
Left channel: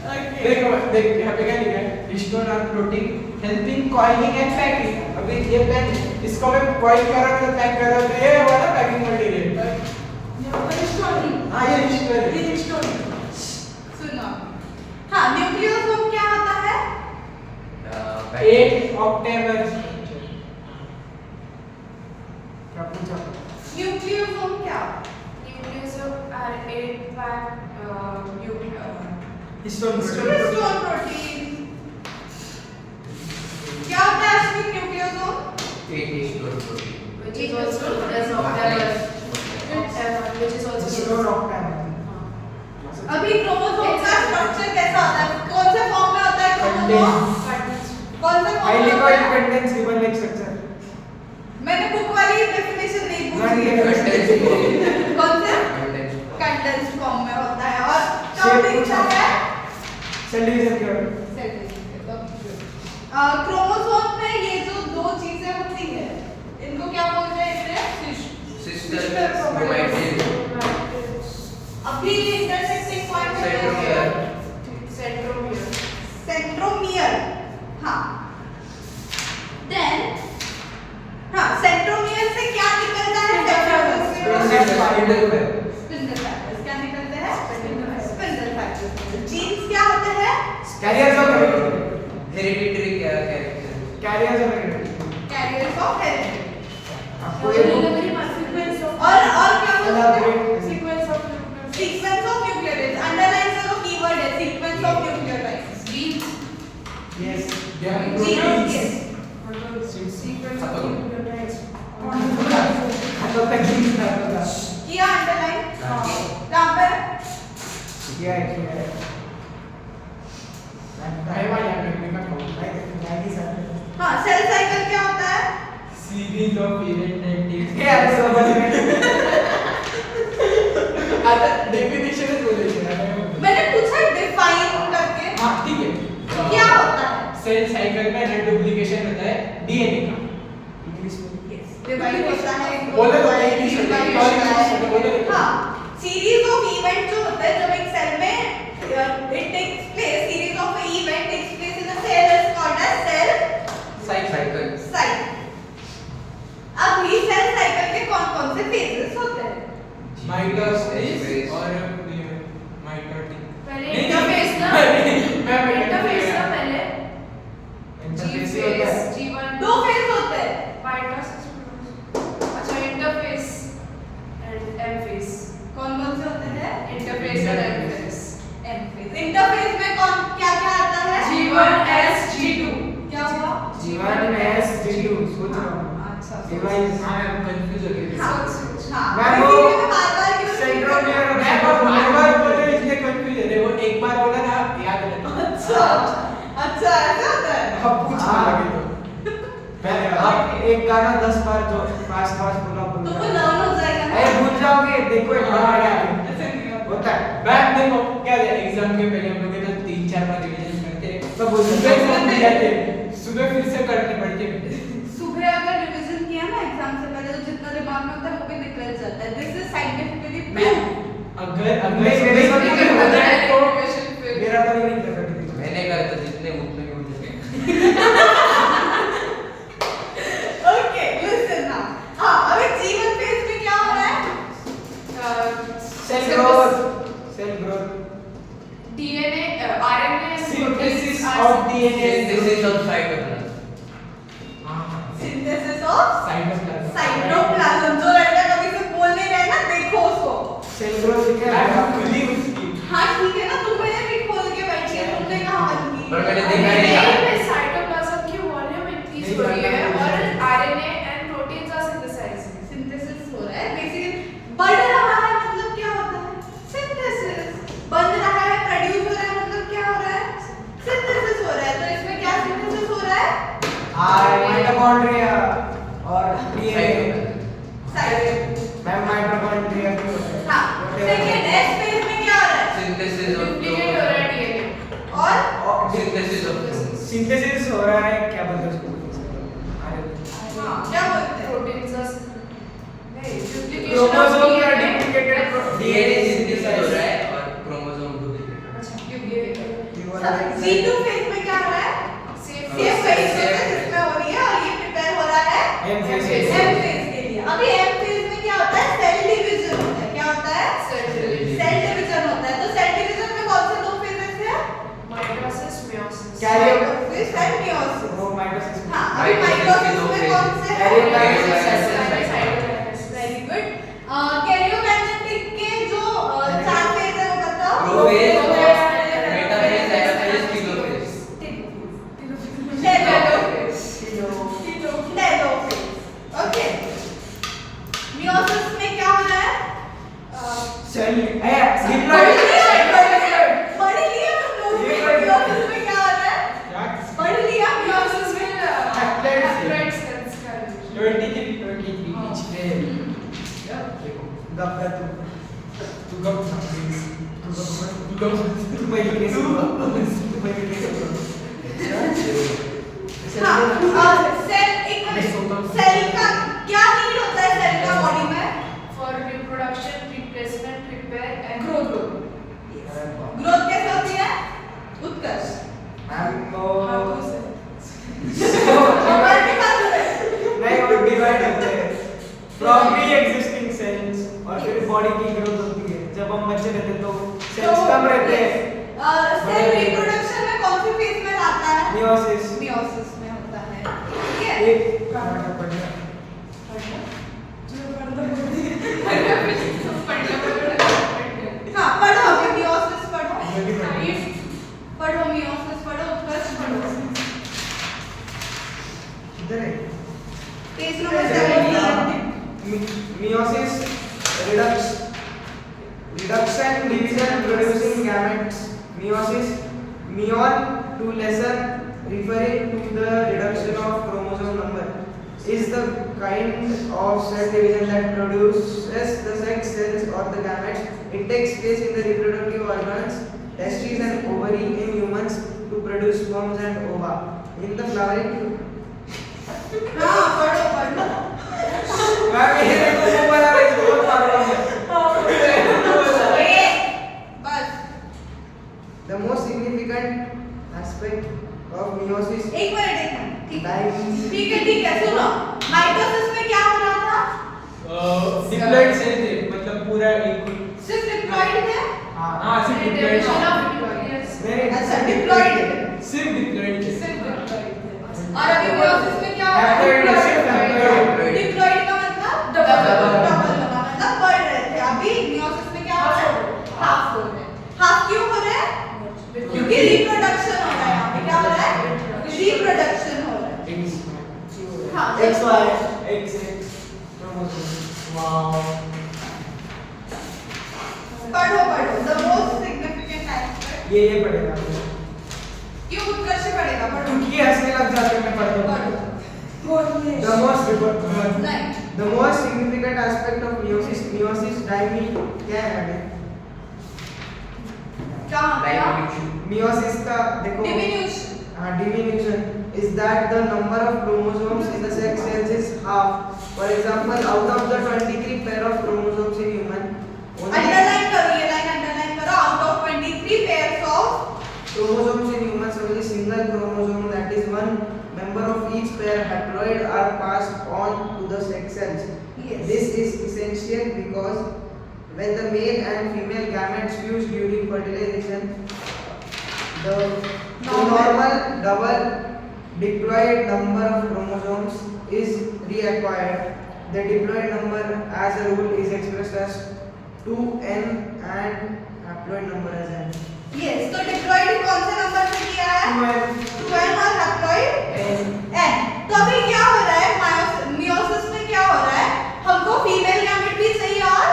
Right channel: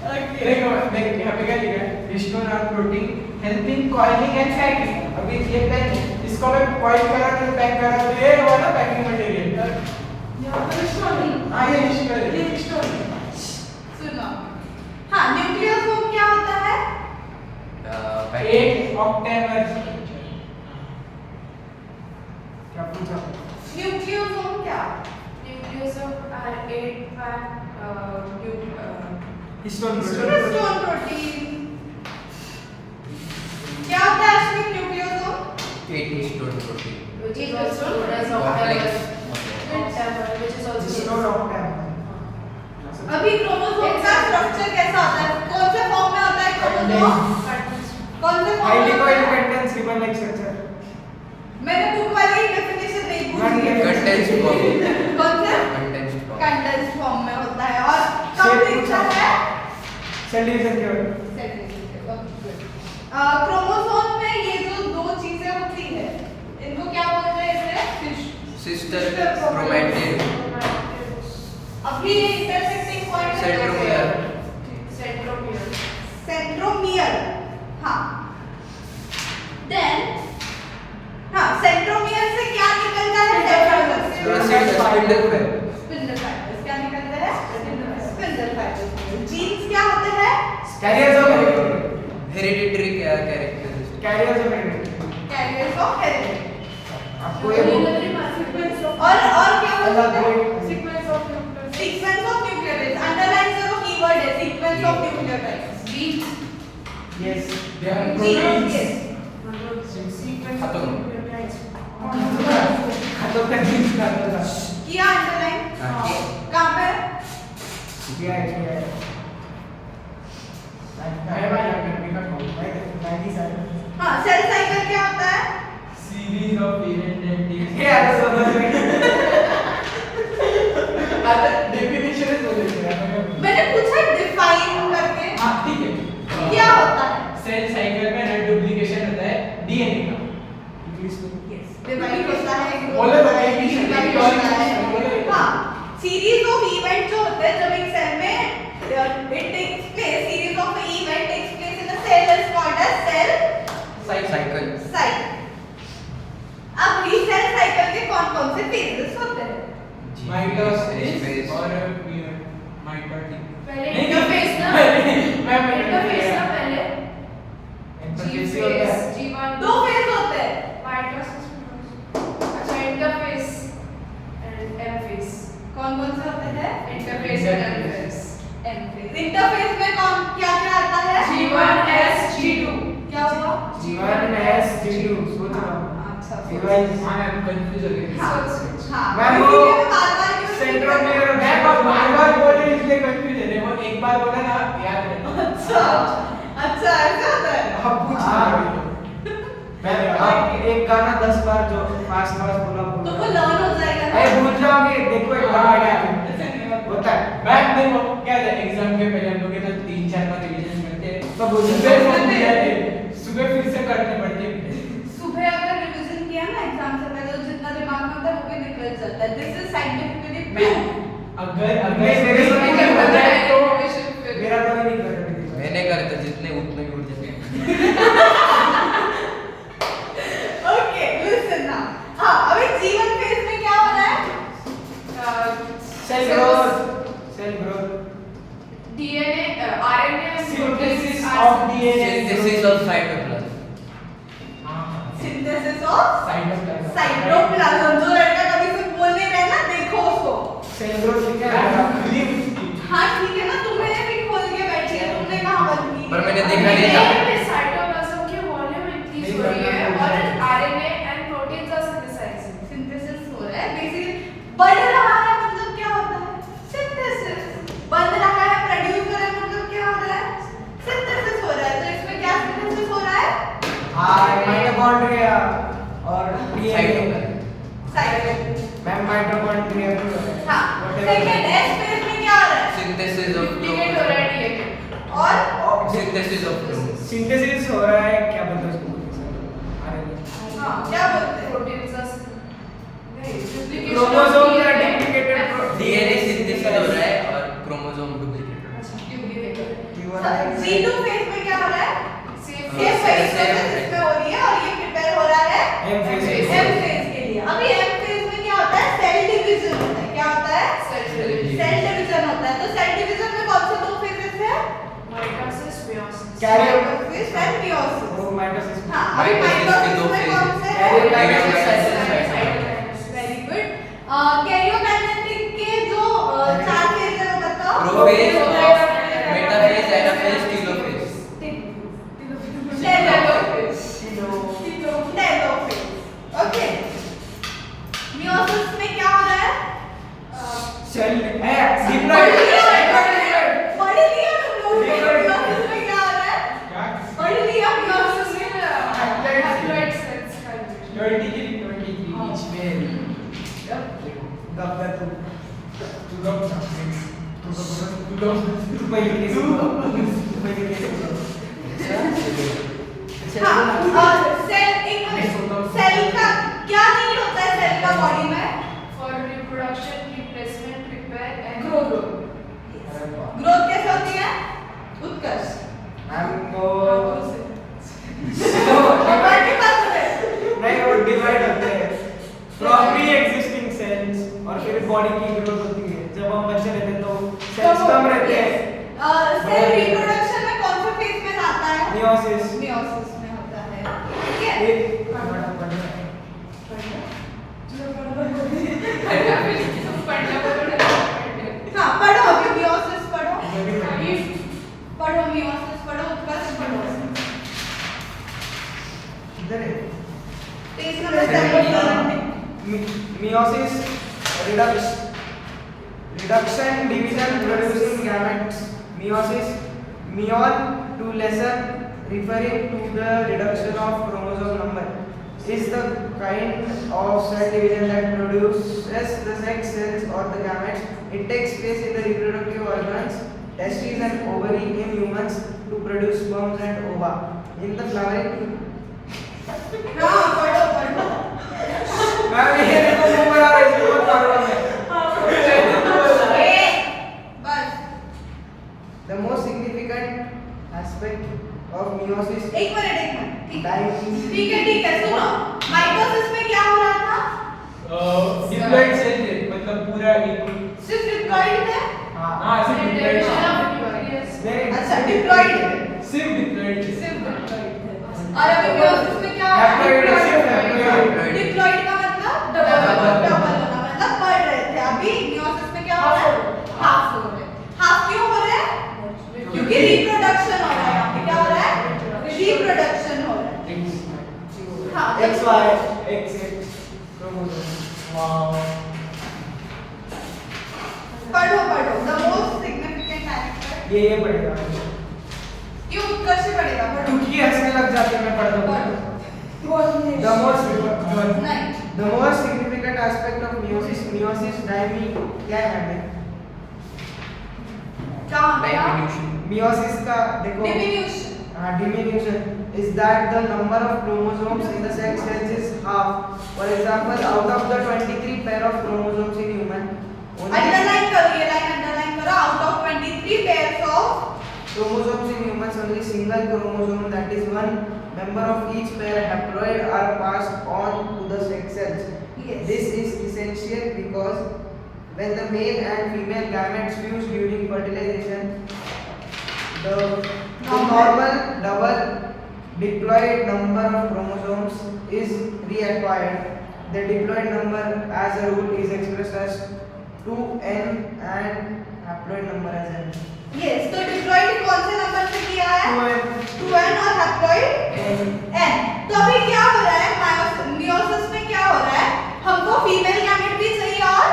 ओके। देख यहाँ पे क्या लिखा है? Histone are protein helping coiling and packing. अभी ये पेन इसको मैं coil कर रहा था पैक कर रहा था ये हुआ ना पैकिंग मटेरियल। हाँ ये हिस्टोन है। सुनो। हाँ, न्यूक्लियोसोम क्या होता है? एक ऑक्टेवर क्या पूछा? न्यूक्लियोसोम क्या? Nucleosomes are 8-pack histone histone protein. क्या होता है असली nucleosome? 8 histone protein. which is also known as octavus. Which is also histone Octave. अभी क्रोमोसोम का स्ट्रक्चर कैसा होता है? कौन से फॉर्म में होता है क्रोमोसोम? कौन से फॉर्म हाईली में होता कोइल है? Contains ribbon like structure. मैंने बुक वाली डेफिनेशन नहीं पूछी। Condensed form. कौन से? Condensed form. कंडेंस फॉर्म में होता है और Shape कब पूछा। दिखता है? सेल डिवीजन क्या होता है? क्रोमोसोम में ये जो दो चीजें होती है इनको क्या बोलते हैं? Sister chromatid. अभी intersecting point Centromere. centromere. Centromere. हाँ देन हाँ सेंट्रोमियर से क्या निकलता है? Spindle fiber. Spindle fibres. क्या निकलते हैं? Spindle fibres. जीन्स क्या होते हैं? Carriers of Hereditary characteristics. Carriers of heredity. Carriers of heredity. आपको ये और क्या बोलते हैं? elaborate Sequence of nucleotides. Sequence of nucleotides. Underline करो कीवर्ड है sequence of nucleotides. Genes. Yes genome yes. Sequence of Khataम. nucleotides. खत्म कर दी इसका किया अंडरलाइन? हाँ। कहाँ पे? किया है हाँ सेल साइकिल क्या होता है? सीरीज ऑफ इवेंट एंड ये आपको समझ में आता डेफिनेशन है बोले मैंने पूछा डिफाइन करके। हाँ ठीक है क्या होता है? सेल साइकिल में रेडुप्लिकेशन होता है डीएनए का इंग्लिश में डिवाइड होता है। बोलो तो एक ही शब्द, divide एक और होता है। बोलो। हाँ सीरीज ऑफ इवेंट जो होते हैं जब एक सेल में it takes place series of event takes place in a cell is called as cell Cycle. cycle। अभी सेल साइकिल के कौन-कौन से फेजेस होते हैं? माइटोसिस और माइटोटिक पहले इंटरफेस ना इंटरफेस ना पहले इंटरफेस ही होता है G1 दो फेज होते हैं। माइटोसिस अच्छा इंटरफेस एंड एम फेस कौन-कौन से होते हैं? इंटरफेस और M phase M phase. Interphase में कौन क्या-क्या आता है? G1 S G2 क्या हुआ? G1 S G2 सोच रहा हूँ अच्छा डिवाइस हाँ मैं कंफ्यूज हो गया हाँ हाँ मैम, इसीलिए वो मैं बार-बार क्यों सेंट्रोमियर और मैं बार-बार बोले इसलिए कंफ्यूज है वो एक बार बोला ना याद रहता अच्छा अच्छा ऐसा होता है। अब पूछ हाँ। अभी मैं आप एक गाना 10 बार जो फास्ट फास्ट बोला तो वो भूल लर्न हो जाएगा ना। अरे भूल जाओगे देखो एक बार ऐसा क्या नहीं होता। होता है मैं देखो क्या है एग्जाम के पहले हम लोग के तो 3-4 बार रिवीजन करते हैं सब भूल सुबह जाते से भी जाते हैं, सुबह फिर से करने पड़ते हैं सुबह अगर रिवीजन किया ना एग्जाम से पहले तो जितना दिमाग में होता है वो भी निकल जाता है। दिस इज साइंटिफिकली मैं प्रूव। अगर नहीं, मेरे साथ नहीं नहीं होता है। तो मेरा तो नहीं करता किसी को। मैंने करे तो जितने उतने भी उठ जाते हैं. Okay listen now. हां अभी जीवन फेज में क्या हो रहा है? Cell growth DNA RNA and synthesis proteins of are DNA Synthesis of cytoplasm. Synthesis of cytoplasm cytoplasm. जो लड़का कभी से बोल नहीं रहा है ना देखो उसको। सेल ग्रोथ लिखा है खुली उसकी हाँ ठीक है ना तुम्हें भी खोल के बैठी है तुमने कहाँ बंद की? पर मैंने देखा नहीं था. साइटोप्लाज्म की वॉल्यूम इंक्रीज हो रही है और RNA and proteins are synthesizing. Synthesis हो रहा है बेसिकली। बढ़ रहा है मतलब क्या होता है? सिंथेसिस। बन रहा है प्रोड्यूस हो रहा है मतलब क्या हो रहा है? सिंथेसिस हो रहा है। तो इसमें क्या सिंथेसिस हो रहा है? माइटोकॉन्ड्रिया और DNA Cytoplasm. Cytoplasm. Ma'am mitochondria भी होता है हाँ सेकंड एस फेज में क्या हो रहा है सिंथेसिस ऑफ डुप्लीकेट हो रहा है डीएनए और सिंथेसिस ऑफ सिंथेसिस हो रहा है क्या बोलते हैं उसको बोलते हैं आरएनए हाँ क्या बोलते हैं प्रोटीन्स क्रोमोसोम का डुप्लीकेटेड डीएनए सिंथेसिस हो रहा है और क्रोमोसोम डुप्लीकेट C2 फेज में क्या हो रहा है सेफ ये फेज इसमें हो रही है और ये प्रिपेयर हो रहा है एम फेज M फेज के लिए अभी M फेज में क्या होता है सेल डिवीजन होता है क्या होता है सेल डिवीजन होता है तो सेल डिवीजन में कौन से दो फेजेस है mitosis meiosis karyokinesis and meiosis वो माइटोसिस हां अभी माइटोसिस के माइटोसिस दो में phases। कौन से कैरियोकाइनेसिस वेरी गुड कैरियोकाइनेटिक के जो चार फेज है वो बताओ prophase metaphase anaphase telophase okay meiosis में क्या हो रहा है सेल डिप्लॉयड पढ़ लिया मियोसिस में क्या हो रहा है पढ़ लिया मियोसिस में haploid cells का division 23 each pair. गप गप तू गप तू पहले कैसे हुआ तू पहले कैसे हुआ हाँ सेल एक मिनट सेल का क्या नीड होता है सेल का बॉडी में for reproduction, replacement, repair and growth growth कैसे होती है उत्कर्ष हम मोबाइल के पास है नहीं वो डिवाइड होते हैं फ्रॉम प्री एग्जिस्टिंग सेल्स और फिर बॉडी की ग्रोथ होती है जब हम बच्चे रहते हैं तो सेल्स कम रहते हैं सेल रिप्रोडक्शन में कौन से फेज में आता है मियोसिस मियोसिस में होता है ठीक है एक हाँ पढ़ो अभी मियोसिस पढ़ो पढ़ो मियोसिस पढ़ो उत्कर्ष पढ़ो इधर है page number 17 meiosis reduction division producing gametes meiosis meon to lessen referring to the reduction of chromosome number is the kind of cell division that produces the sex cells or the gametes it takes place in the reproductive organs testes and ovary in humans to produce sperms and ova in the flowering हाँ पढ़ो पढ़ो ma'am ये देखो ऊपर आ रहा है इसको बहुत मालूम है बस the most significant aspect of meiosis एक मिनट ठीक है Time. ठीक है सुनो माइटोसिस में क्या हो रहा था डिप्लॉयड सेल थे मतलब पूरा एक सिर्फ डिप्लॉयड थे हाँ सिर्फ डिप्लॉयड नहीं अच्छा डिप्लॉयड थे सिर्फ डिप्लॉयड सिर्फ डिप्लॉयड थे और अभी मियोसिस में क्या हो रहा Haploid है, सिर्फ है haploid। डिप्लॉयड का मतलब डबल होना मतलब बढ़ रहे थे अभी मियोसिस में क्या हो रहा है हाफ हो रहे हैं हाफ क्यों हो रहे हैं क्योंकि रिप्रोडक्शन हो रहा है यहाँ पे क्या हो रहा है रिप्रोडक्शन हो रहा है हाँ XY XX क्रोमोसोम वाओ पढ़ो द मोस्ट सिग्निफिकेंट एस्पेक्ट ये पड़ेगा क्यों उत्कर्ष पढ़ेगा पढ़ो क्योंकि हंसने लग जाते हैं मैं पढ़ता हूँ the most significant aspect of meiosis dimi क्या है मैम क्या meiosis का देखो डिमिन्यूशन हाँ diminution is that the number of chromosomes in the sex cells is half. For example, out of the 23 pair of chromosomes in human, only underline करो ये line underline करो out of 23 pairs of chromosomes in humans only single chromosome that is one member of each pair haploid are passed on to the sex cells. Yes. This is essential because when the male and female gametes fuse during fertilization, the normal double diploid number of chromosomes is reacquired. The diploid number as a rule is expressed as 2n and haploid number as n. Yes तो diploid कौन से number पे किया है 2n और haploid n तो अभी क्या हो रहा है मियोसिस में क्या हो रहा है हमको फीमेल गैमेट भी चाहिए और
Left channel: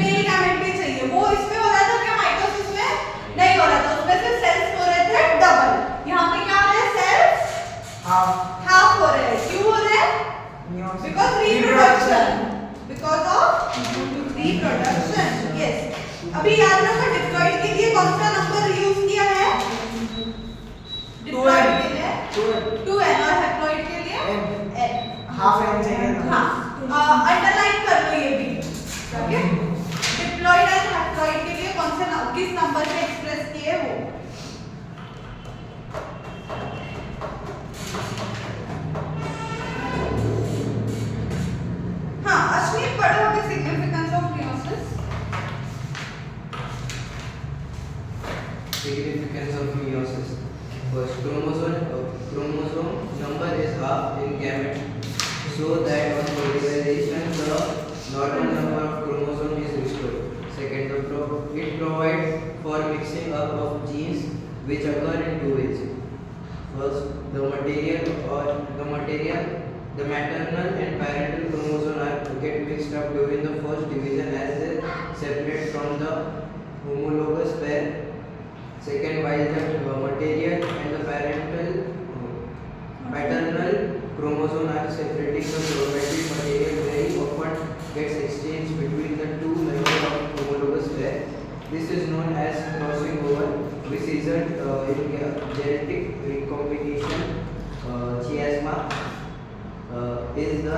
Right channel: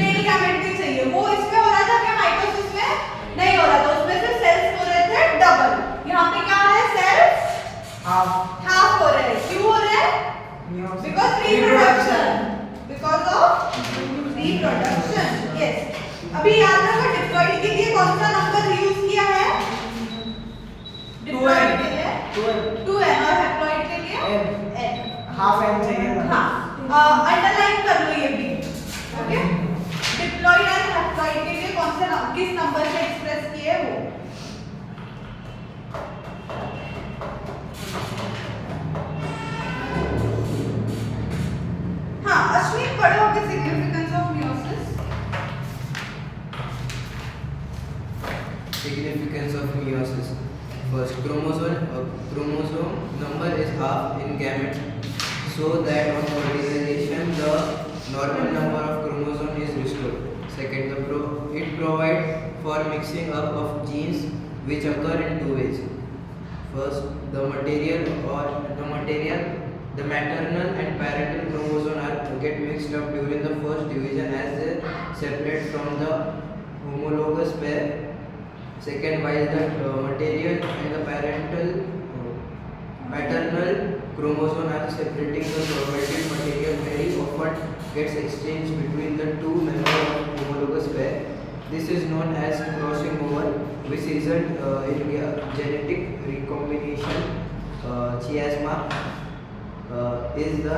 मेल गैमेट भी चाहिए वो इसमें हो रहा था क्या माइटोसिस में नहीं हो रहा था उसमें से सेल्स हो रहे थे डबल यहाँ पे क्या हो रहा है सेल्स half हाफ हो रहे हैं क्यों हो रहे हैं meiosis because reproduction because of reproduction. Yes, अभी याद रखो डिप्लॉइड के लिए कौन सा नंबर यूज किया है? डिप्लॉइड के लिए 2n और हैप्लॉइड के लिए n। हाफ n चाहिए था। हाँ, अंडरलाइन कर लो ये भी। ओके, डिप्लॉइड एंड हैप्लॉइड के लिए कौन से किस नंबर से एक्सप्रेस किए वो? हाँ, अश्विन पढ़े होगे significance of meiosis. Significance of meiosis. First, chromosome number is half in gamete, so that on fertilization the normal number of chromosome is restored. Second, it provides for mixing up of genes which occur in two ways. First, the maternal and parental chromosome get mixed up during the first division as they separate from the homologous pair. Second, while the maternal and the maternal chromosome are separating, the chromatin material very often gets exchanged between the two members of homologous pair. This is known as crossing over, which results in genetic recombination. Chiasma is the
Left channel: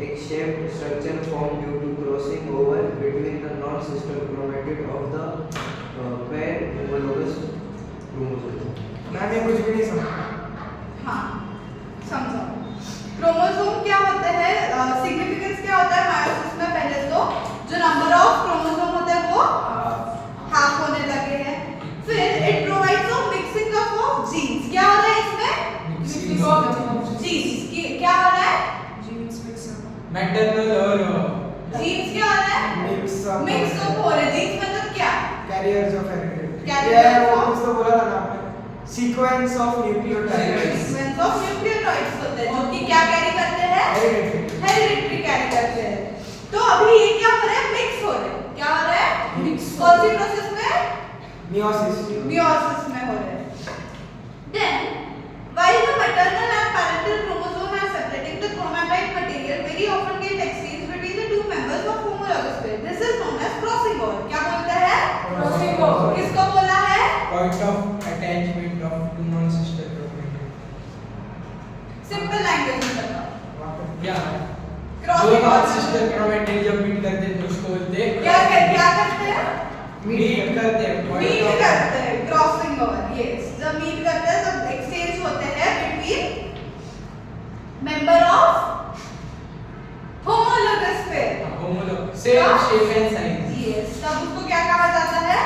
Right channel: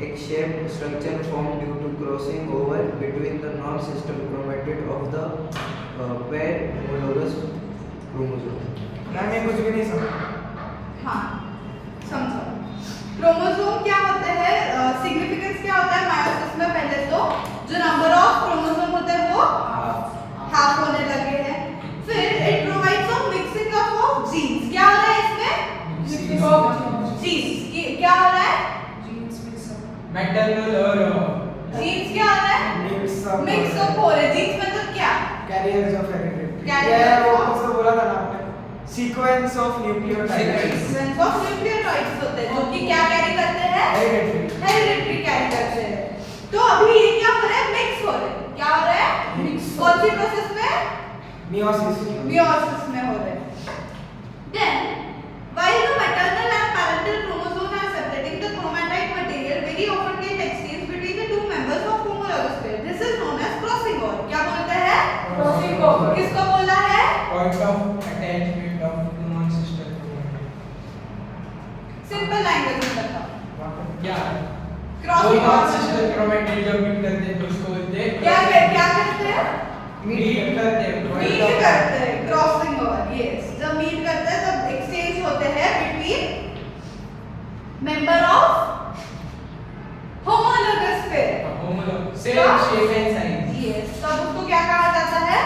egg-shaped structure formed due to crossing over between the non-sister chromatid of the pair homologous chromosome. Ma'am ये कुछ भी नहीं समझा। हाँ, समझो। Chromosome क्या होते हैं? सिग्निफिकेंस क्या होता है मायोसिस में? पहले तो जो नंबर ऑफ क्रोमोसोम होते हैं वो हाफ होने लगे हैं। फिर it provides of mixing up of genes. क्या हो रहा है इसमें? Mixing of जीन्स क्या हो रहा है? मैटरनल और जीन्स क्या हो रहा है? मिक्स अप हो रहे। जीन्स मतलब क्या? Carriers of heredity. Carriers ये वो of- कुछ तो बोला था ना आपने, sequence of nucleotides. Sequence of nucleotides होते हैं जो कि क्या कैरी करते हैं? हेरिडिटी। हेरिडिटी कैरी करते हैं। तो अभी ये क्या हो रहा है? मिक्स हो रहे हैं। क्या हो रहा है? Mix। कौन सी प्रोसेस में? मियोसिस। मियोसिस में हो रहे हैं। Then, while the maternal and parental chromosome are separating, the chromatide material very often get exchanged between the two members of homologous pair. This is known as crossing over. क्या बोलता है? Crossing over। किसको बोला है? point of attachment of two non-sister chromatid. Simple language में बताओ। क्या? Crossing दो over non-sister chromatid जब meet करते हैं तो उसको बोलते हैं क्या करते हैं? meet करते हैं। मीट करते हैं, क्रॉसिंग ओवर। यस, जब मीट करते हैं तब एक्सचेंज होते हैं between member of homologous pair. homologous same shape and size. Yes, तब उसको क्या कहा जाता है?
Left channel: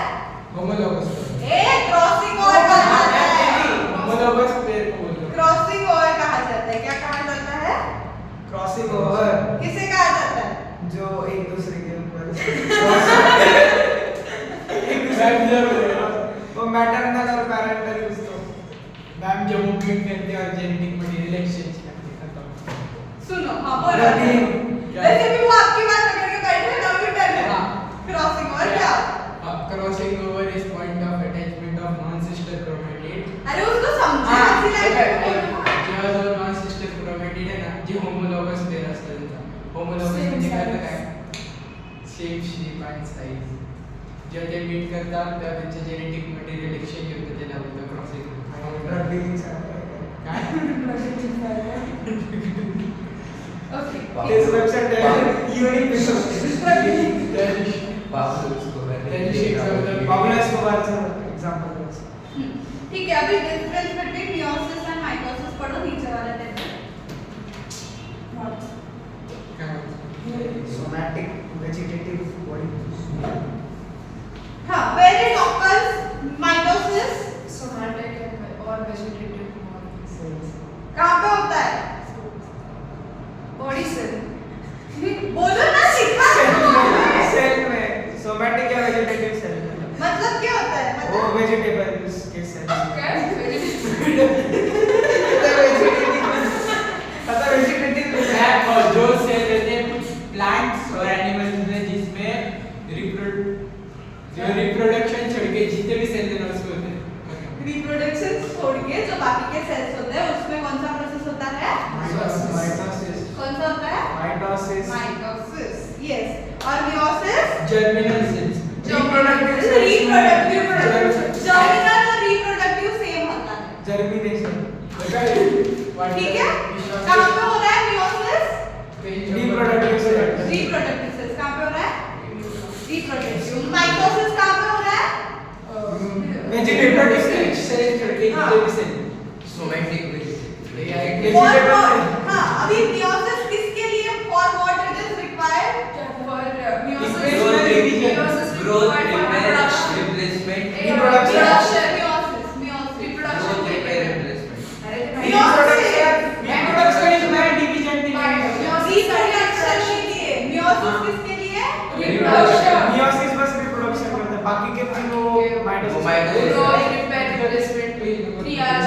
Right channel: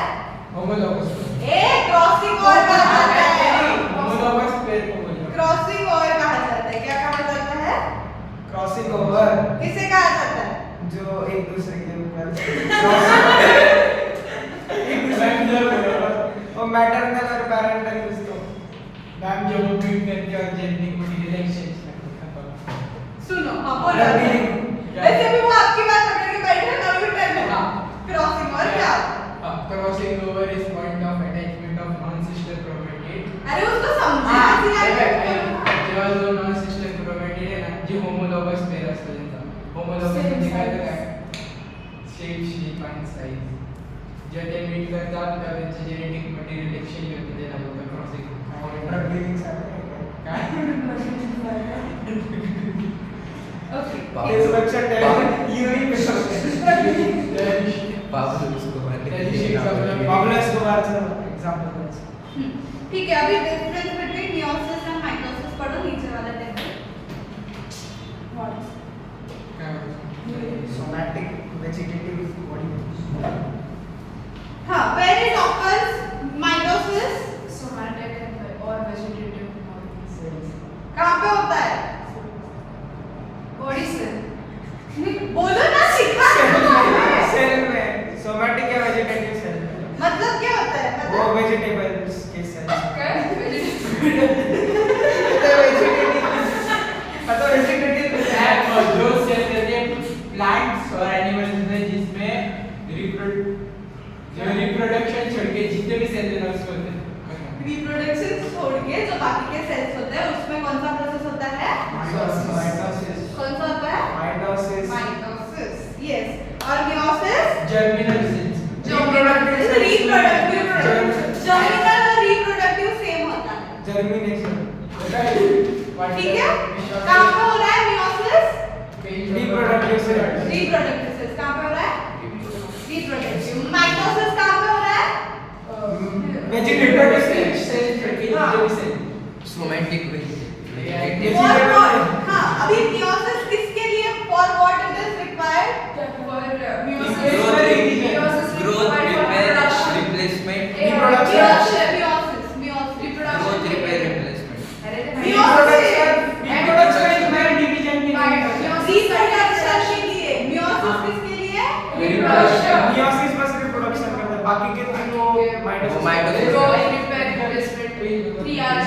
homologous ए क्रॉसिंग ओवर कहा जाता है। homologous pair को बोलते हैं। क्रॉसिंग ओवर कहा जाता है। क्या कहा जाता है? क्रॉसिंग ओवर किसे कहा जाता है? जो एक दूसरे के ऊपर वो मैटरनल और पैरेंटल कुछ तो। मैम जब वो meet करते हैं और जेनेटिक मटेरियल एक्सचेंज करते हैं सुनो, हाँ बोलो। Revealing। वैसे भी वो आपकी बात पकड़ के बैठे हैं ना, भी पहले। हाँ। क्रॉसिंग ओवर क्या? crossing over is point of attachment of non-sister chromatid. अरे उसको समझा ऐसी लैंग्वेज में। जेव्हा जो non-sister chromatid आहे ना, जी homologous pair असतात त्यांचा. homologous Same म्हणजे काय तर size. काय? Same shape and size. जेव्हा ते meet करतात तेव्हा त्यांचं genetic material exchange होतं, त्याला बोलतात crossing. ड्रग डीलिंग सारखं काय? Okay. Destruction test unique Pablo Escobar. Pablo एस्कोबारचं एग्जांपल द्यायचं। ठीक है, अभी difference between meiosis and mitosis पढ़ो नीचे वाला टेबल। काय बोलतो? Somatic vegetative body. हाँ, where it occurs mitosis somatic और vegetative models. कहाँ पे होता है? Body cell. बोलो ना, सिखा सेल में सोमैटिक या वेजिटेटिव सेल में मतलब क्या होता है? वो मतलब वेजिटेबल्स के सेल काय? आता वेजिटेटिव और जो सेल रहते हैं प्लांट्स और एनिमल्स में जिसमें रिप्रोडक्शन छोड़ के जितने भी सेल हैं उसको बोलते हैं रिप्रोडक्शन छोड़ के जो बाकी के सेल्स होते हैं उसमें कौन सा प्रोसेस होता है? माइटोसिस कौन सा होता है? माइटोसिस बाकी के तीनों mitosis Mitosis. Grow, repair, replacement. 3 are.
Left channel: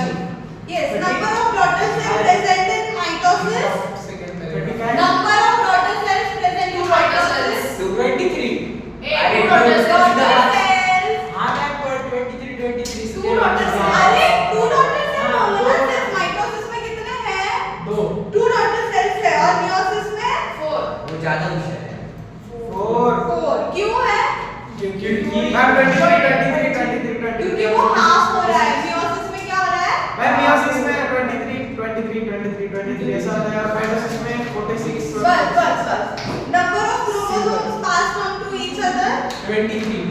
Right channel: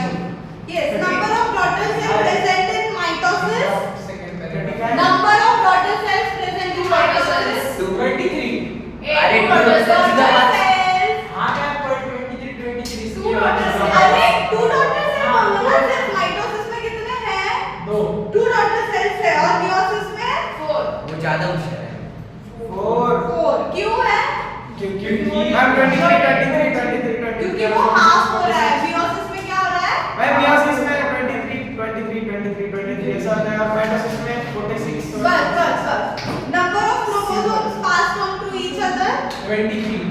Yes, number of daughter cells present in mitosis. Second Twenty paragraph. five. Number of daughter cells present in mitosis. 23. 8 Daughter daughters. cells. हाँ मैं पर 23 Two daughter cells. अरे two daughter cells बोलो ना, सिर्फ mitosis में कितने हैं? 2. Two daughter cells है और meiosis में 4. वो ज्यादा मुश्किल है. 4 4. क्यों है? क्योंकि मैम 23 क्योंकि वो हाफ हो रहा है. meiosis में क्या हो रहा है? मैम मियोसिस में 23 ऐसा होता है और माइटोसिस में 46 बस. Number of chromosomes passed on to each other. 23.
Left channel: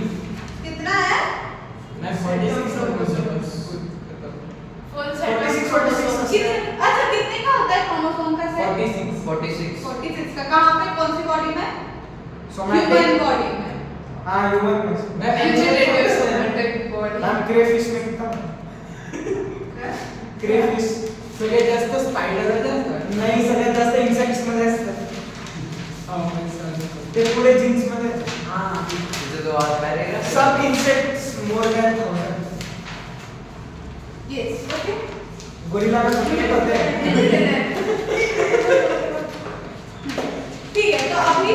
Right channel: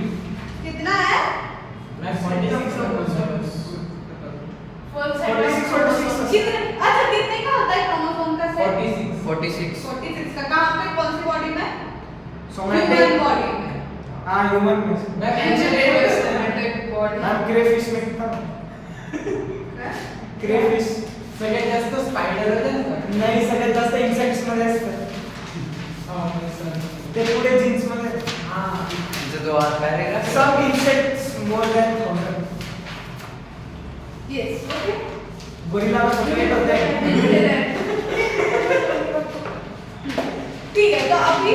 कितना है? मैं 46 Full set. 46. कितने? अच्छा कितने का होता है क्रोमोसोम का सेट? 46. 46 का. कहाँ पे? कौन सी बॉडी में? सोमैटिक ह्यूमन बॉडी में. हाँ ह्यूमन में मैं Vegetative somatic body. Ma'am crayfish में कितना क्रेफिश सगळ्यात जास्त स्पायडर असतात. नाही सगळ्यात जास्त इन्सेक्ट्स मध्ये असतात ते पुढे जीन्स मध्ये तिथे तो और paragraph. Some insects more than 1000 Yes. Okay. Gorilla में सफेद होते हैं ठीक है. तो अभी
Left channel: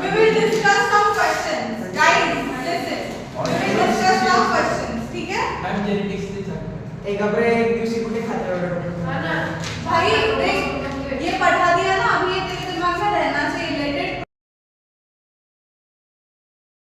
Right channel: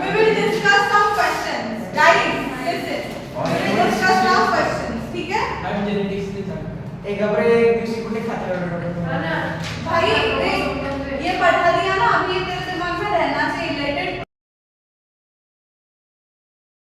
we will discuss some questions. Guys, listen. We will discuss some questions. ठीक है? मॅम जेनेटिक्स ते सांगतात. एक घबरे एक दिवशी कुठे खाते हाँ ना. भाई देख, ये पढ़ा दिया ना अभी ये तेरे